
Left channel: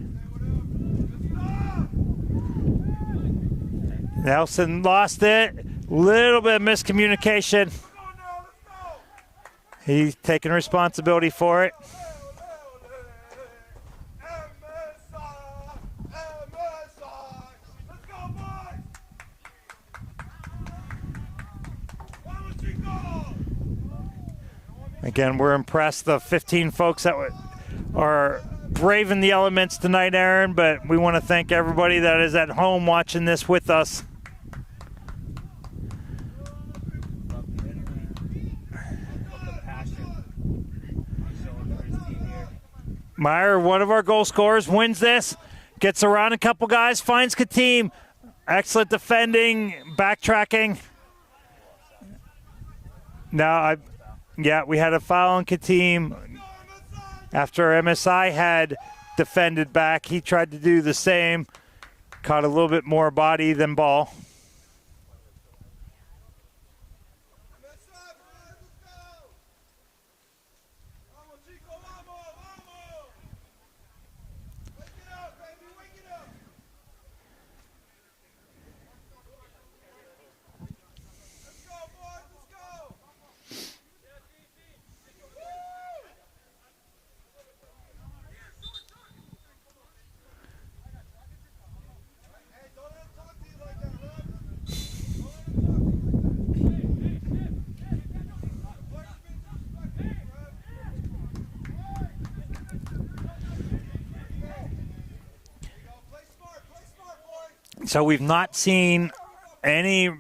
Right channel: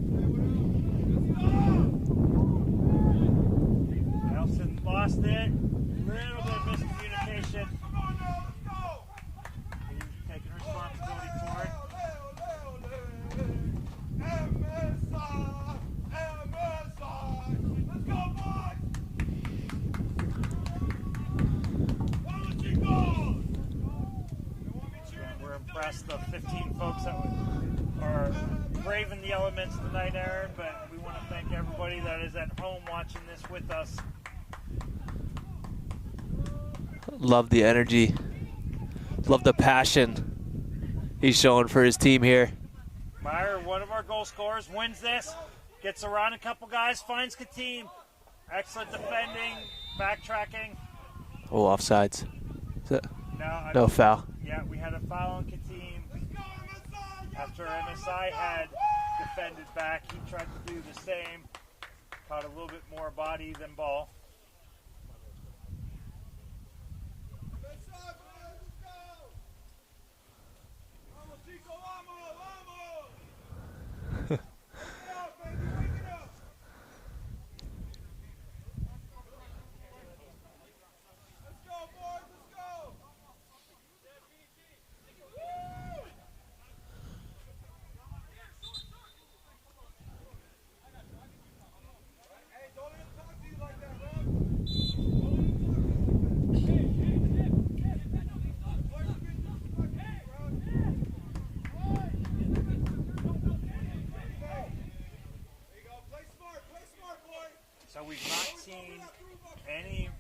Nelson lost it. Little bit of miscommunication. He's taking responsibility for it. Again, we're impressed, the 15 folks that are braving the elements tonight, Aaron, but we want to thank everybody that is at home watching this with us. Love the energy. Love the passion he's showing for his team here. Meyer, one of our goal scorers, wins this, gets around a couple guys, finds Katim. Excellent defending, backtracking. Oh, offsides. No foul. Yeah, we had a foul on Katim. After MSI had defended back, he tried to do the same. Caught a little bit more body than ball. So we've not seen any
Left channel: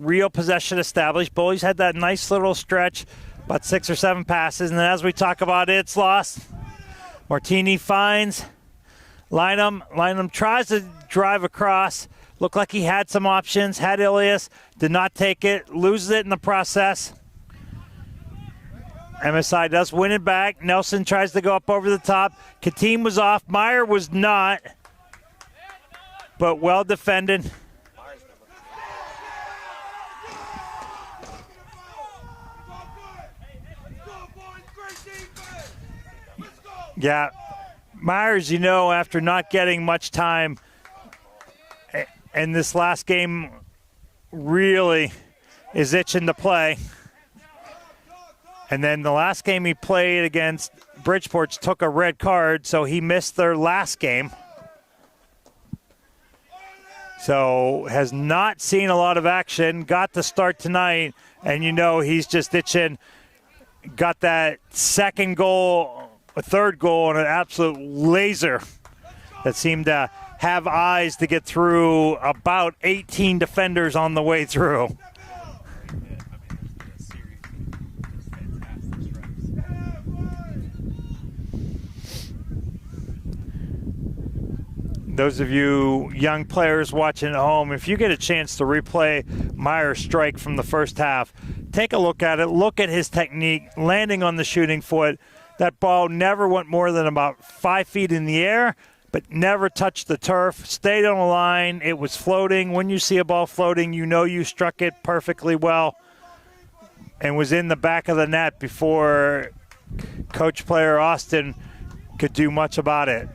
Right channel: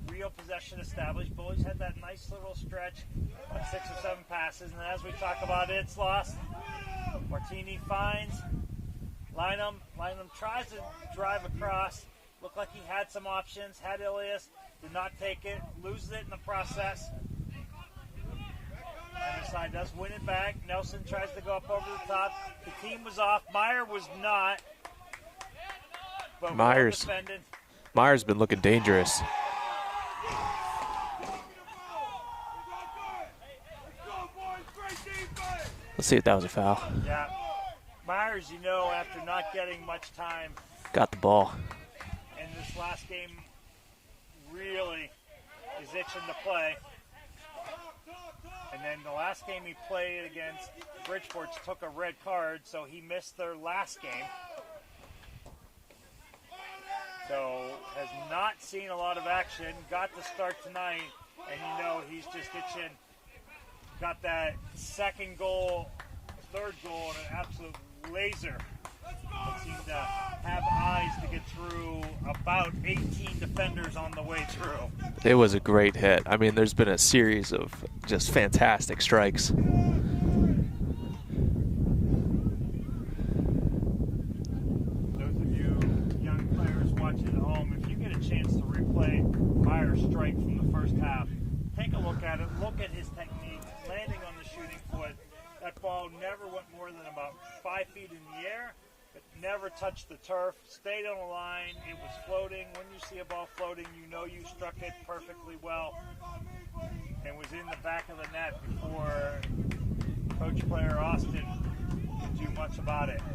real possession established. Bullies had that nice little stretch, about 6 or 7 passes, and then as we talk about it, it's lost. Martini finds Lynham. Lynham tries to drive across. Looked like he had some options, had Ilias, did not take it, loses it in the process. MSI does win it back. Nelson tries to go up over the top. Katim was off. Meyer was not. But well defended. Meyer's been looking dangerous. Let's see if that was a foul. Yeah. Myers, you know, after not getting much time, got the ball. And this last game really is itching to play. And then the last game he played against Bridgeport took a red card, so he missed their last game. So has not seen a lot of action, got to start tonight, and you know he's just itching. Got that second goal, a third goal, and an absolute laser that seemed to have eyes to get through about 18 defenders on the way through. It was a great hit. I mean, there's been a series of just fantastic strikes. Those of you young players watching at home, if you get a chance to replay Meyer's strike from the first half, take a look at it, look at his technique, landing on the shooting foot. That ball never went more than about 5 feet in the air, but never touched the turf, stayed on the line. It was floating. When you see a ball floating, you know you struck it perfectly well and was in the back of the net before coach player Austin could do much about it.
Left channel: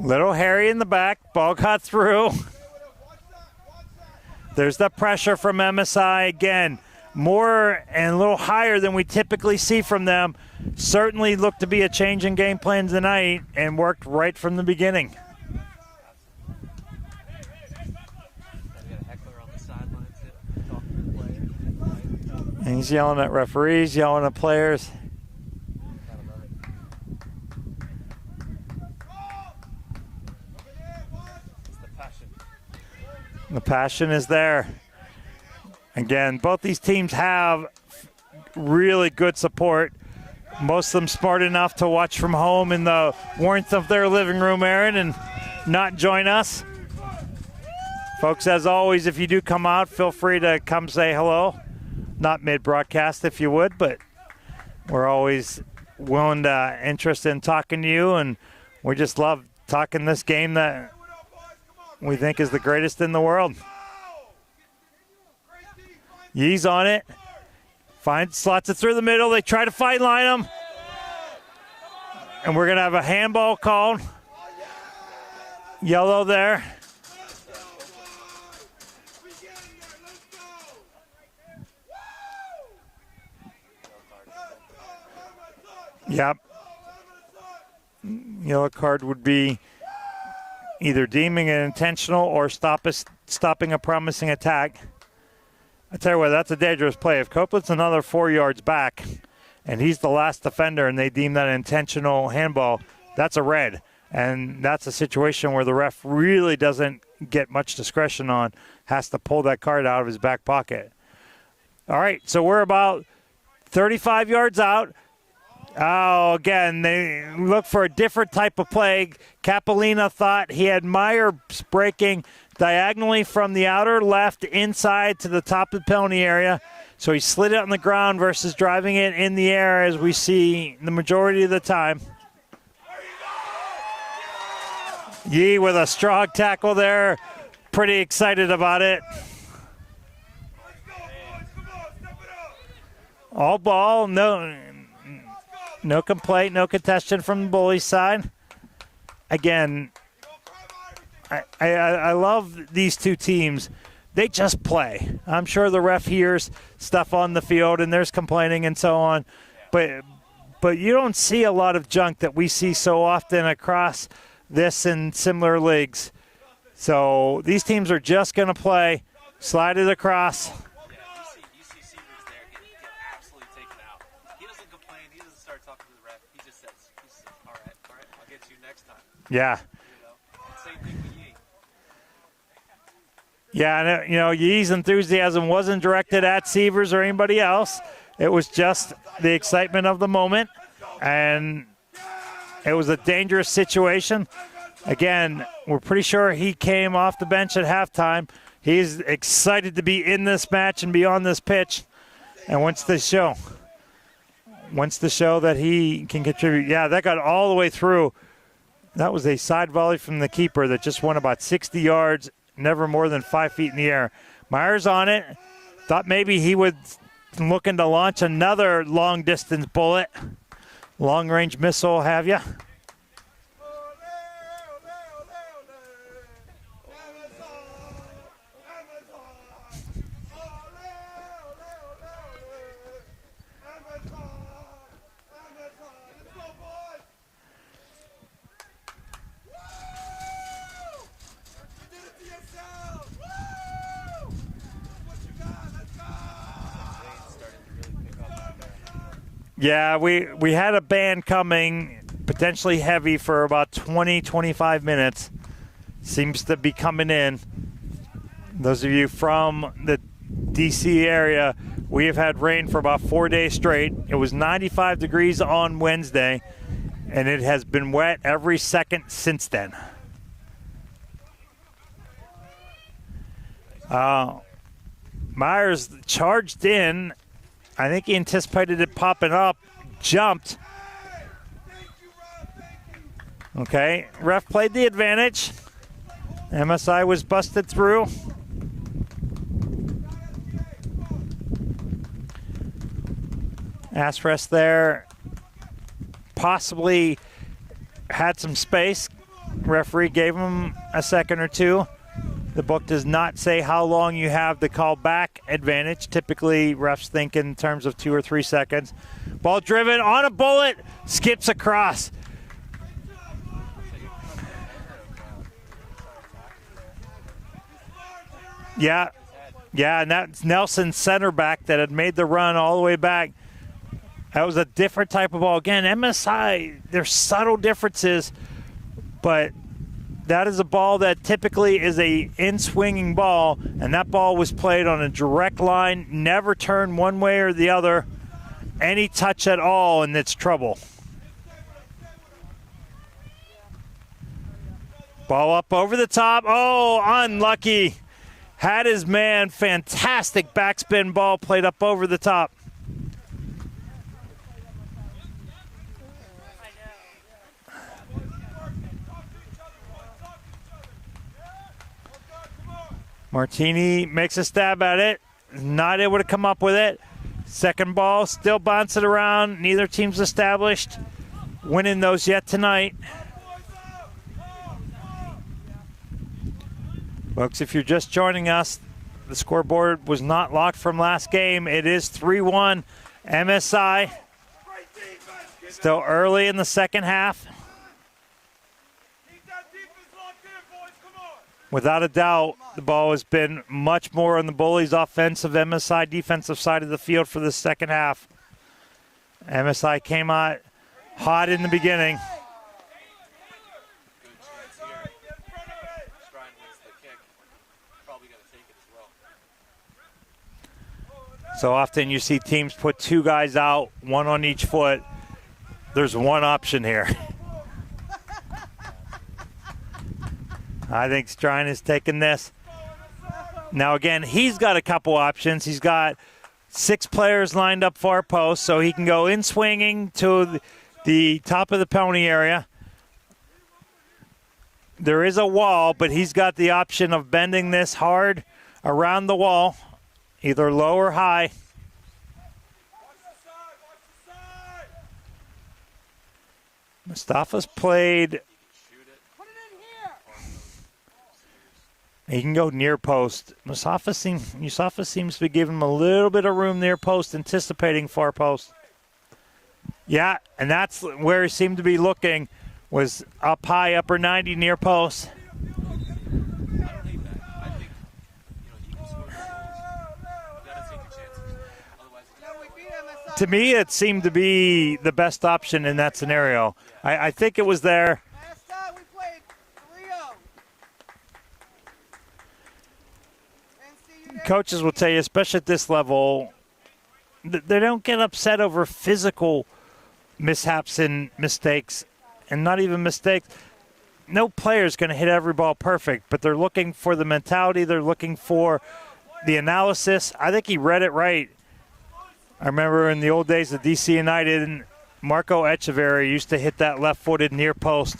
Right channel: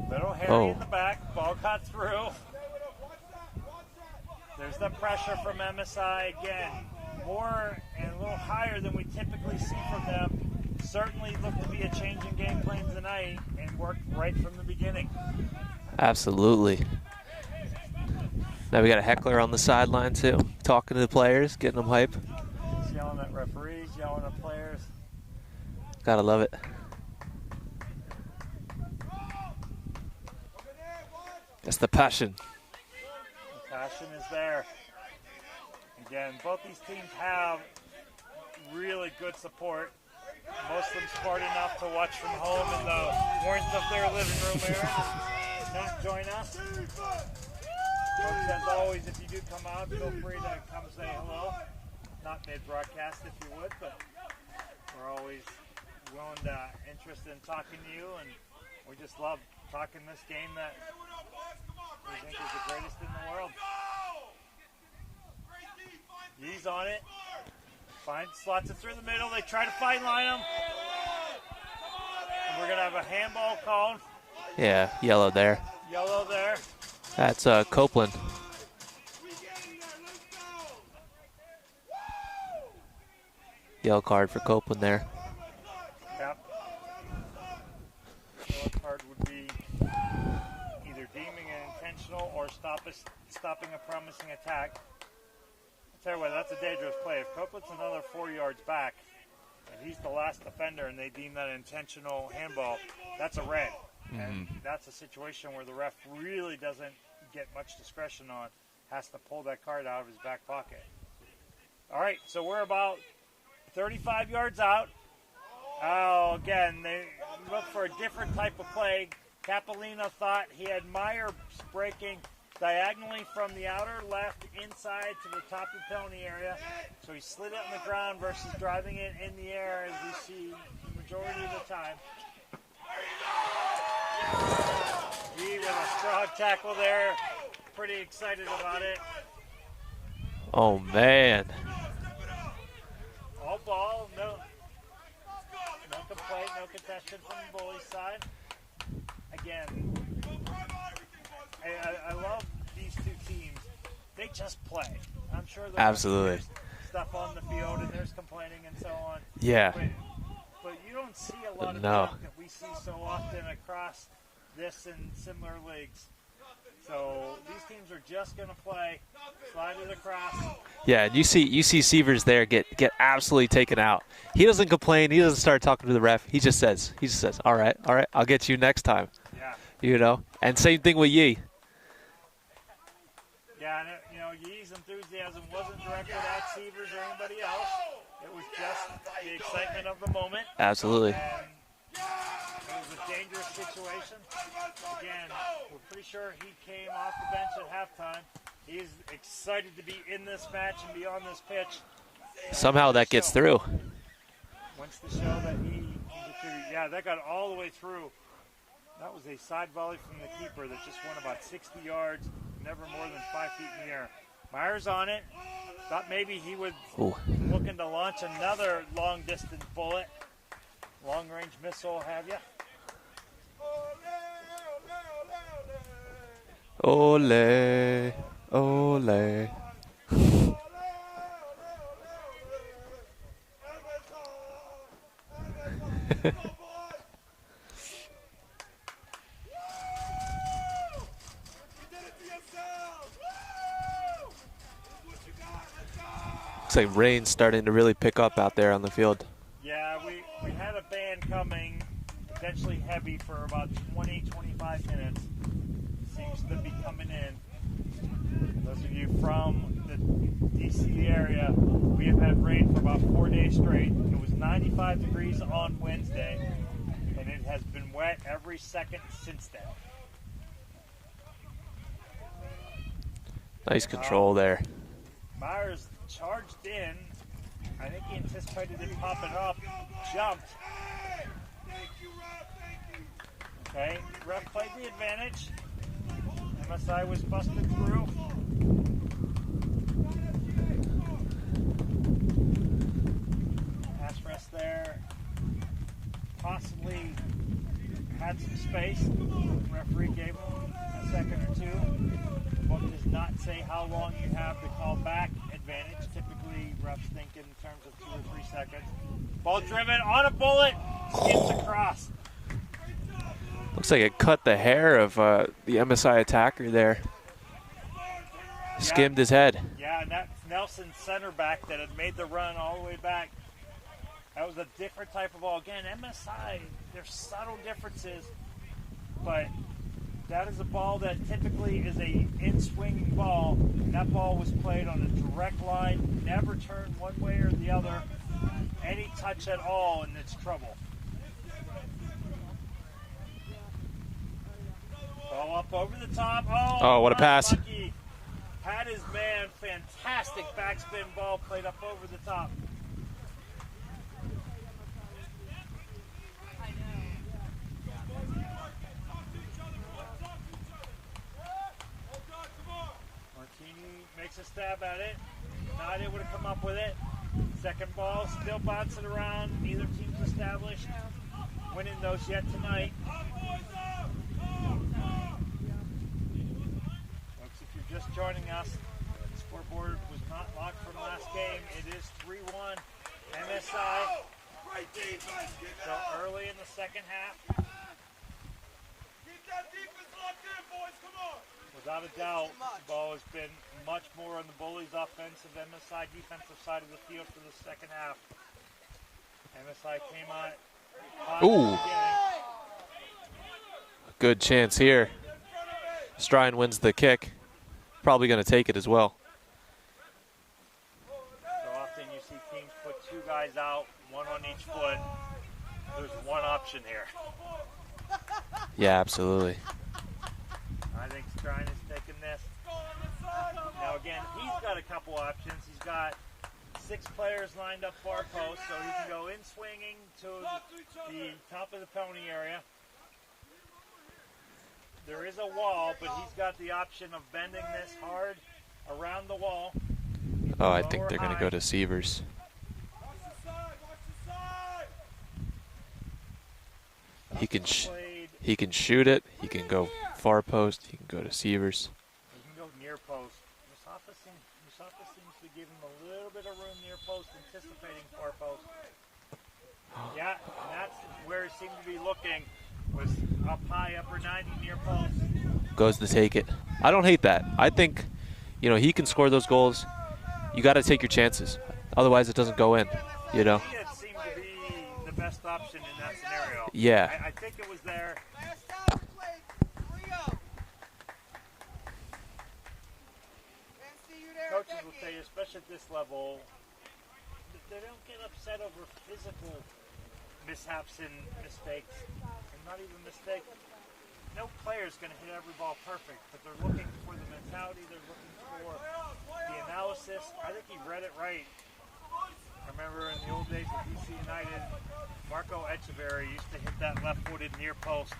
Little Harry in the back, ball got through. There's the pressure from MSI again. More and a little higher than we typically see from them. Certainly looked to be a change in game plan tonight and worked right from the beginning. Absolutely. Now we got a heckler on the sideline too, talking to the players, getting them hype. And he's yelling at referees, yelling at players. Gotta love it. That's the passion. The passion is there. Again, both these teams have really good support. Most of them smart enough to watch from home in the warmth of their living room, Aaron, and not join us. Folks, as always, if you do come out, feel free to come say hello. Not mid-broadcast if you would, but we're always willing to interested in talking to you, and we just love talking this game that we think is the greatest in the world. Yee's on it. Slots it through the middle. They try to fight line him. And we're going to have a handball called. Yeah, yellow there. Yellow there. That's Copeland. Yellow card for Copeland there. Yep. Yellow card would be either deeming it intentional or stopping a promising attack. I tell you what, that's a dangerous play. If Copeland's another 4 yards back and he's the last defender and they deem that an intentional handball, that's a red. And that's a situation where the ref really doesn't get much discretion on, has to pull that card out of his back pocket. All right, so we're about 35 yards out. Oh, again, they look for a different type of play. Capolina thought he had Meyer breaking diagonally from the outer left inside to the top of the penalty area. So he slid it on the ground versus driving it in the air, as we see the majority of the time. Yee with a strong tackle there. Pretty excited about it. Oh, man. All ball, no complaint, no contention from the Bullies side. Again, I love these two teams. They just play. I'm sure the ref hears stuff on the field and there's complaining and so on. Yeah. But you don't see a lot of junk that we see so often across this and similar leagues. So these teams are just going to play, slide it across. Yeah, you see Sievers there get absolutely taken out. He doesn't complain. He doesn't start talking to the ref. He just says, all right, I'll get you next time. Yeah. You know, and same thing with Yee. Yeah, and Yee's enthusiasm wasn't directed at Sievers or anybody else. It was just the excitement of the moment. Absolutely. And it was a dangerous situation. Again, we're pretty sure he came off the bench at halftime. He's excited to be in this match and be on this pitch. And somehow that gets through. Wants to show that he can contribute. Yeah, that got all the way through. That was a side volley from the keeper that just went about 60 yards, never more than 5 feet in the air. Myers on it. Thought maybe he would looking to launch another long-distance bullet. Long-range missile, have you? Ole, ole. Looks like rain's starting to really pick up out there on the field. Yeah, we had a band coming, potentially heavy, for about 20-25 minutes. Seems to be coming in. Those of you from the DC area, we have had rain for about 4 days straight. It was 95 degrees on Wednesday, and it has been wet every second since then. Nice control there. Myers charged in. I think he anticipated it popping up, jumped. Okay, ref played the advantage. MSI was busted through. Ass rest there. Possibly had some space. Referee gave him a second or two. The book does not say how long you have the call back advantage. Typically, refs think in terms of 2 or 3 seconds. Ball driven on a bullet, skips across. Looks like it cut the hair of the MSI attacker there. Yeah. Skimmed his head. Yeah, and that's Nelson's center back that had made the run all the way back. That was a different type of ball. Again, MSI, there's subtle differences, but that is a ball that typically is a in-swinging ball, and that ball was played on a direct line, never turned one way or the other. Any touch at all, and it's trouble. Ball up over the top. Oh, unlucky. Had his man. Fantastic backspin ball played up over the top. Martini makes a stab at it. Not able to come up with it. Second ball, still bouncing around. Neither team's established. winning those yet tonight. Folks, if you're just joining us, the scoreboard was not locked from last game. It is 3-1 MSI. Still early in the second half. Without a doubt, the ball has been much more on the Bullies' offensive, MSI defensive side of the field for the second half. MSI came out hot in the beginning. Good chance here. Strine wins the kick. Probably going to take it as well. So often you see teams put two guys out, one on each foot. There's one option here. Yeah, absolutely. I think Strine has taken this. Now again, he's got a couple options. He's got 6 players lined up far post, so he can go in swinging to the top of the penalty area. There is a wall, but he's got the option of bending this hard around the wall, either low or high. Go to Sievers. Mustafa's played. He can shoot it. He can go far post. He can go to Sievers. He can go near post. Mustafa seems to be giving him a little bit of room near post, anticipating far post. Yeah, and that's where he seemed to be looking, was up high, upper 90 near post. Goes to take it. I don't hate that. I think, he can score those goals. You got to take your chances. Otherwise, it doesn't go in. To me, it seemed to be the best option in that scenario. Yeah. I think it was there. Coaches will tell you, especially at this level, they don't get upset over physical mishaps and mistakes, and not even mistakes. No player is going to hit every ball perfect, but they're looking for the mentality. They're looking for the analysis. I think he read it right. I remember in the old days of DC United, Marco Echeverri used to hit that left-footed near post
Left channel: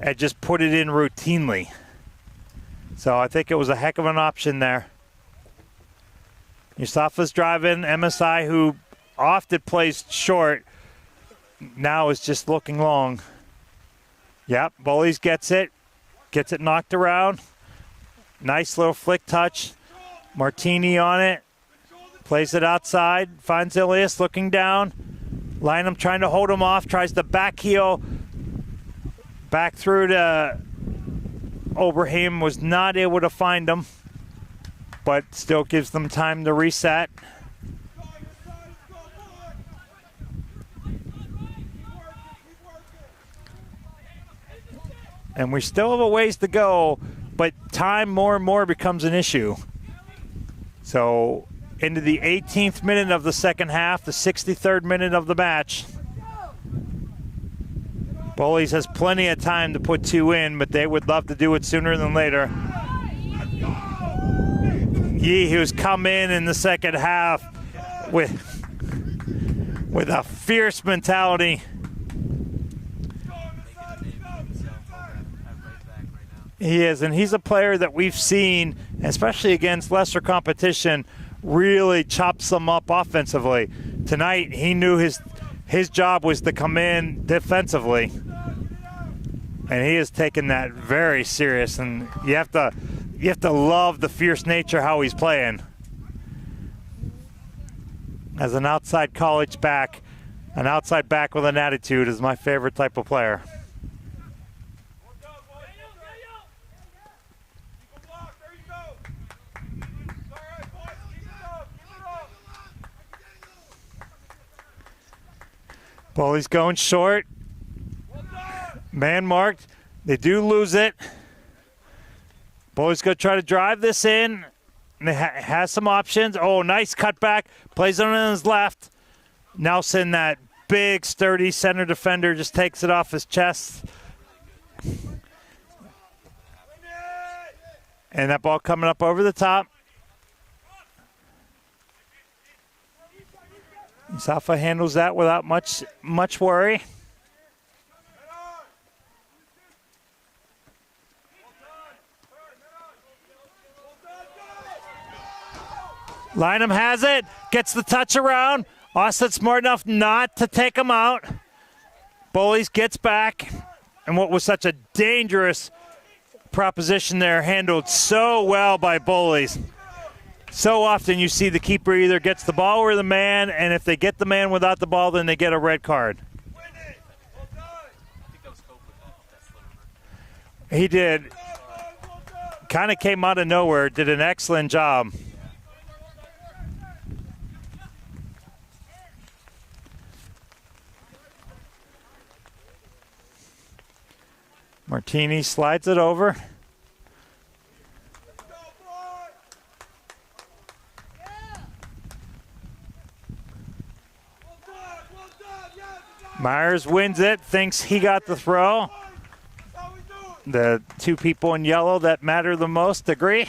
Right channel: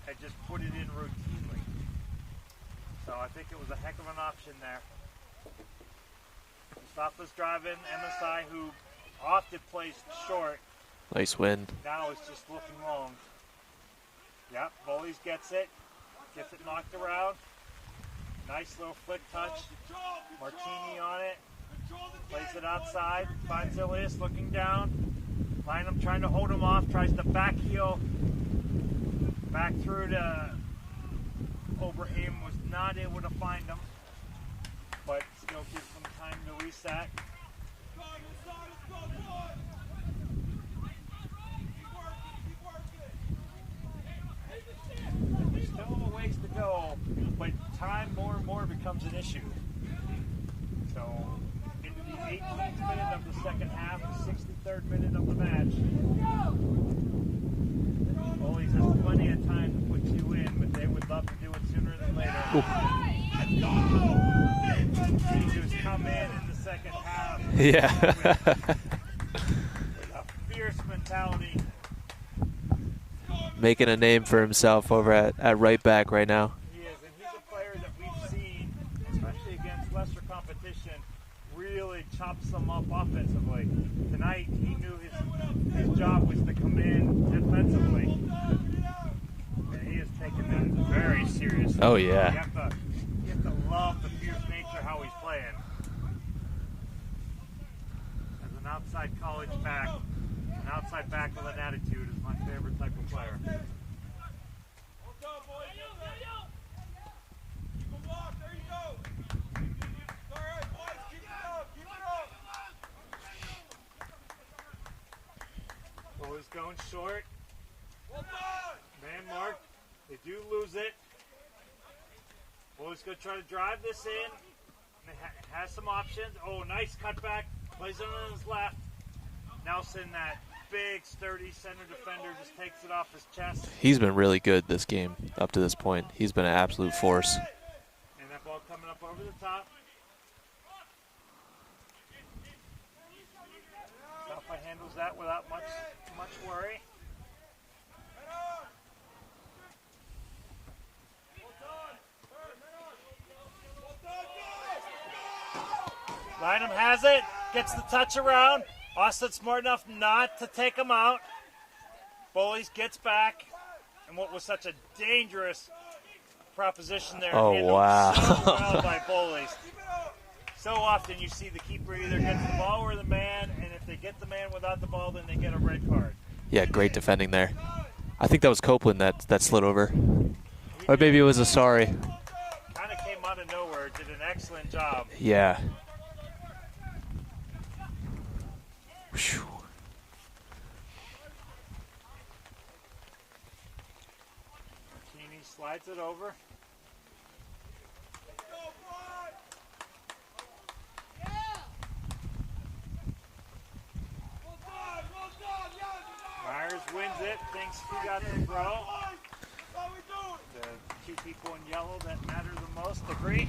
and just put it in routinely. So I think it was a heck of an option there. Mustafa's driving. MSI, who often plays short, nice win. Now is just looking long. Yep, Bullies gets it knocked around. Nice little flick touch. Martini on it. Plays it outside. Finds Ilias looking down. Lynham trying to hold him off. Tries to back heel. Back through to Oberheim. Was not able to find him, but still gives them time to reset. And we still have a ways to go, but time more and more becomes an issue. So into the 18th minute of the second half, the 63rd minute of the match. Bullies has plenty of time to put 2 in, but they would love to do it sooner than later. Yee, who's come in the second half with a fierce mentality. Making a name for himself over at right back right now. He is, and he's a player that we've seen, especially against lesser competition, really chops them up offensively. Tonight, he knew his job was to come in defensively, and he has taken that very serious. Oh yeah. You have to love the fierce nature how he's playing. As an outside college back, an outside back with an attitude is my favorite type of player. Bullies going short. Man marked. They do lose it. Bullies going to try to drive this in. And they has some options. Oh, nice cutback. Plays it on his left. Nelson, that big, sturdy center defender, just takes it off his chest. He's been really good this game up to this point. He's been an absolute force. And that ball coming up over the top. Safa handles that without much worry. Lynham has it, gets the touch around. Austin smart enough not to take him out. Bullies gets back, and what was such a dangerous proposition there handled so well by Bullies. So often you see the keeper either gets the ball or the man, and if they get the man without the ball, then they get a red card. Yeah, great defending there. I think that was Copeland that slid over. He or did. Maybe it was Asari. Kind of came out of nowhere, did an excellent job. Yeah. Whew. Martini slides it over. Myers wins it, thinks he got the throw. The two people in yellow that matter the most agree.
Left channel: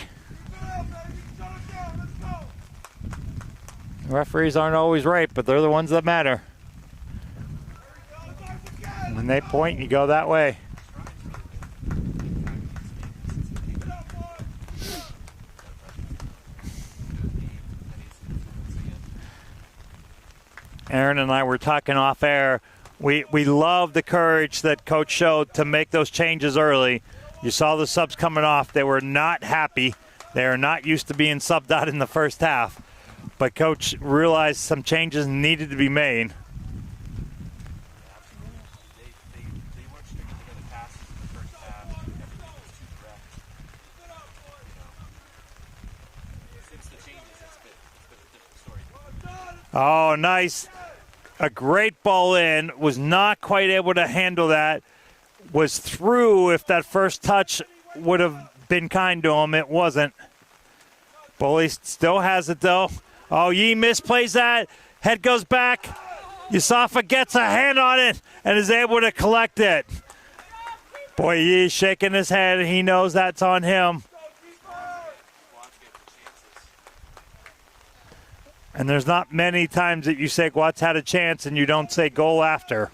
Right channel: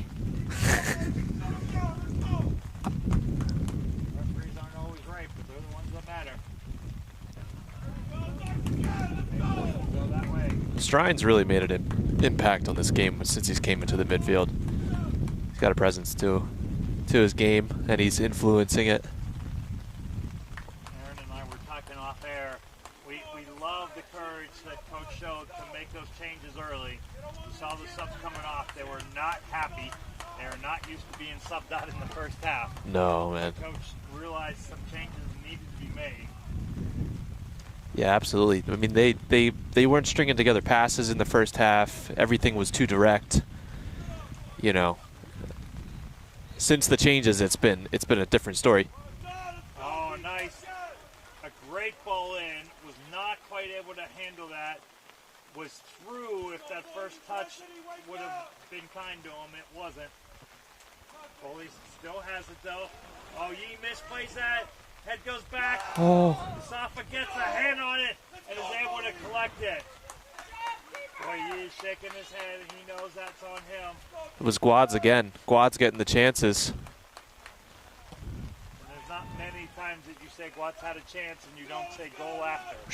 Referees aren't always right, but they're the ones that matter. When they point, you go that way. Strine's really made an impact on this game since he's came into the midfield. He's got a presence to his game, and he's influencing it. Aaron and I were talking off air. We love the courage that Coach showed to make those changes early. You saw the subs coming off. They were not happy. They are not used to being subbed out in the first half. No, man. But Coach realized some changes needed to be made. Yeah, absolutely. I mean, they weren't stringing together passes in the first half. Everything was too direct. You know, since the changes, it's been a different story. Oh, nice. A great ball in. Was not quite able to handle that. Was through. If that first touch would have been kind to him, it wasn't. Bullies still has it, though. Oh, Yee misplays that. Head goes back. Oh. Yusafa gets a hand on it and is able to collect it. Boy, Yee's shaking his head. He knows that's on him. It was Guads again. Guads getting the chances. And there's not many times that you say Guads had a chance and you don't say goal after.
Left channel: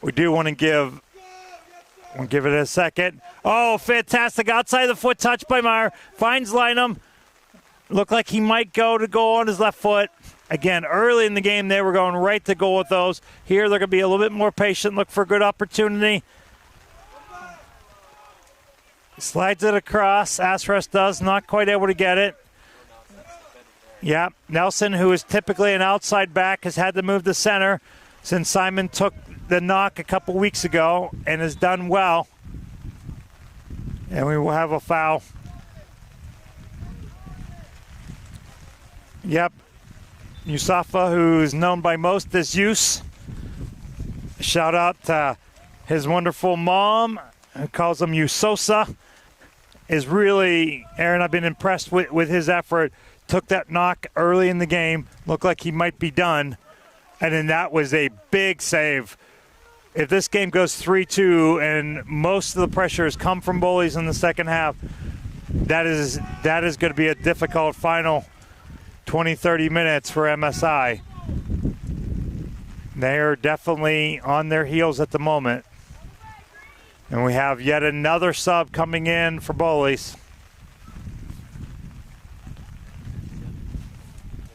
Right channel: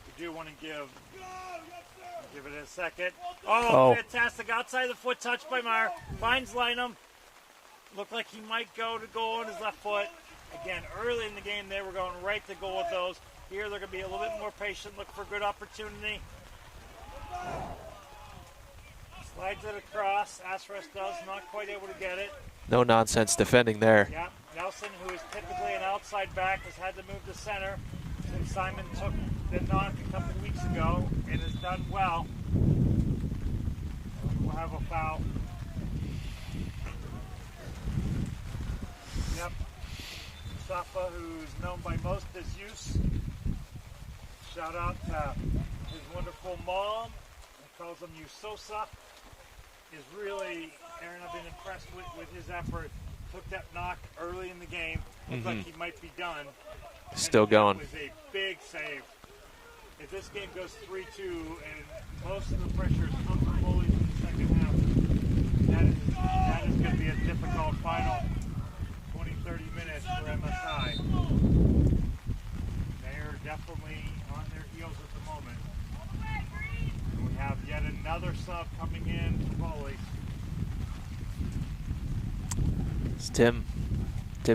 We do want to give it a second. Oh, fantastic. Outside the foot touch by Meyer. Finds Lynham. Looked like he might go to goal on his left foot. Again, early in the game, they were going right to goal with those. Here, they're going to be a little bit more patient, look for a good opportunity. Slides it across. Asros does, not quite able to get it. No nonsense defending there. Yeah, Nelson, who is typically an outside back, has had to move to center since Simon took the knock a couple weeks ago and has done well. And we will have a foul. Yep. Yusafa, who's known by most as Yus. Shout out to his wonderful mom, who calls him Yusosa. Is really, Aaron, I've been impressed with his effort. Took that knock early in the game. Looked like he might be done. Still and then that going. was a big save. If this game goes 3-2 and most of the pressure has come from Bullies in the second half, that is going to be a difficult final 20-30 minutes for MSI. They are definitely on their heels at the moment. And we have yet another sub coming in for Bullies. It's Tim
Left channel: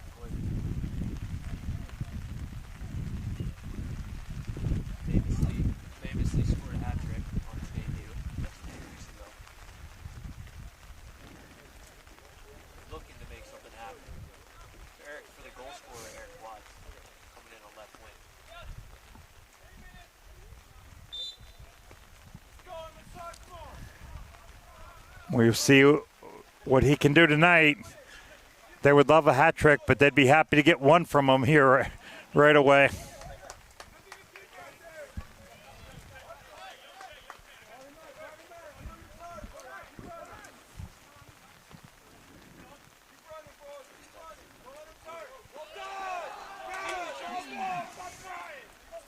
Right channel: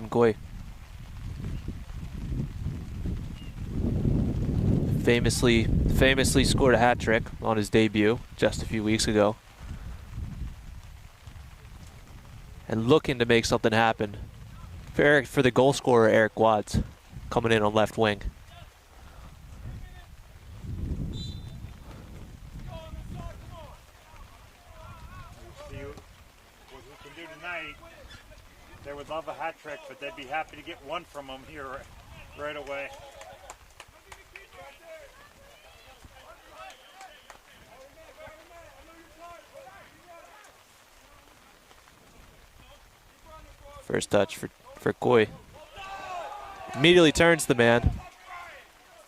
Goy. Famously scored a hat trick on his debut just a few weeks ago. And looking to make something happen for the goal scorer, Eric Guads, coming in on left wing. We'll see what he can do tonight. They would love a hat trick, but they'd be happy to get one from him here right away. First touch for Goy. Immediately turns the man.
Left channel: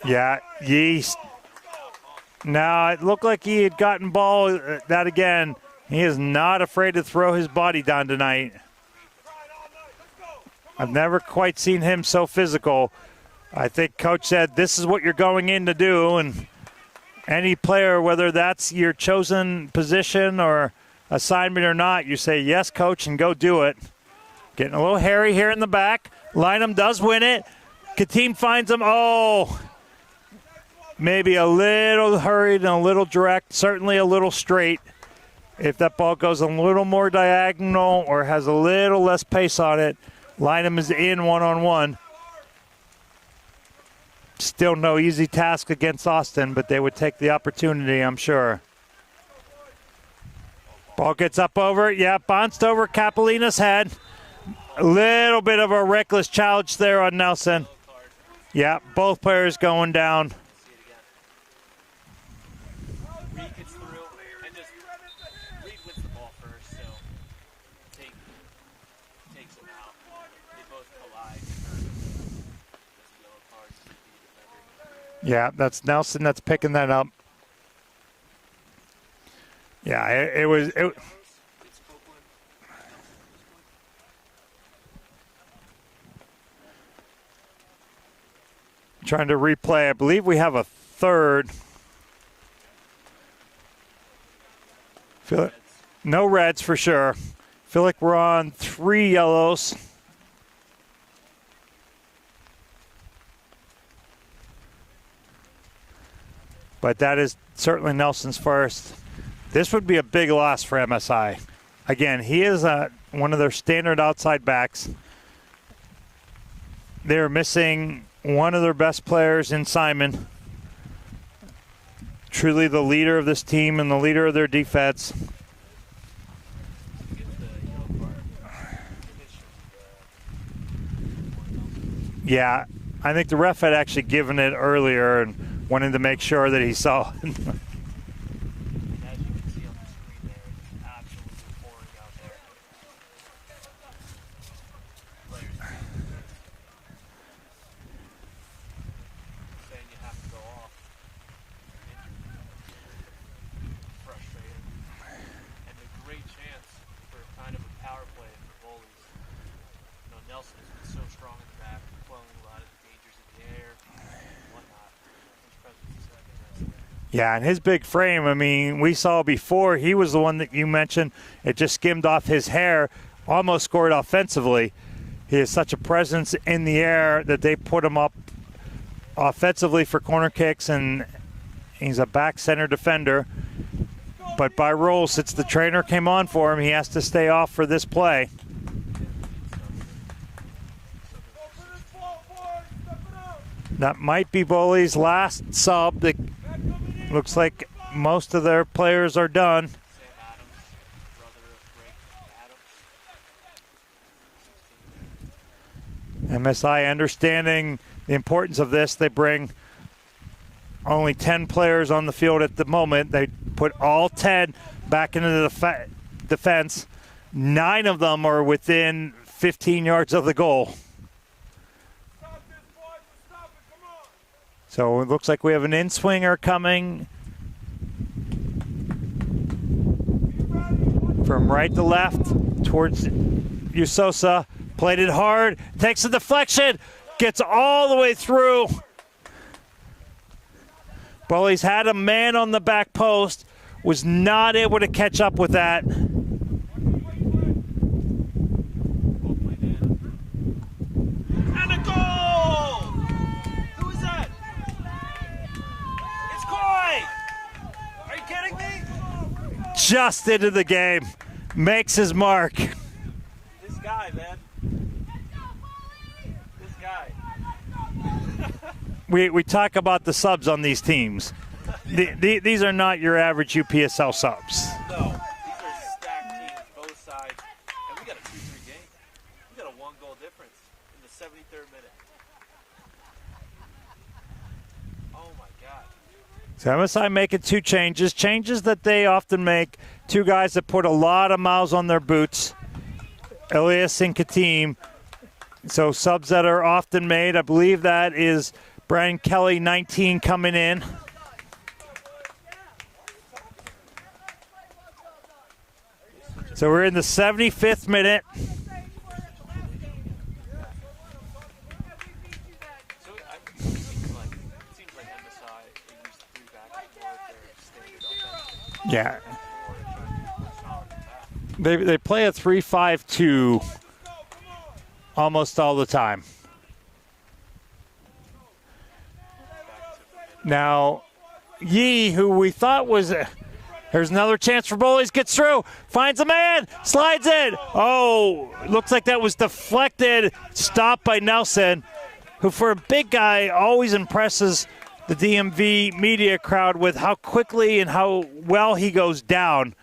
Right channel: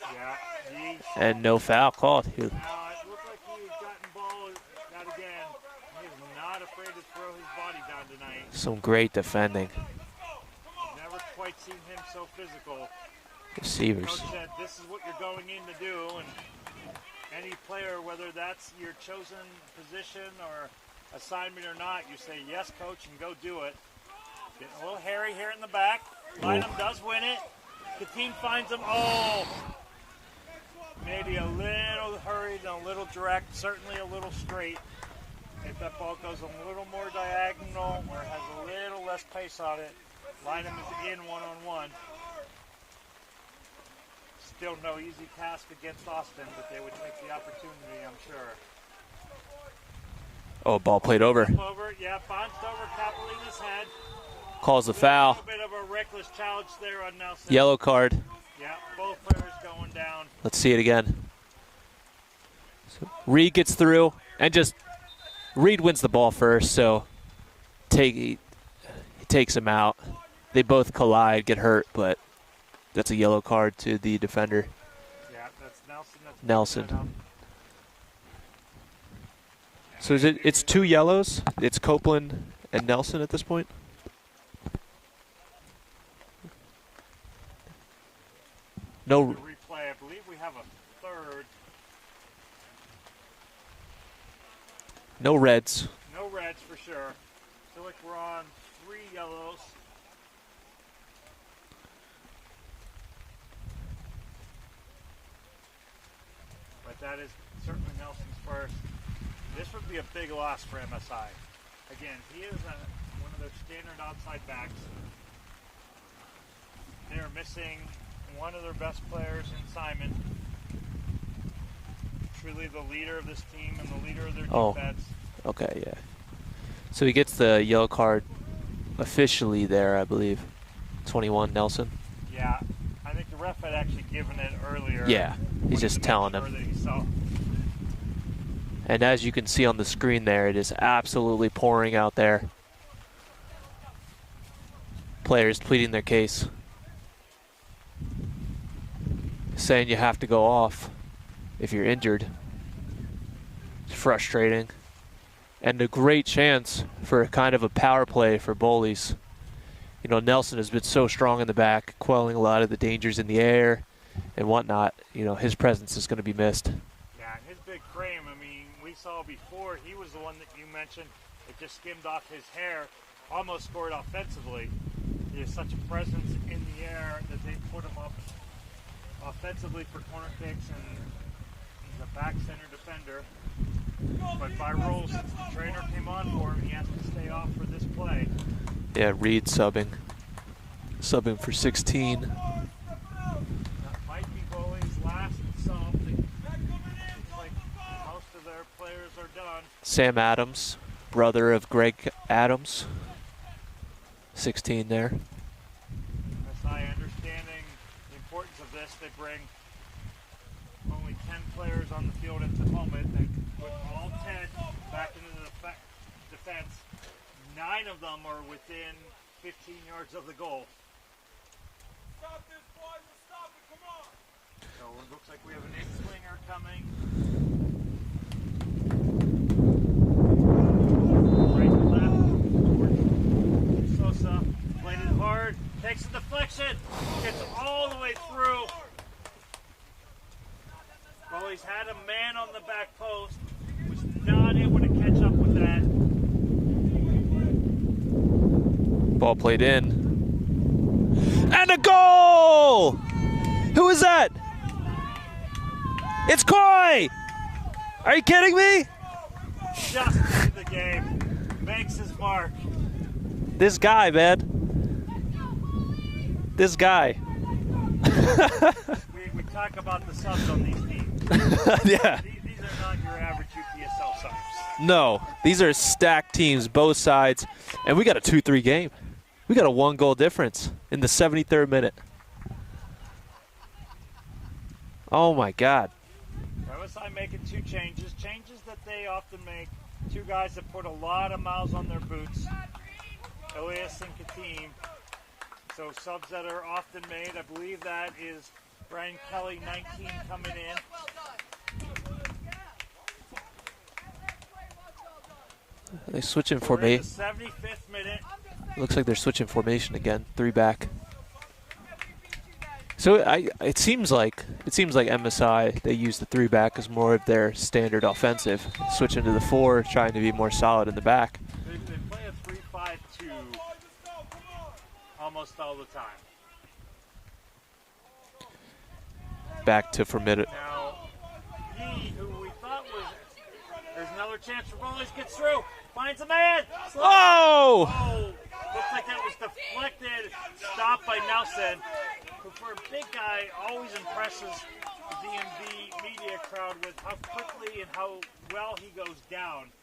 Yeah, Yeast. And no foul called. Now, it looked like he had gotten ball that again. He is not afraid to throw his body down tonight. Some great defending. I've never quite seen him so physical. I think Coach said this is what you're going in to do, and any player, whether that's your chosen position or assignment or not, you say, yes, Coach, and go do it. Getting a little hairy here in the back. Lynham does win it. Katim finds him. Oh, maybe a little hurried and a little direct, certainly a little straight. If that ball goes a little more diagonal or has a little less pace on it, Lynham is in one-on-one. Still no easy task against Austin, but they would take the opportunity, I'm sure. Oh, ball Ball played gets over. up over, yeah, bounced over Capolina's head. Calls A a foul. little bit of a reckless challenge there on Nelson. Yellow card. Yeah, both players going down. Let's see it again. Reed gets through, and just Reed wins the ball first, so he takes him out. They both collide, get hurt, but that's a yellow card to the defender. Yeah, that's Nelson that's picking that up. Yeah, So it's two yellows. It's Copeland and Nelson at this point. Trying to replay. I believe we have a third. No reds. No reds for sure. Feel like we're on 3 yellows. But that is certainly Nelson's first. This would be a big loss for MSI. Again, he is one of their standard outside backs. They're missing one of their best players in Simon. Truly the leader of this team and the leader of their defense. Okay, yeah. So he gets the yellow card officially there, I believe. 21, Nelson. Yeah, I think the ref had actually given it earlier. Yeah, and wanted to make sure that he saw. And as you can see on the screen there, it is absolutely pouring out there. Players pleading their case, saying you have to go off if you're injured. It's frustrating. And a great chance for a kind of a power play for Bowleys. You know, Nelson has been so strong in the back, quelling a lot of the dangers in the air and whatnot. You know, his presence is going to be missed. Yeah, and his big frame, I mean, we saw before, he was the one that you mentioned. It just skimmed off his hair, almost scored offensively. He has such a presence in the air that they put him up offensively for corner kicks, and he's a back center defender. But by rule, since the trainer came on for him, he has to stay off for this play. Yeah, Reed subbing for 16. That might be Bowley's last sub. That looks like most of their players are done. Sam Adams, brother of Greg Adams, 16 there. MSI understanding the importance of this. They bring only 10 players on the field at the moment. They put all 10 back into the defense. 9 of them are within 15 yards of the goal. So it looks like we have an in-swinger coming from right to left towards Usosa. Played it hard, takes a deflection, gets all the way through. Bullies had a man on the back post, was not able to catch up with that. Ball played in. And a goal! Who is that? It's Koi! Are you kidding me? Just into the game, makes his mark. This guy, man. This guy. We talk about the subs on these teams. Yeah. These are not your average UPSL subs. No, these are stacked teams, both sides. And we got a 2-3 game. We got a 1-goal difference in the 73rd minute. Oh, my God. So MSI making 2 changes that they often make. 2 guys that put a lot of miles on their boots. Elias and Katim. So subs that are often made. I believe that is Brian Kelly, 19, coming in. They switching So we're in the 75th minute. Looks like they're switching formation again. 3 back. So it seems like MSI, they use the 3 back as more of their standard offensive. Yeah. Switching to the 4, trying to be more solid in the back. They play a 3-5-2 almost all the time. back to formidable. Now, Yee, who we thought was here's another chance for Bullies, gets through, finds a man, slides in. Oh, looks like that was deflected, stopped by Nelson, who for a big guy always impresses the DMV media crowd with how quickly and how well he goes down.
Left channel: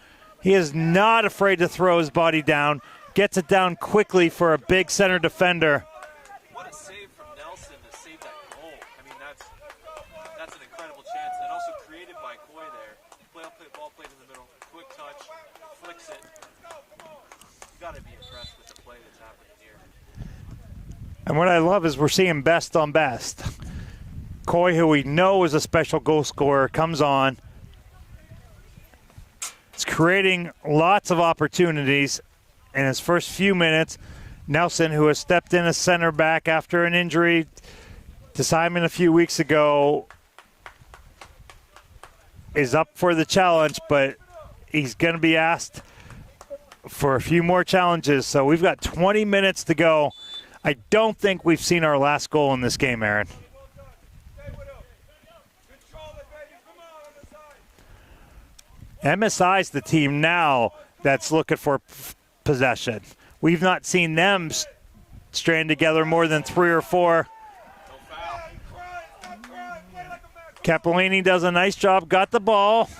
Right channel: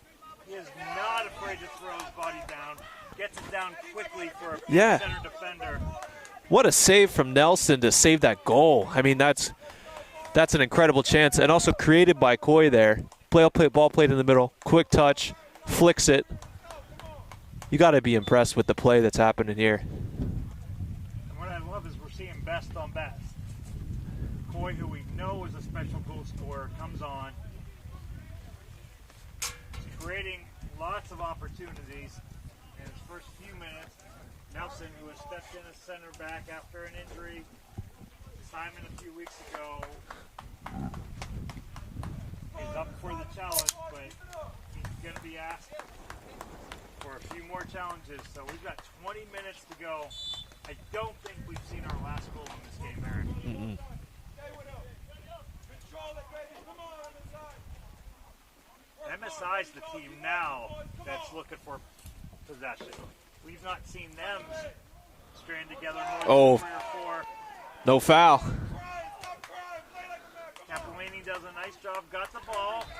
He is not afraid to throw his body down, gets it down quickly for a big center defender. What a save from Nelson to save that goal. I mean, that's an incredible chance, and also created by Coy there. Ball played in the middle, quick touch, flicks it. You got to be impressed with the play that's happening here. And what I love is we're seeing best on best. Coy, who we know is a special goal scorer, comes on. It's creating lots of opportunities in his first few minutes. Nelson, who has stepped in as center back after an injury to Simon a few weeks ago, is up for the challenge, but he's going to be asked for a few more challenges. So we've got 20 minutes to go. I don't think we've seen our last goal in this game, Aaron. MSI's the team now that's looking for possession. We've not seen them strand together more than 3 or 4. No foul. Capellini does a nice job, got the ball.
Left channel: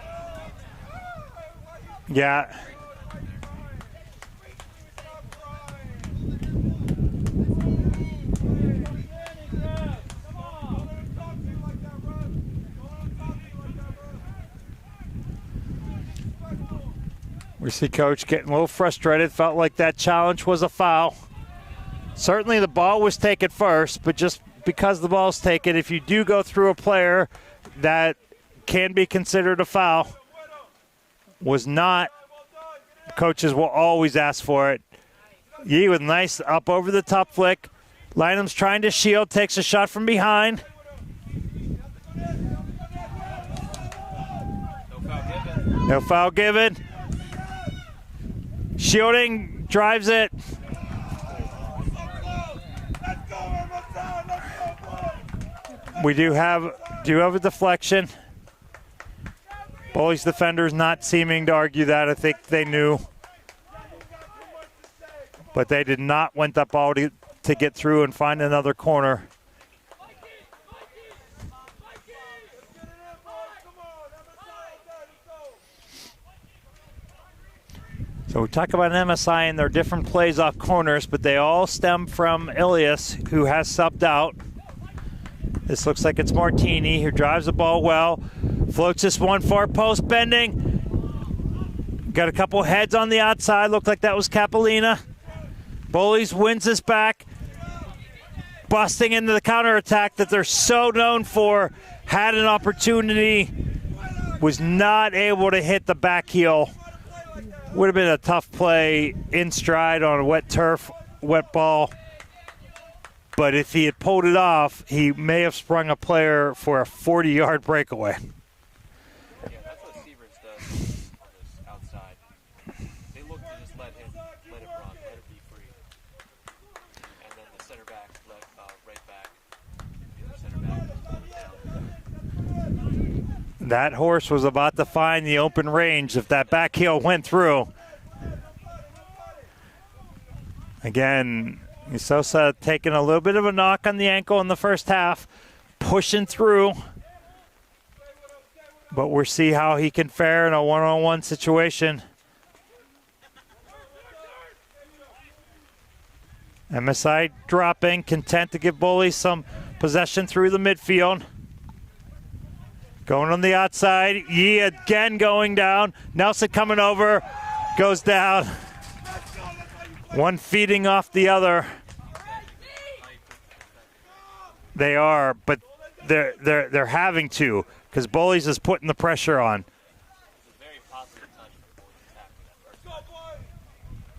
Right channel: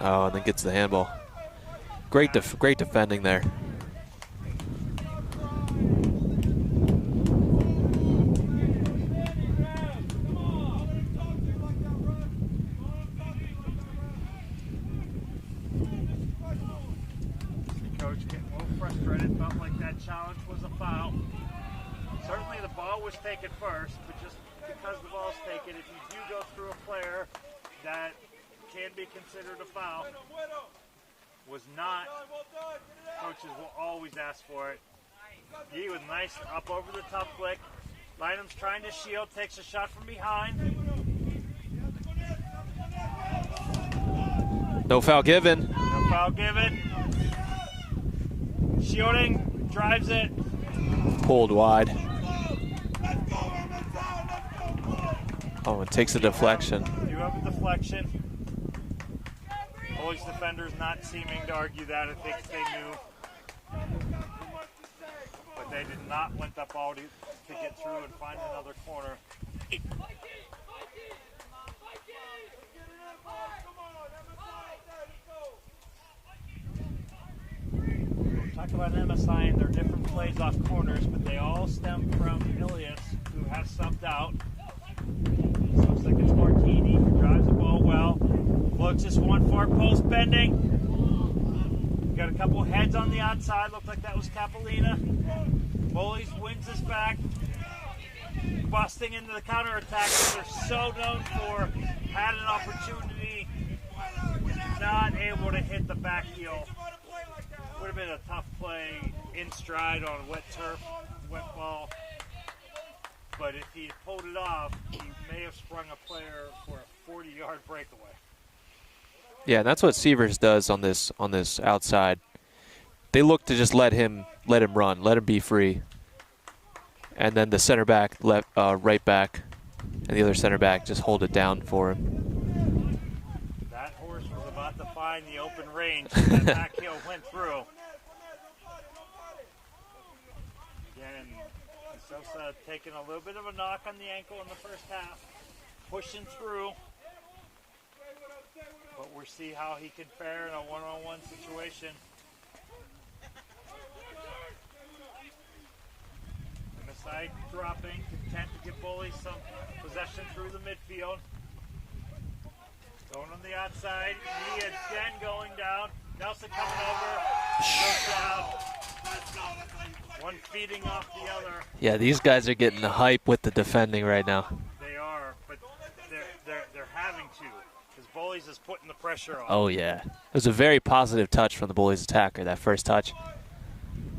Oh, and then gets the handball. Great defending there. We see Coach getting a little frustrated, felt like that challenge was a foul. Certainly the ball was taken first, but just because the ball's taken, if you do go through a player, that can be considered a foul. Was not. Coaches will always ask for it. Yee with nice up over the top flick. Lynham's trying to shield, takes a shot from behind. No foul given. No foul given. Shielding, drives it. Pulled wide. Oh, it takes a deflection. Do have a deflection. Bullies defenders not seeming to argue that. I think they knew. But they did not want that ball to get through and find another corner. So we talk about MSI and their different plays off corners, but they all stem from Ilias, who has subbed out. This looks like it's Martini, who drives the ball well. Floats this one far post, bending. Got a couple heads on the outside. Looked like that was Capellina. Bullies wins this back. Busting into the counterattack that they're so known for. Had an opportunity. Was not able to hit the back heel. Would have been a tough play in stride on a wet turf, wet ball. But if he had pulled it off, he may have sprung a player for a 40-yard breakaway. Yeah, that's what Sievers does on this outside. They look to just let him run, let him be free. And then the center back, right back, and the other center back just hold it down for him. That horse was about to find the open range if that back heel went through. Again, Sosa taking a little bit of a knock on the ankle in the first half, pushing through. But we'll see how he can fare in a one-on-one situation. MSI dropping, content to give Bullies some possession through the midfield. Going on the outside, Yee again going down. Nelson coming over, goes down. One feeding off the other. Yeah, these guys are getting the hype with the defending right now. They are, but they're having to, because Bullies is putting the pressure on. Oh yeah, it was a very positive touch from the Bullies attacker. That first touch,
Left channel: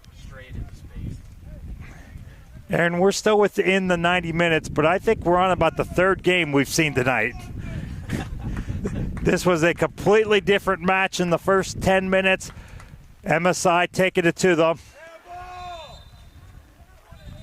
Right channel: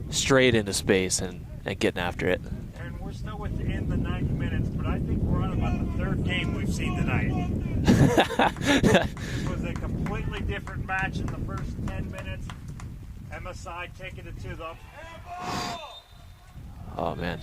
straight into space and getting after it. And we're still within the 90 minutes, but I think we're on about the third game we've seen tonight. This was a completely different match in the first 10 minutes. MSI taking it to them. Oh, man.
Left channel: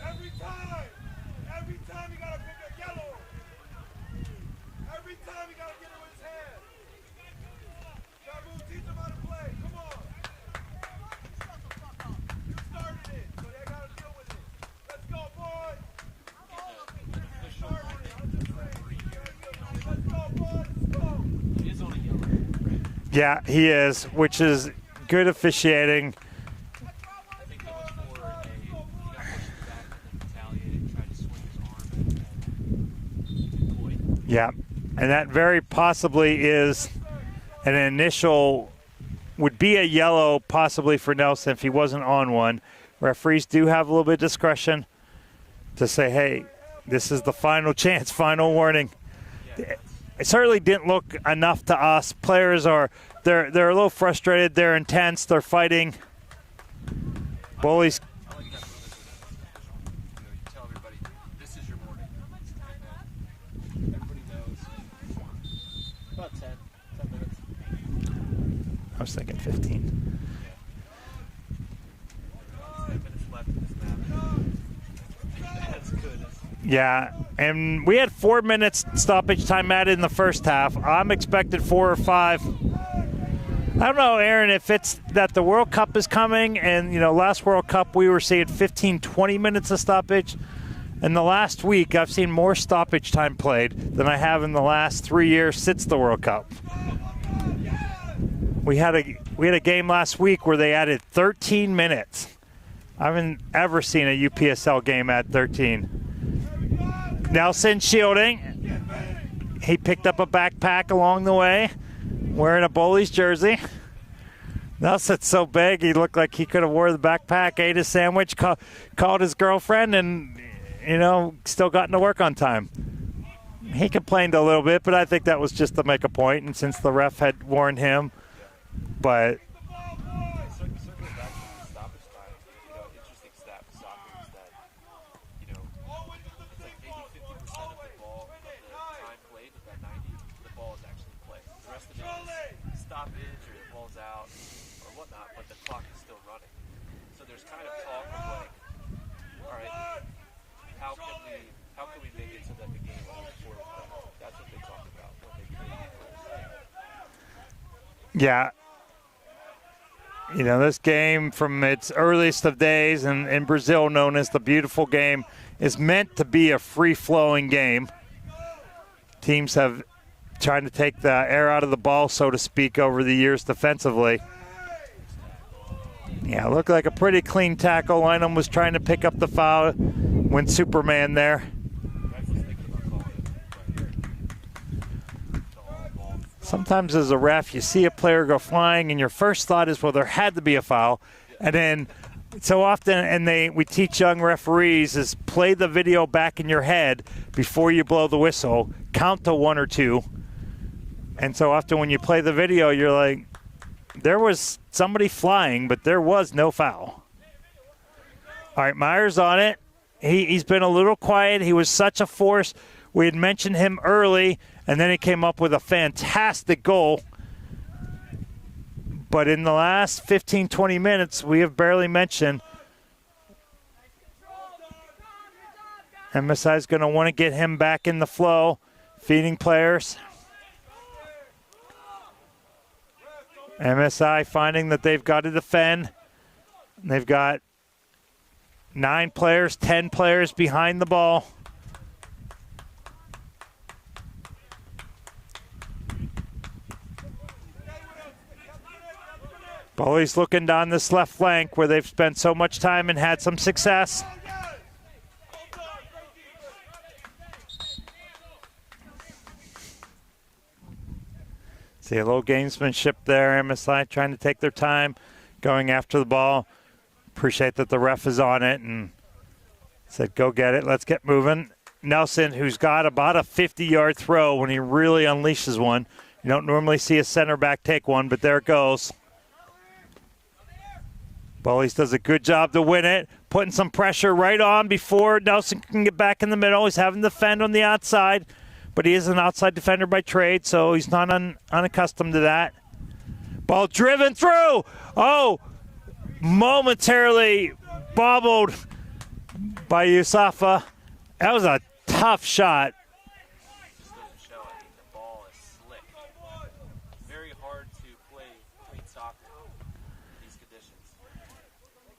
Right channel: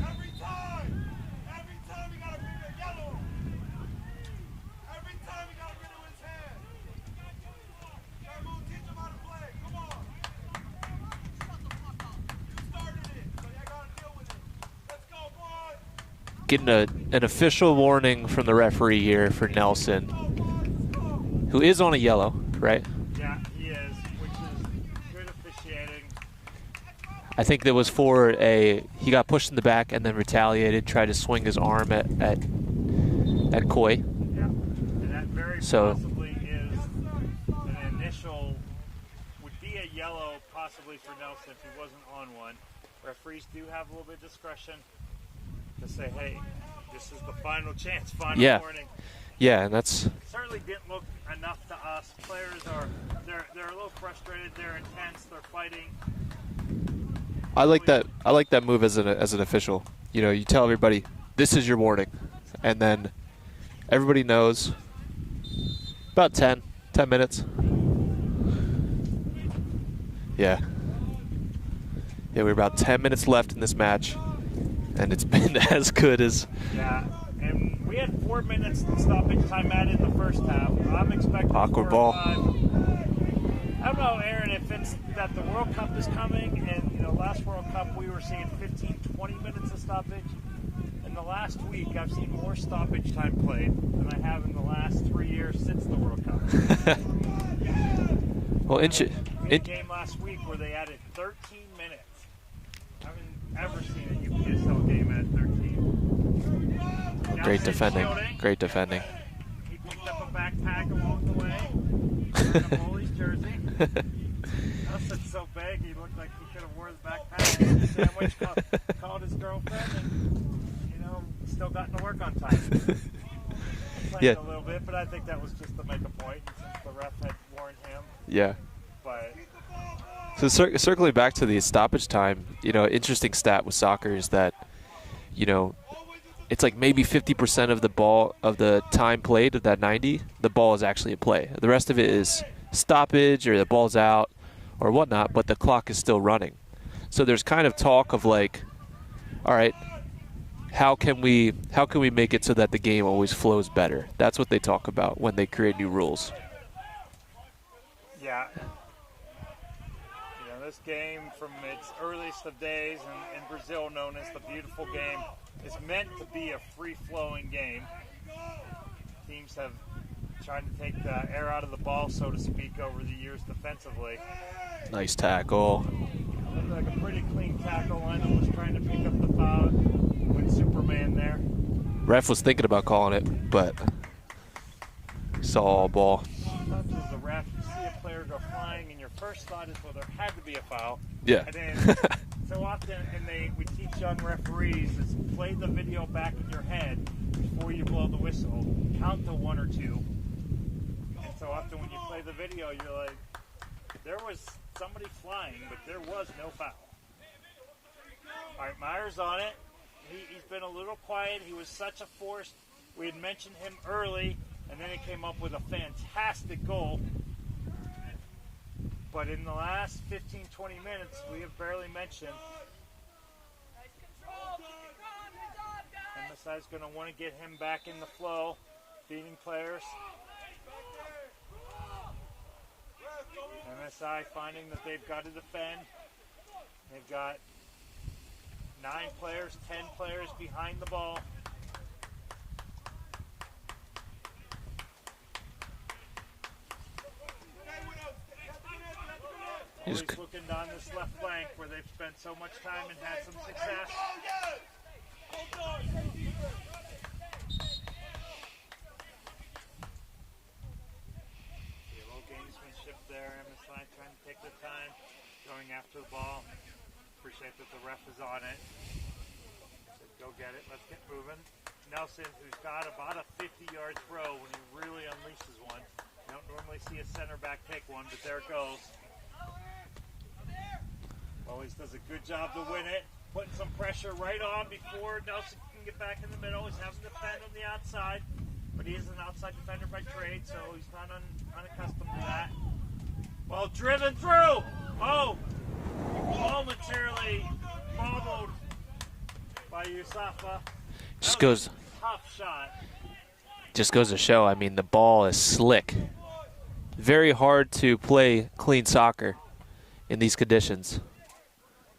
Getting an official warning from the referee here for Nelson, who is on a yellow, right? Yeah, he is, which is good officiating. I think that was for he got pushed in the back and then retaliated, tried to swing his arm at Coy. Yeah, and that very possibly is an initial, would be a yellow possibly for Nelson if he wasn't on one. Referees do have a little bit of discretion to say, hey, this is the final chance, final warning. Yeah, that's. It certainly didn't look enough to us. Players they're a little frustrated. They're intense. They're fighting. I like that move as an official. You know, you tell everybody this is your warning, and then everybody knows. About 10 minutes. I was thinking 15. Yeah. Yeah, we're about 10 minutes left in this match, and it's been as good as. Yeah, and we had 4 minutes stoppage time added in the first half. I'm expecting 4 or 5. I don't know, Aaron, if it's that the World Cup is coming, and, you know, last World Cup we were seeing 15, 20 minutes of stoppage. In the last week, I've seen more stoppage time played than I have in the last 3 years since the World Cup. We had a game last week where they added 13 minutes. I haven't ever seen a UPSL game add 13. Nelson shielding. Great defending. He picked up a backpack along the way, wearing a Bullies jersey. Nelson's so big, he looked like he could have wore the backpack, ate a sandwich, called his girlfriend, and, you know, still gotten to work on time. He complained a little bit, but I think that was just to make a point, and since the ref had warned him. Yeah. But so circling back to the stoppage time, you know, interesting stat with soccer is that, you know, it's like maybe 50% of the time played of that 90, the ball is actually in play. The rest of it is stoppage or the ball's out or whatnot, but the clock is still running. So there's kind of talk of like, all right, how can we make it so that the game always flows better? That's what they talk about when they create new rules. Yeah. You know, this game from its earliest of days and in Brazil known as the beautiful game is meant to be a free-flowing game. Teams have tried to take the air out of the ball, so to speak, over the years defensively. Nice tackle. Yeah, looked like a pretty clean tackle. Lynham was trying to pick up the foul when Superman there. Ref was thinking about calling it, but saw all ball. Sometimes as a ref, you see a player go flying, and your first thought is, well, there had to be a foul. Yeah. And then so often, and we teach young referees is play the video back in your head before you blow the whistle, count to 1 or 2. And so often when you play the video, you're like, there was somebody flying, but there was no foul. All right, Myers on it. He's been a little quiet. He was such a force. We had mentioned him early, and then he came up with a fantastic goal. But in the last 15, 20 minutes, we have barely mentioned. MSI is going to want to get him back in the flow, feeding players. MSI finding that they've got to defend. They've got 9 players, 10 players behind the ball. Bowleys looking down this left flank where they've spent so much time and had some success. See a little gamesmanship there. MSI trying to take their time, going after the ball. Appreciate that the ref is on it and said, go get it. Let's get moving. Nelson, who's got about a 50-yard throw when he really unleashes one. You don't normally see a center back take one, but there it goes. Bullies does a good job to win it, putting some pressure right on before Nelson can get back in the middle. He's having to defend on the outside, but he is an outside defender by trade, so he's not unaccustomed to that. Ball driven through. Oh, momentarily bobbled by Yusafa. That was a tough shot. Just goes to show, I mean, the ball is slick. Very hard to play clean soccer in these conditions.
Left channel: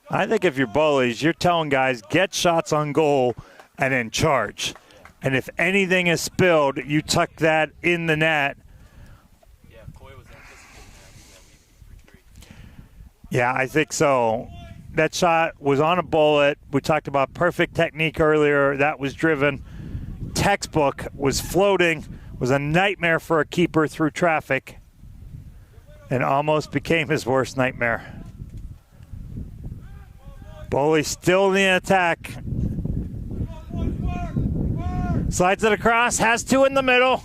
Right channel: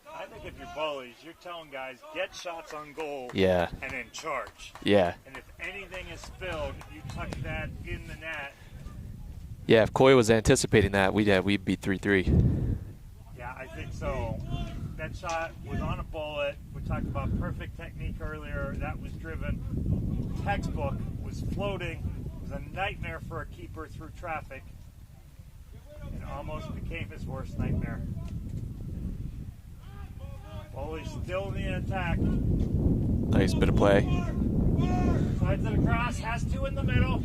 I think if you're Bullies, you're telling guys, get shots on goal Yeah. and then charge. Yeah. And if anything is spilled, you tuck that in the net. Yeah, if Coy was anticipating that, we'd be 3-3. Yeah, I think so. That shot was on a bullet. We talked about perfect technique earlier. That was driven. Textbook, was floating, was a nightmare for a keeper through traffic, and almost became his worst nightmare. Bowley still in the attack. Nice bit of play. Slides it across, has two in the middle.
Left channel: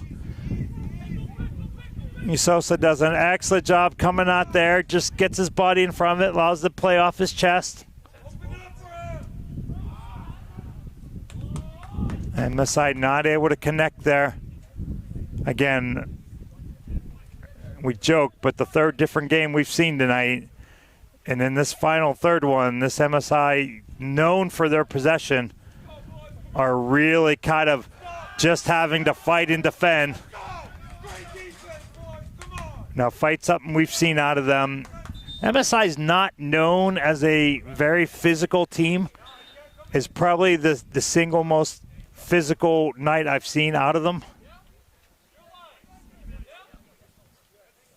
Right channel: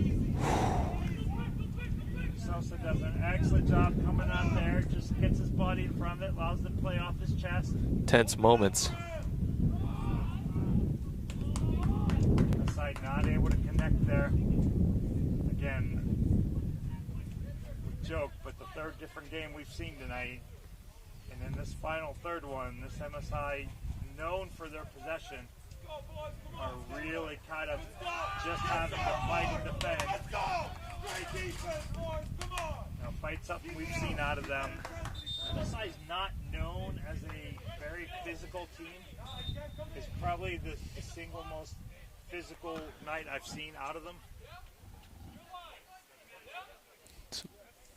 Sosa does an excellent job coming out there, just gets his body in front of it, allows it to play off his chest. Tense moments. MSI not able to connect there. Again, we joke, but the third different game we've seen tonight. And in this final third one, this MSI, known for their possession, are really kind of just having to fight and defend. Now, fight something we've seen out of them. MSI is not known as a very physical team. It's probably the single most physical night I've seen out of them.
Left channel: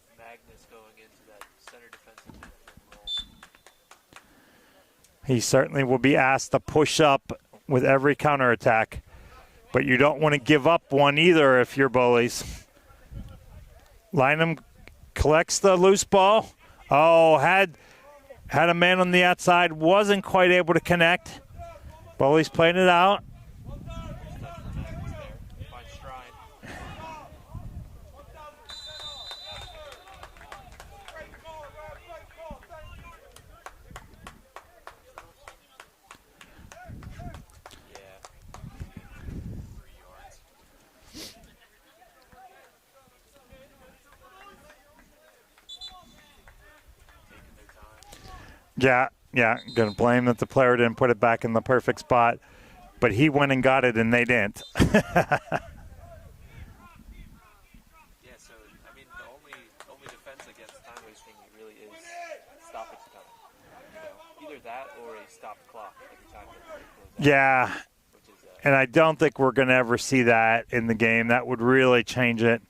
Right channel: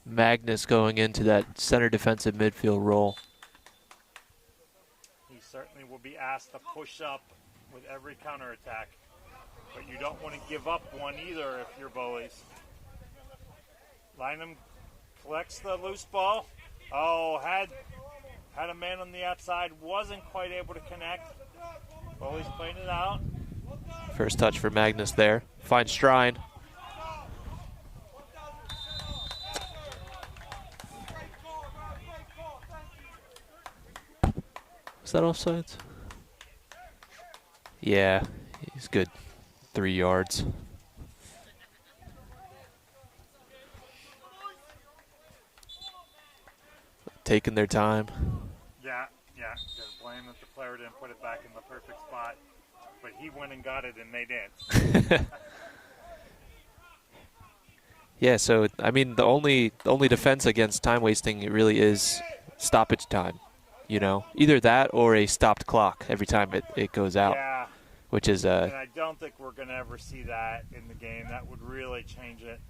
Magnus going into that center defensive midfield role. He certainly will be asked to push up with every counterattack, but you don't want to give up one either if you're Bullies. Lynham collects the loose ball. Oh, had a man on the outside, wasn't quite able to connect. Bullies playing it out. First touch for Magnus there. Finds Strine. Is that offsides? Yeah, he's good. 3 yards. Taking their time. Yeah, gonna blame that the player didn't put it back in the perfect spot, but he went and got it and they didn't. Yeah, so I mean, the only defense against time wasting it really is stoppage time. You know, either that or a stopped clock every time it goes out. Yeah, which is and I don't think we're gonna ever see that in the game. That would really change it.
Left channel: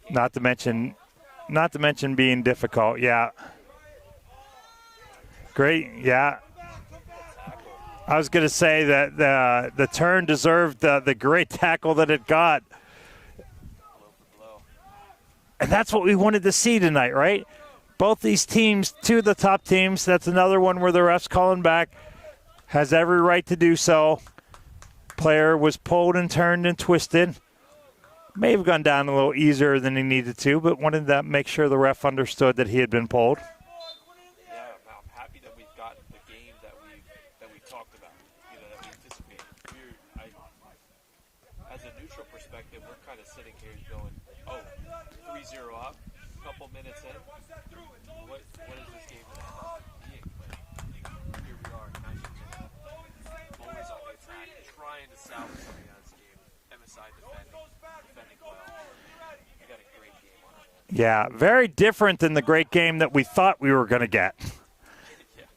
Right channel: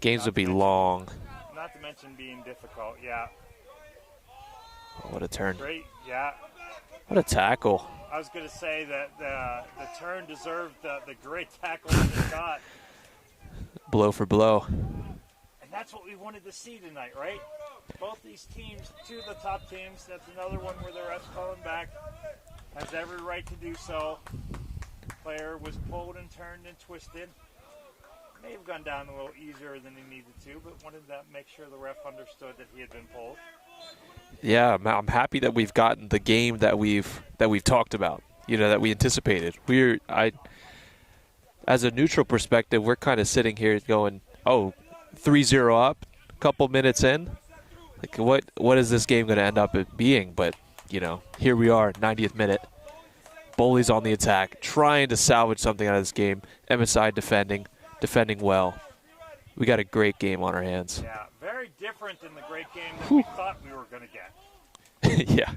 Games would be long. Not to mention being difficult. Yeah. What a turn. Great. Yeah. What a tackle. I was going to say that the turn deserved the great tackle that it got. Blow for blow. And that's what we wanted to see tonight, right? Both these teams, two of the top teams, that's another one where the ref's calling back, has every right to do so. Player was pulled and turned and twisted. May have gone down a little easier than he needed to, but wanted to make sure the ref understood that he had been pulled. Yeah, I'm happy that we've gotten the game that we've talked about, you know, that we anticipated. As a neutral perspective, we're kind of sitting here going, oh, 3-0 up, a couple minutes in. Like, what is this game going to end up being? But, you know, here we are, 90th minute. Bowleys on the attack, trying to salvage something out of this game. MSI defending well. We got a great game on our hands. Yeah, very different than the great game that we thought we were going to get. Yeah.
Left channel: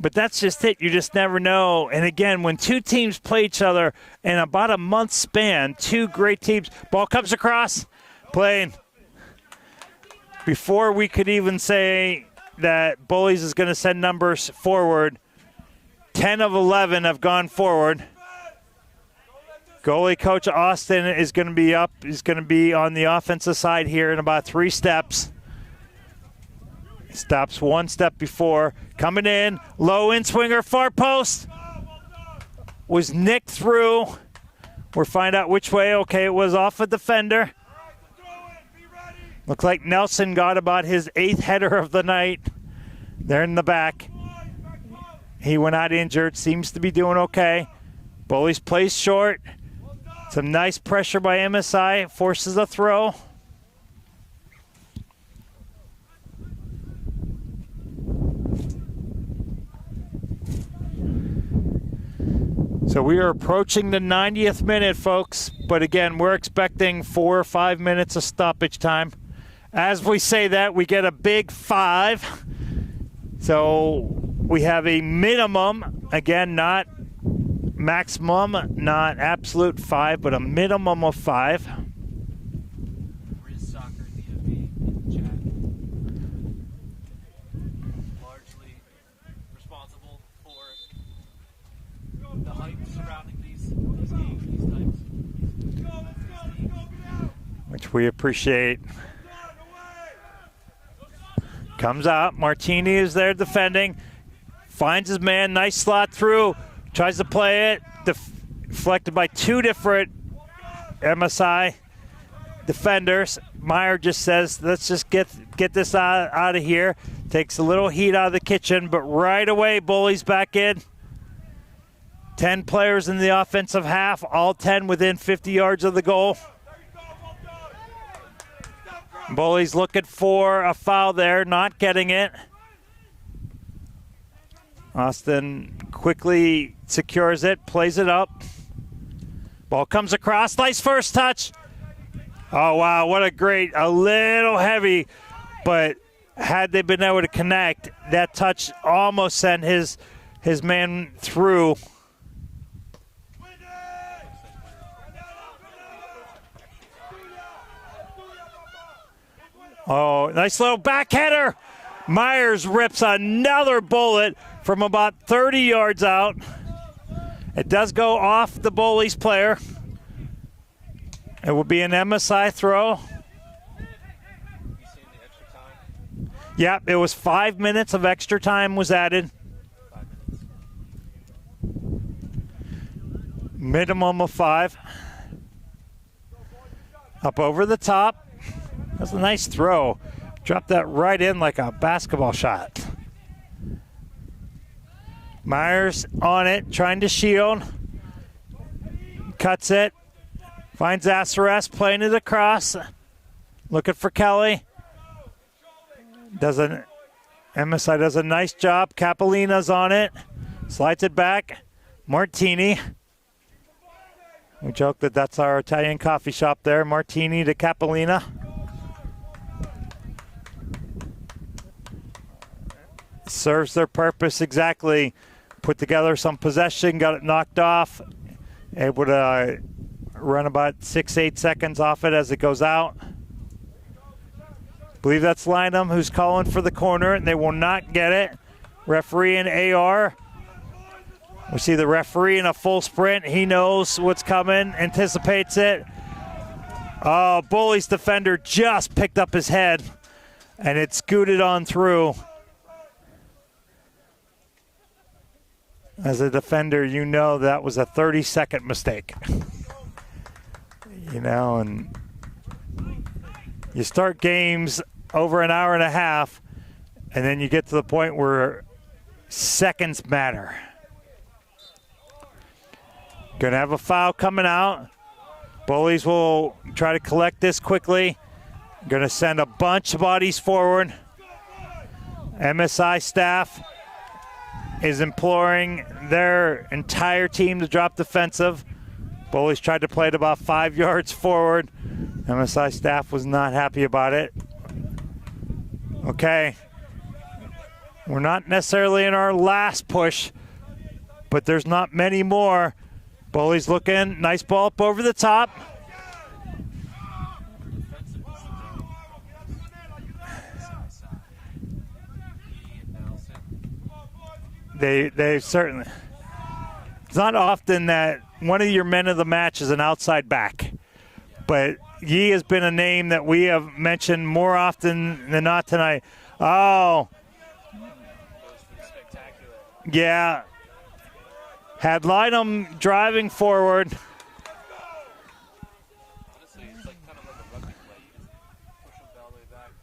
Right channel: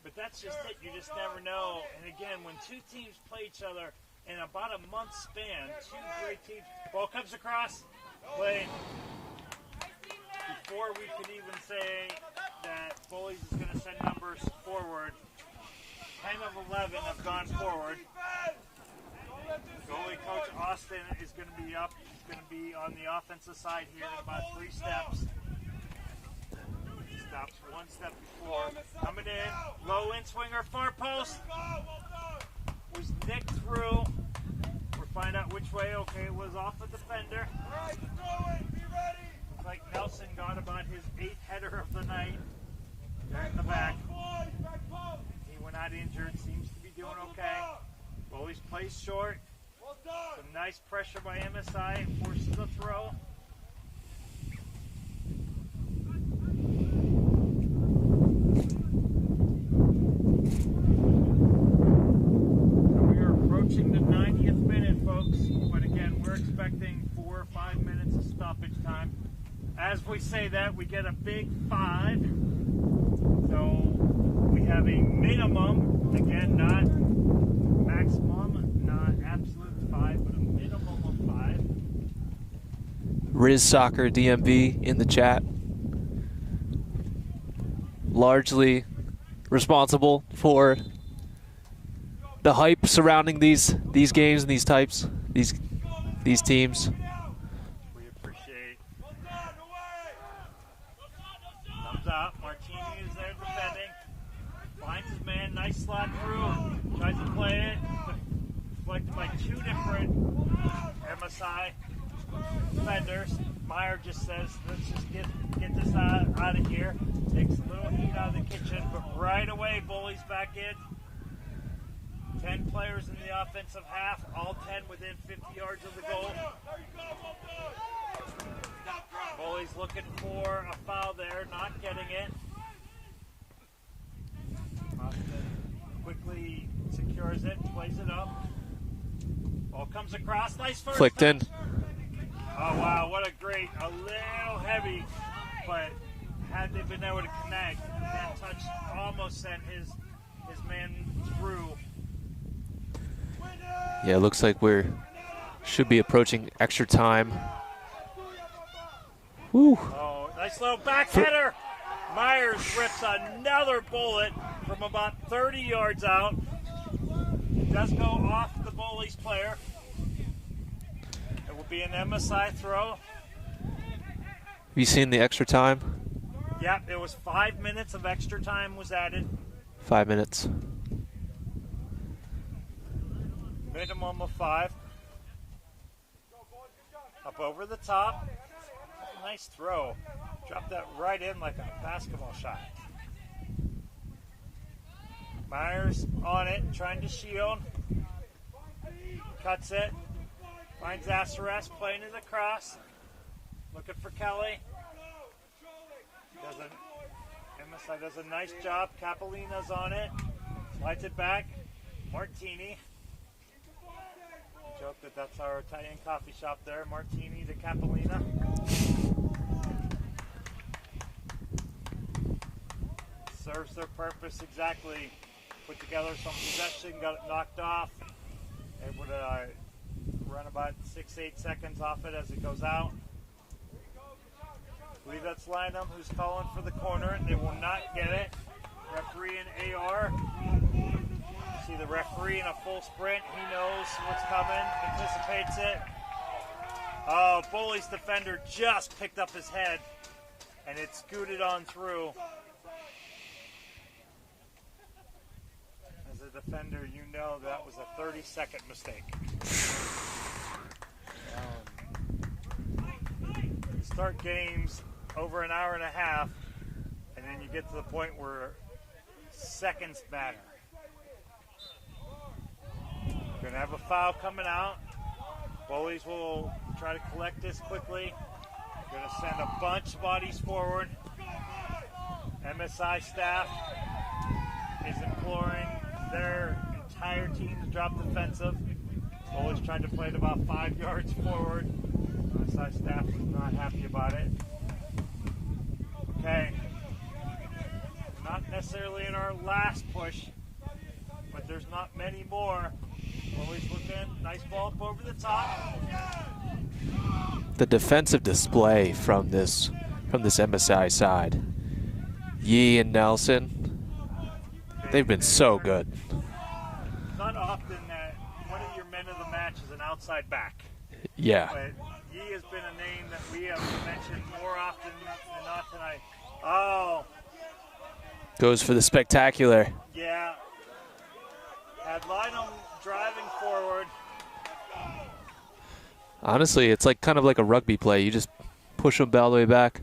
But that's just it. You just never know. And again, when two teams play each other in about a month span, two great teams, ball comes across, playing. Before we could even say that Bullies is going to send numbers forward, 10 of 11 have gone forward. Goalie coach Austin is going to be up. He's going to be on the offensive side here in about 3 steps. Stops 1 step before. Coming in, low in swinger, far post. Was nicked through. We'll find out which way. Okay, it was off a defender. Looks like Nelson got about his 8th header of the night. There in the back. He went out injured, seems to be doing okay. Bullies plays short. Some nice pressure by MSI, forces a throw. So we are approaching the 90th minute, folks. But again, we're expecting 4 or 5 minutes of stoppage time. As we say that, we get a big 5. So we have a minimum, again, not maximum, not absolute 5, but a minimum of 5. Riz Soccer DMV in the chat. Largely responsible for the hype surrounding these games and these teams, which we appreciate. Comes out, Martini is there defending, finds his man, nice slot through, tries to play it, deflected by 2 different MSI defenders. Meyer just says, let's just get this out of here. Takes a little heat out of the kitchen, but right away, Bullies back in. 10 players in the offensive half, all 10 within 50 yards of the goal. Bullies looking for a foul there, not getting it. Austin quickly secures it, plays it up. Ball comes across, nice first touch. Oh, wow, what a little heavy, but had they been able to connect, that touch almost sent his man through. Yeah, it looks like should be approaching extra time. Woo. Oh, nice little back header. Myers rips another bullet from about 30 yards out. It does go off the Bullies player. It will be an MSI throw. Have you seen the extra time? Yep, it was 5 minutes of extra time was added. 5 minutes. Minimum of 5. Up over the top. That's a nice throw. Dropped that right in like a basketball shot. Myers on it, trying to shield. Cuts it. Finds Aceres, playing it across. Looking for Kelly. MSI does a nice job. Capolina's on it. Slides it back. Martini. We joke that that's our Italian coffee shop there. Martini to Capolina. Serves their purpose exactly. Put together some possession, got it knocked off. Able to run about 6-8 seconds off it as it goes out. Believe that's Lynham who's calling for the corner, and they will not get it. Referee and AR. We see the referee in a full sprint. He knows what's coming, anticipates it. Oh, Bullies defender just picked up his head, and it scooted on through. As a defender, you know that was a 30-second mistake. You know, and you start games over an hour and a half, and then you get to the point where seconds matter. Gonna have a foul coming out. Bullies will try to collect this quickly. Gonna send a bunch of bodies forward. MSI staff is imploring their entire team to drop defensive. Bullies tried to play it about 5 yards forward. MSI staff was not happy about it. Okay. We're not necessarily in our last push, but there's not many more. Bullies looking, nice ball up over the top. The defensive display from this MSI side. Yee and Nelson, they've been so good. It's not often that one of your men of the match is an outside back. Yeah. But Yee has been a name that we have mentioned more often than not tonight. Oh. Goes for the spectacular. Yeah. Had Lynham driving forward. Honestly, it's like kind of like a rugby play. You just push them all the way back.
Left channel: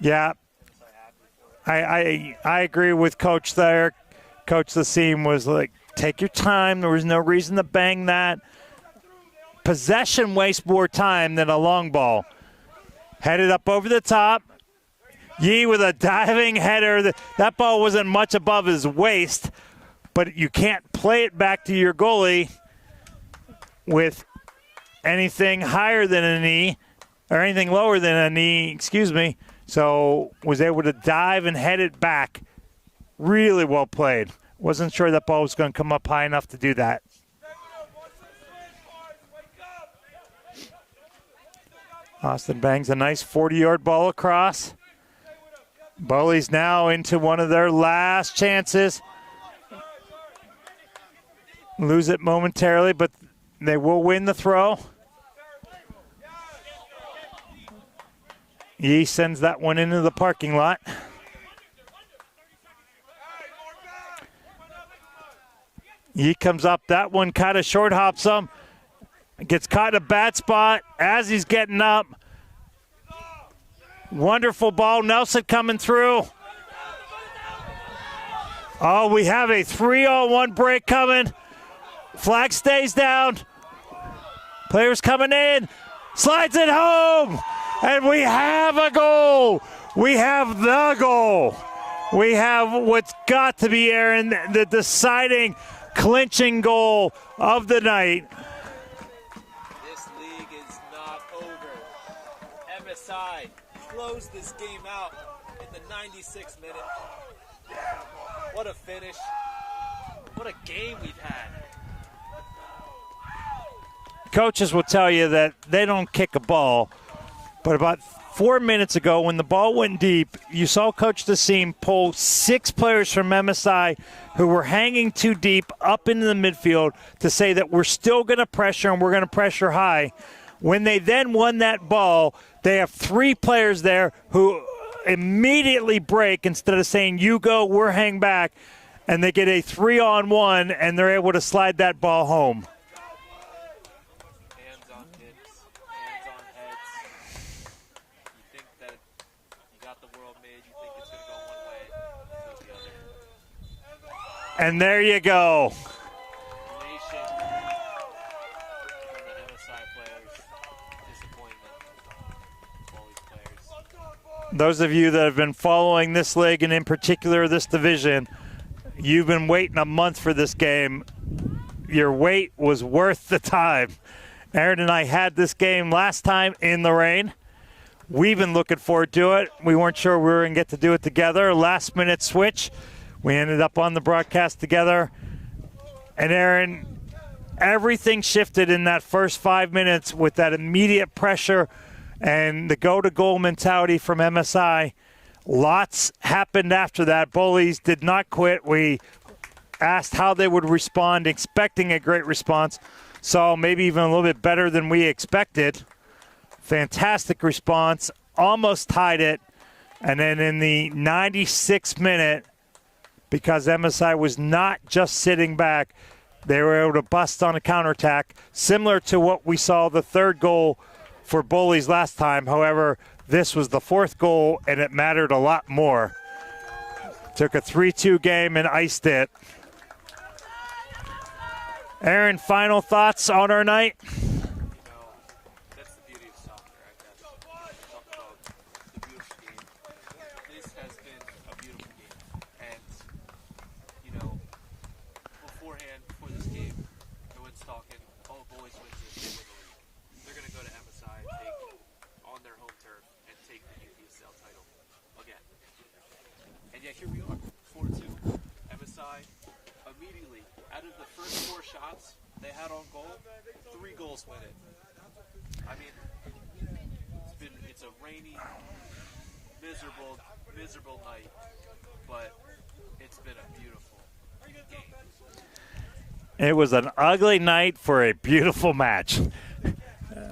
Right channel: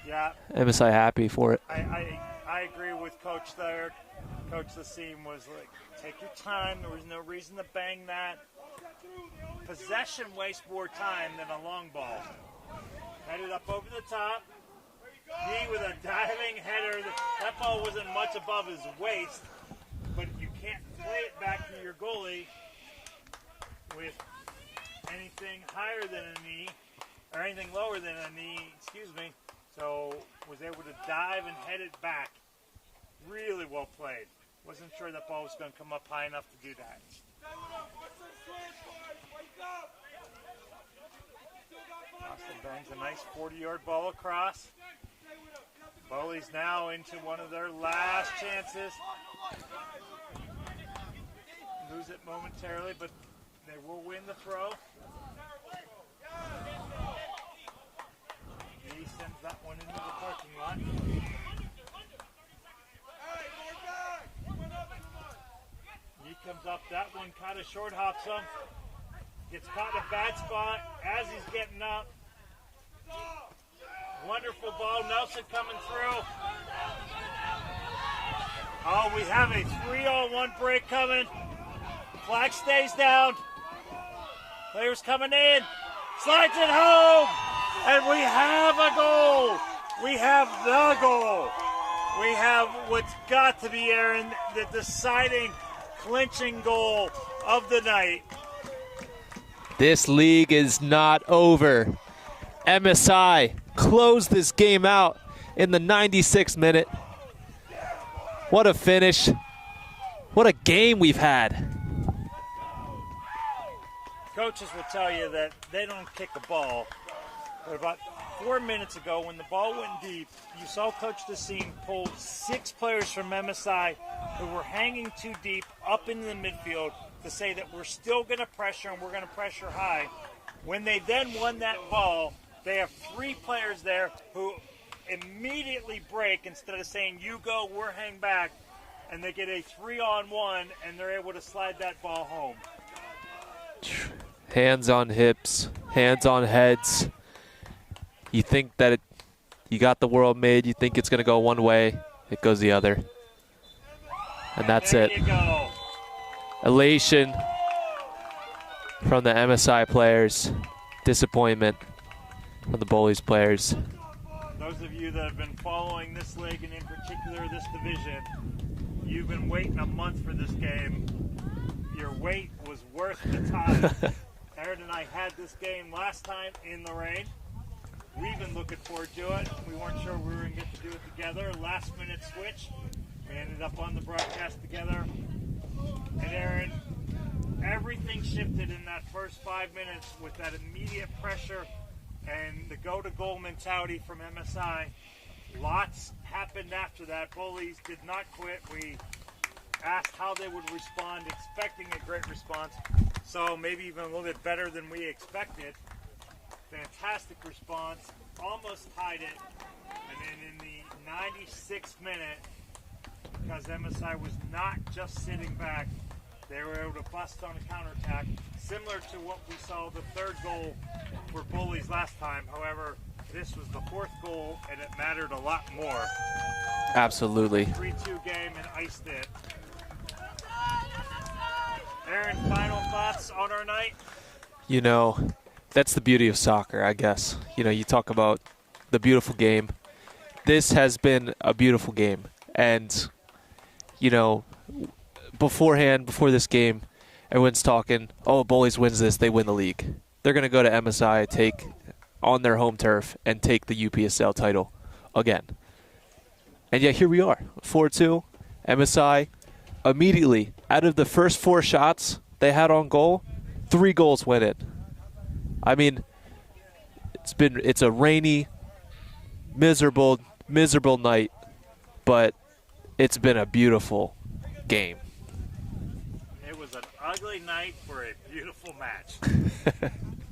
Yeah. MSI happy for it. I agree with Coach there. Coach Lassim was like, take your time. There was no reason to bang that. Possession wastes more time than a long ball. Headed up over the top. Yee with a diving header. That ball wasn't much above his waist, but you can't play it back to your goalie with anything higher than a knee, or anything lower than a knee, excuse me. So was able to dive and head it back. Really well played. Wasn't sure that ball was going to come up high enough to do that. Austin bangs a nice 40-yard ball across. Bullies now into one of their last chances. Lose it momentarily, but they will win the throw. Yee sends that one into the parking lot. Yee comes up. That one kind of short hops him. Gets caught in a bad spot as he's getting up. Wonderful ball. Nelson coming through. Oh, we have a 3-on-1 break coming. Flag stays down. Players coming in. Slides it home. And we have a goal. We have the goal. We have what's got to be, Aaron, the deciding, clinching goal of the night. This league is not over. MSI closed this game out in the 96th minute. What a finish. What a game we've had. Coaches will tell you that they don't kick a ball, but about 4 minutes ago when the ball went deep, you saw Coach Dassim pull 6 players from MSI who were hanging too deep up into the midfield to say that we're still going to pressure and we're going to pressure high. When they then won that ball, they have 3 players there who immediately break instead of saying, you go, we're hang back, and they get a 3-on-1, and they're able to slide that ball home. Hands on hips, hands on heads. You think that you got the world made, you think it's going to go one way, it goes the other. And there you go. Elation from the MSI players. Disappointment from the Bullies players. Those of you that have been following this league, and in particular this division, you've been waiting a month for this game. Your wait was worth the time. Aaron and I had this game last time in the rain. We've been looking forward to it. We weren't sure we were going to get to do it together. Last minute switch. We ended up on the broadcast together. And Aaron, everything shifted in that first 5 minutes with that immediate pressure and the go-to-goal mentality from MSI. Lots happened after that. Bullies did not quit. We asked how they would respond, expecting a great response. So maybe even a little bit better than we expected. Fantastic response. Almost tied it. And then in the 96th minute, because MSI was not just sitting back, they were able to bust on a counterattack, similar to what we saw the third goal for Bullies last time. However, this was the 4th goal, and it mattered a lot more. Absolutely. Took a 3-2 game and iced it. Aaron, final thoughts on our night? You know, that's the beauty of soccer, I guess. You know, you talk about the beautiful game. This has been a beautiful game. And, you know, before this game, everyone's talking, oh, Bullies wins this, they win the league. They're going to go to MSI, take on their home turf, and take the UPSL title again. And yet here we are, 4-2. MSI immediately, out of the first 4 shots they had on goal, 3 goals went in. I mean, it's a rainy, miserable night, but it's been a beautiful game. It was an ugly night for a beautiful match.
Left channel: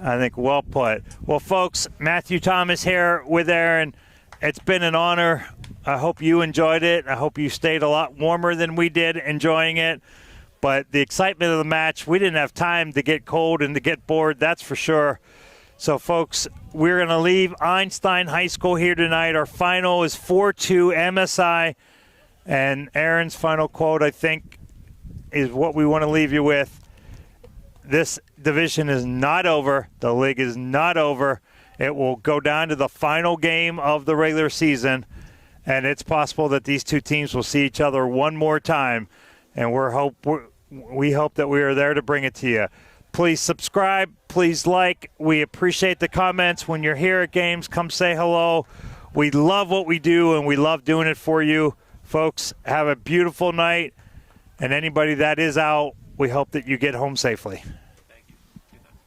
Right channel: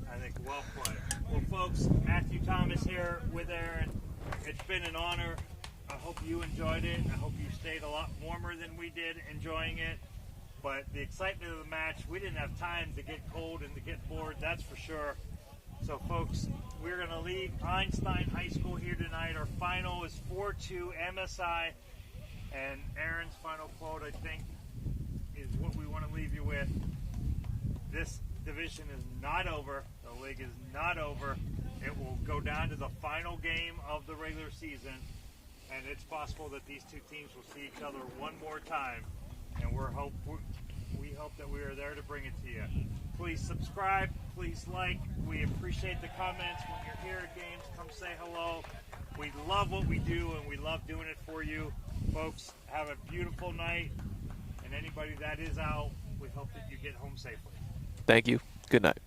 I think well put. Well, folks, Matthew Thomas here with Aaron. It's been an honor. I hope you enjoyed it. I hope you stayed a lot warmer than we did enjoying it. But the excitement of the match, we didn't have time to get cold and to get bored, that's for sure. So, folks, we're going to leave Einstein High School here tonight. Our final is 4-2 MSI. And Aaron's final quote, I think, is what we want to leave you with. This division is not over. The league is not over. It will go down to the final game of the regular season, and it's possible that these two teams will see each other one more time. And we're we hope that we are there to bring it to you. Please subscribe. Please like. We appreciate the comments. When you're here at games, come say hello. We love what we do, and we love doing it for you. Folks, have a beautiful night. And anybody that is out, we hope that you get home safely. Thank you. Good night.